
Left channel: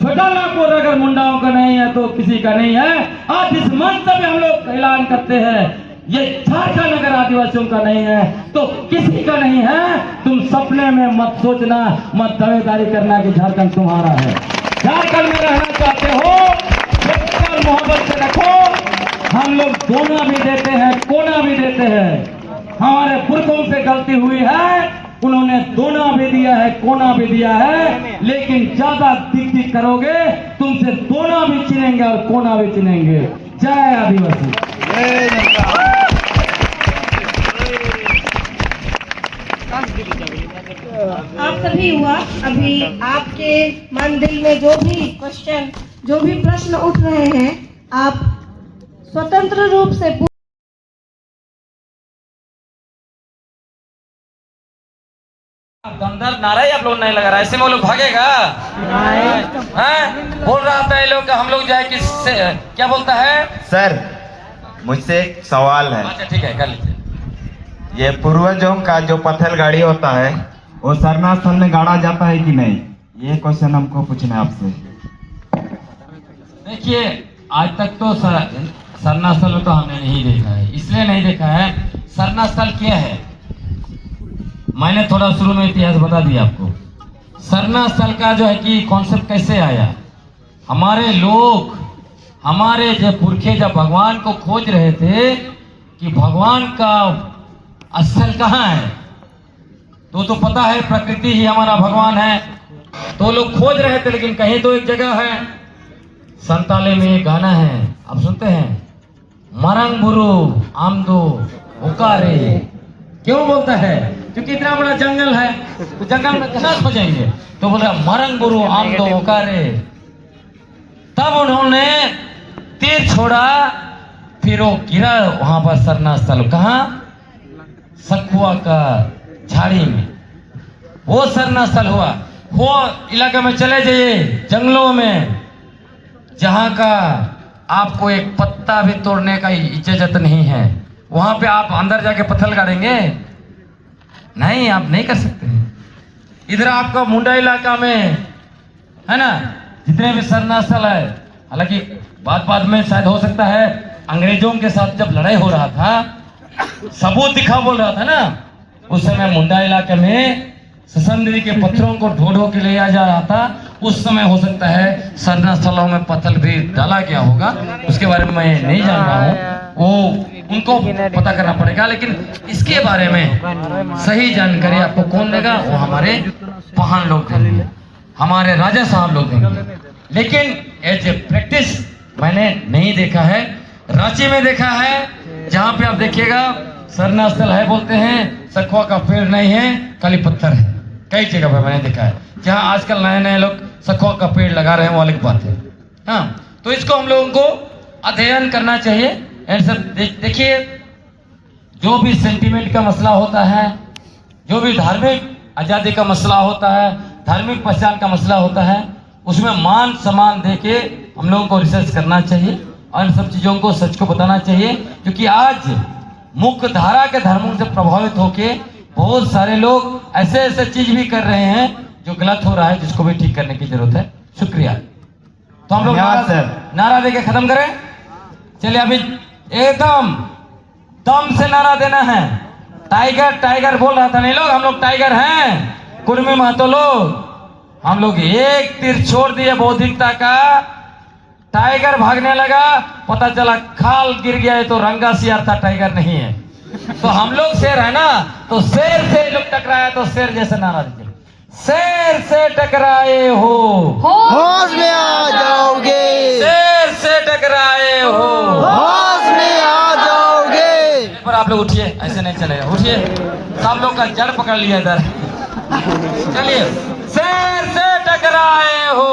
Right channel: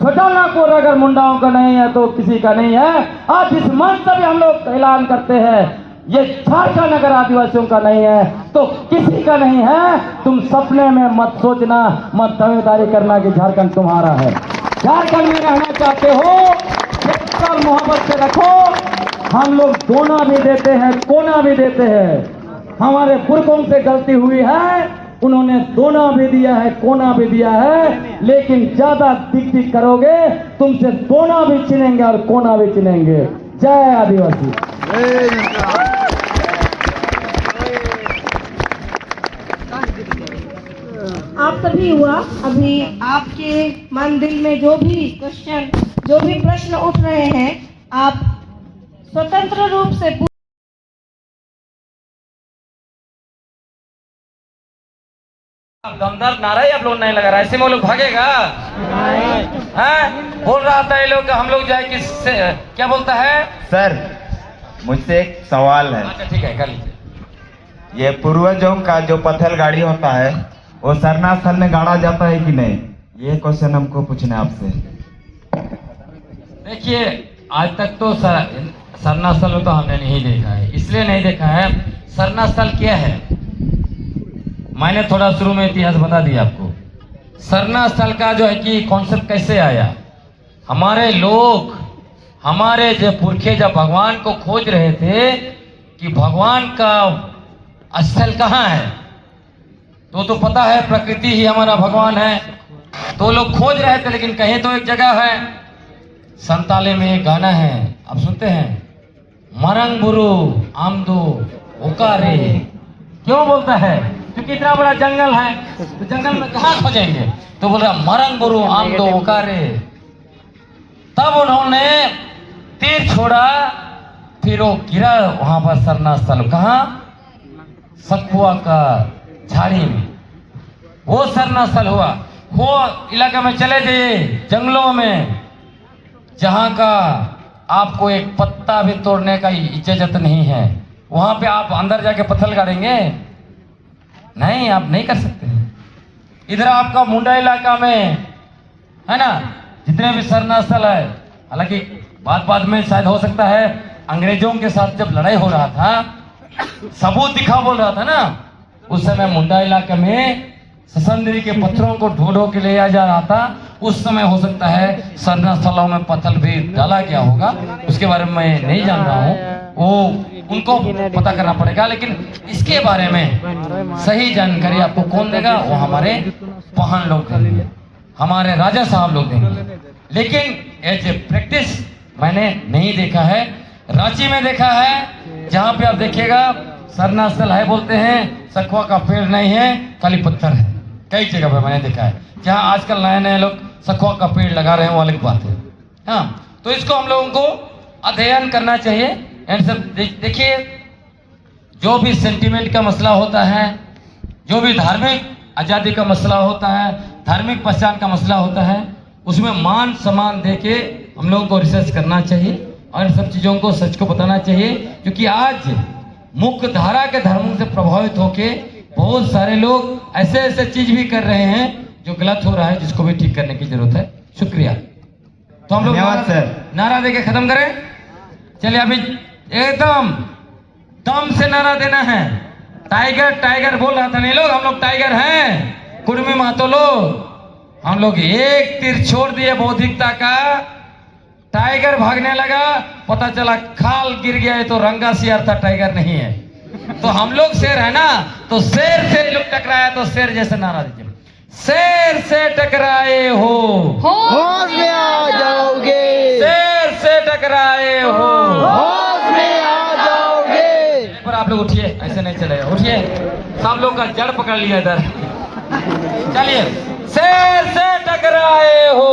छोटा नागपुर अगर मुंडाओं का नहीं है तो किसी का नहीं है। आज इस मंच से भी हम लोग ऐलान करते हैं ये झारखंड अगर आदिवासियों का नहीं है तो किसी का नहीं है। तुम सपने में मत सोचना, मत दावेदारी करना कि झारखंड तुम्हारा है। झारखंड में रहना चाहते हो मोहब्बत से रखो। हम लोग दोना भी देते हैं, कोना भी देते हैं। हमारे पुरखों से गलती हुई है, उन्होंने दोना भी दिया है, कोना भी दिया है, लेकिन ज्यादा दिख दिख करोगे तुमसे दोना भी चिनेंगे और कोना भी चिनेंगे। जय आदिवासी। आप सभी हुआ, अभी आपके मन दिल में जो भी क्वेश्चन, जो भी प्रश्न उठ रहे हैं, आप स्वतंत्र रूप से दमदार नारा ही आप लोग नहीं लगा रहा, ऐसे में वो लोग भागेगा? हाँ? बोल रहा था ये लोग हम लोग जाए किससे, क्या बोलता है? सर, मुझसे एक सवाल है। अच्छा ठीक है, कर लीजिए। ये पूर्वजों का जो पत्थर गाड़ी होता है वो सरना स्थल में गाड़ा जाता है कि नहीं, ये क्वेश्चन हमको पूछना है आपसे। देखिए, आज तक तो सरना स्थल तो हमने नहीं देखा है, इसलिए नहीं देखा है। सरना स्थल क्या है, मैंने थोड़ा शुरू में इतिहास बता दिया आपको। सरना स्थल का जो है कि कॉन्सेप्ट कैसे आया, हमारे लोग, हमारे जो पुरखे जब भगवान को खोज रहे थे कि भगवान का स्थल कहाँ है, तो पता है प्रकृति ही हमारा भगवान है, तो लोग खोज रहे थे, लेकिन कहीं तो एक जगह है। संताली में एक गाना है, आप सुनते हैं, मरंग बुरु आमदो उकारे। क्यों बोलता है? क्योंकि इतना बड़ा जंगल है, तो जंगल में कहाँ खोजेंगे, तो बोल रहा मरंग बुरु आमदो उकारे। तब उन्होंने तीर छोड़ा, फिर वो गिरा वहां पर सरना स्थल, कहाँ? सखुआ का झाड़ी में वो सरना स्थल हुआ। वो इलाके में चले जाइए, जंगलों में, जहां का आपको एक पत्ता भी तोड़ने का इजाजत नहीं है, वहां पे आप अंदर जाके पत्थर गाड़ेंगे? नहीं, आप नहीं कर सकते। इधर आपका मुंडा इलाका में है ना, जितने भी सरना स्थल है, हालांकि बाद में शायद हो सकता है अंग्रेजों के साथ जब लड़ाई हो रहा था, सबूत दिखा बोल रहा था ना, उस समय मुंडा इलाके में ससंदरी के पत्थरों को ढो के ले जा रहा था। उस समय हो सकता है सरना स्थलों में पत्थर भी डाला गया होगा, उसके बारे में मैं नहीं जान रहा हूँ, वो उनको पता करना पड़ेगा। लेकिन इसके बारे में सही जानकारी आपको कौन देगा? वो हमारे पहाड़ लोग देंगे, हमारे राजा साहब लोग देंगे। लेकिन एज ए प्रैक्टिस मैंने नहीं देखा है। रांची में देखा है, जहाँ पे आप देखिएगा सरना स्थल है बोलते हैं, सखुआ का पेड़ नहीं है, खाली पत्थर है। कई जगह पे मैंने देखा है, जहाँ आजकल नए लोग सखुआ का पेड़ लगा रहे हैं, वो अलग बात है। हाँ, तो इसको हम लोगों को अध्ययन करना चाहिए। देखिए, जो भी सेंटिमेंट का मसला होता है, जो भी धार्मिक आजादी का मसला होता है, धार्मिक पहचान का मसला होता है, उसमें मान सम्मान देके हम लोगों को रिसर्च करना चाहिए और इन सब चीजों को, सच को बताना चाहिए। क्योंकि आज मुख्य धारा के धर्मों से प्रभावित होके बहुत सारे लोग ऐसे चीज भी कर रहे हैं जो गलत हो रहा है, जिसको भी ठीक करने की जरूरत है। शुक्रिया। तो हम लोग नारा देके खत्म करें। चलिए, अभी एकदम दम से नारा देना है। टाइगर टाइगर बोल रहा था नहीं लोग, हम लोग टाइगर हैं, कुर्मी महतो लोग। हम लोग एक तीर छोड़ दिए बौद्धिकता का, टाइगर भागने लगा, पता चला खाल गिर गया है, तो रंगा सियार था, टाइगर नहीं है। तो हम लोग शेर है ना, तो शेर से लोग टकराया तो शेर जैसे नारा दीजिए, शेर से टकराए हो होश में आ जाओगे, शेर से टकराए हो होश में आ जाओगे। पर आप लोग उठिए, ऐसे नहीं चलेगा, उठिए। सब लोग का जड़ पकड़ लिया इधर। चलिए, शेर से टकराए हो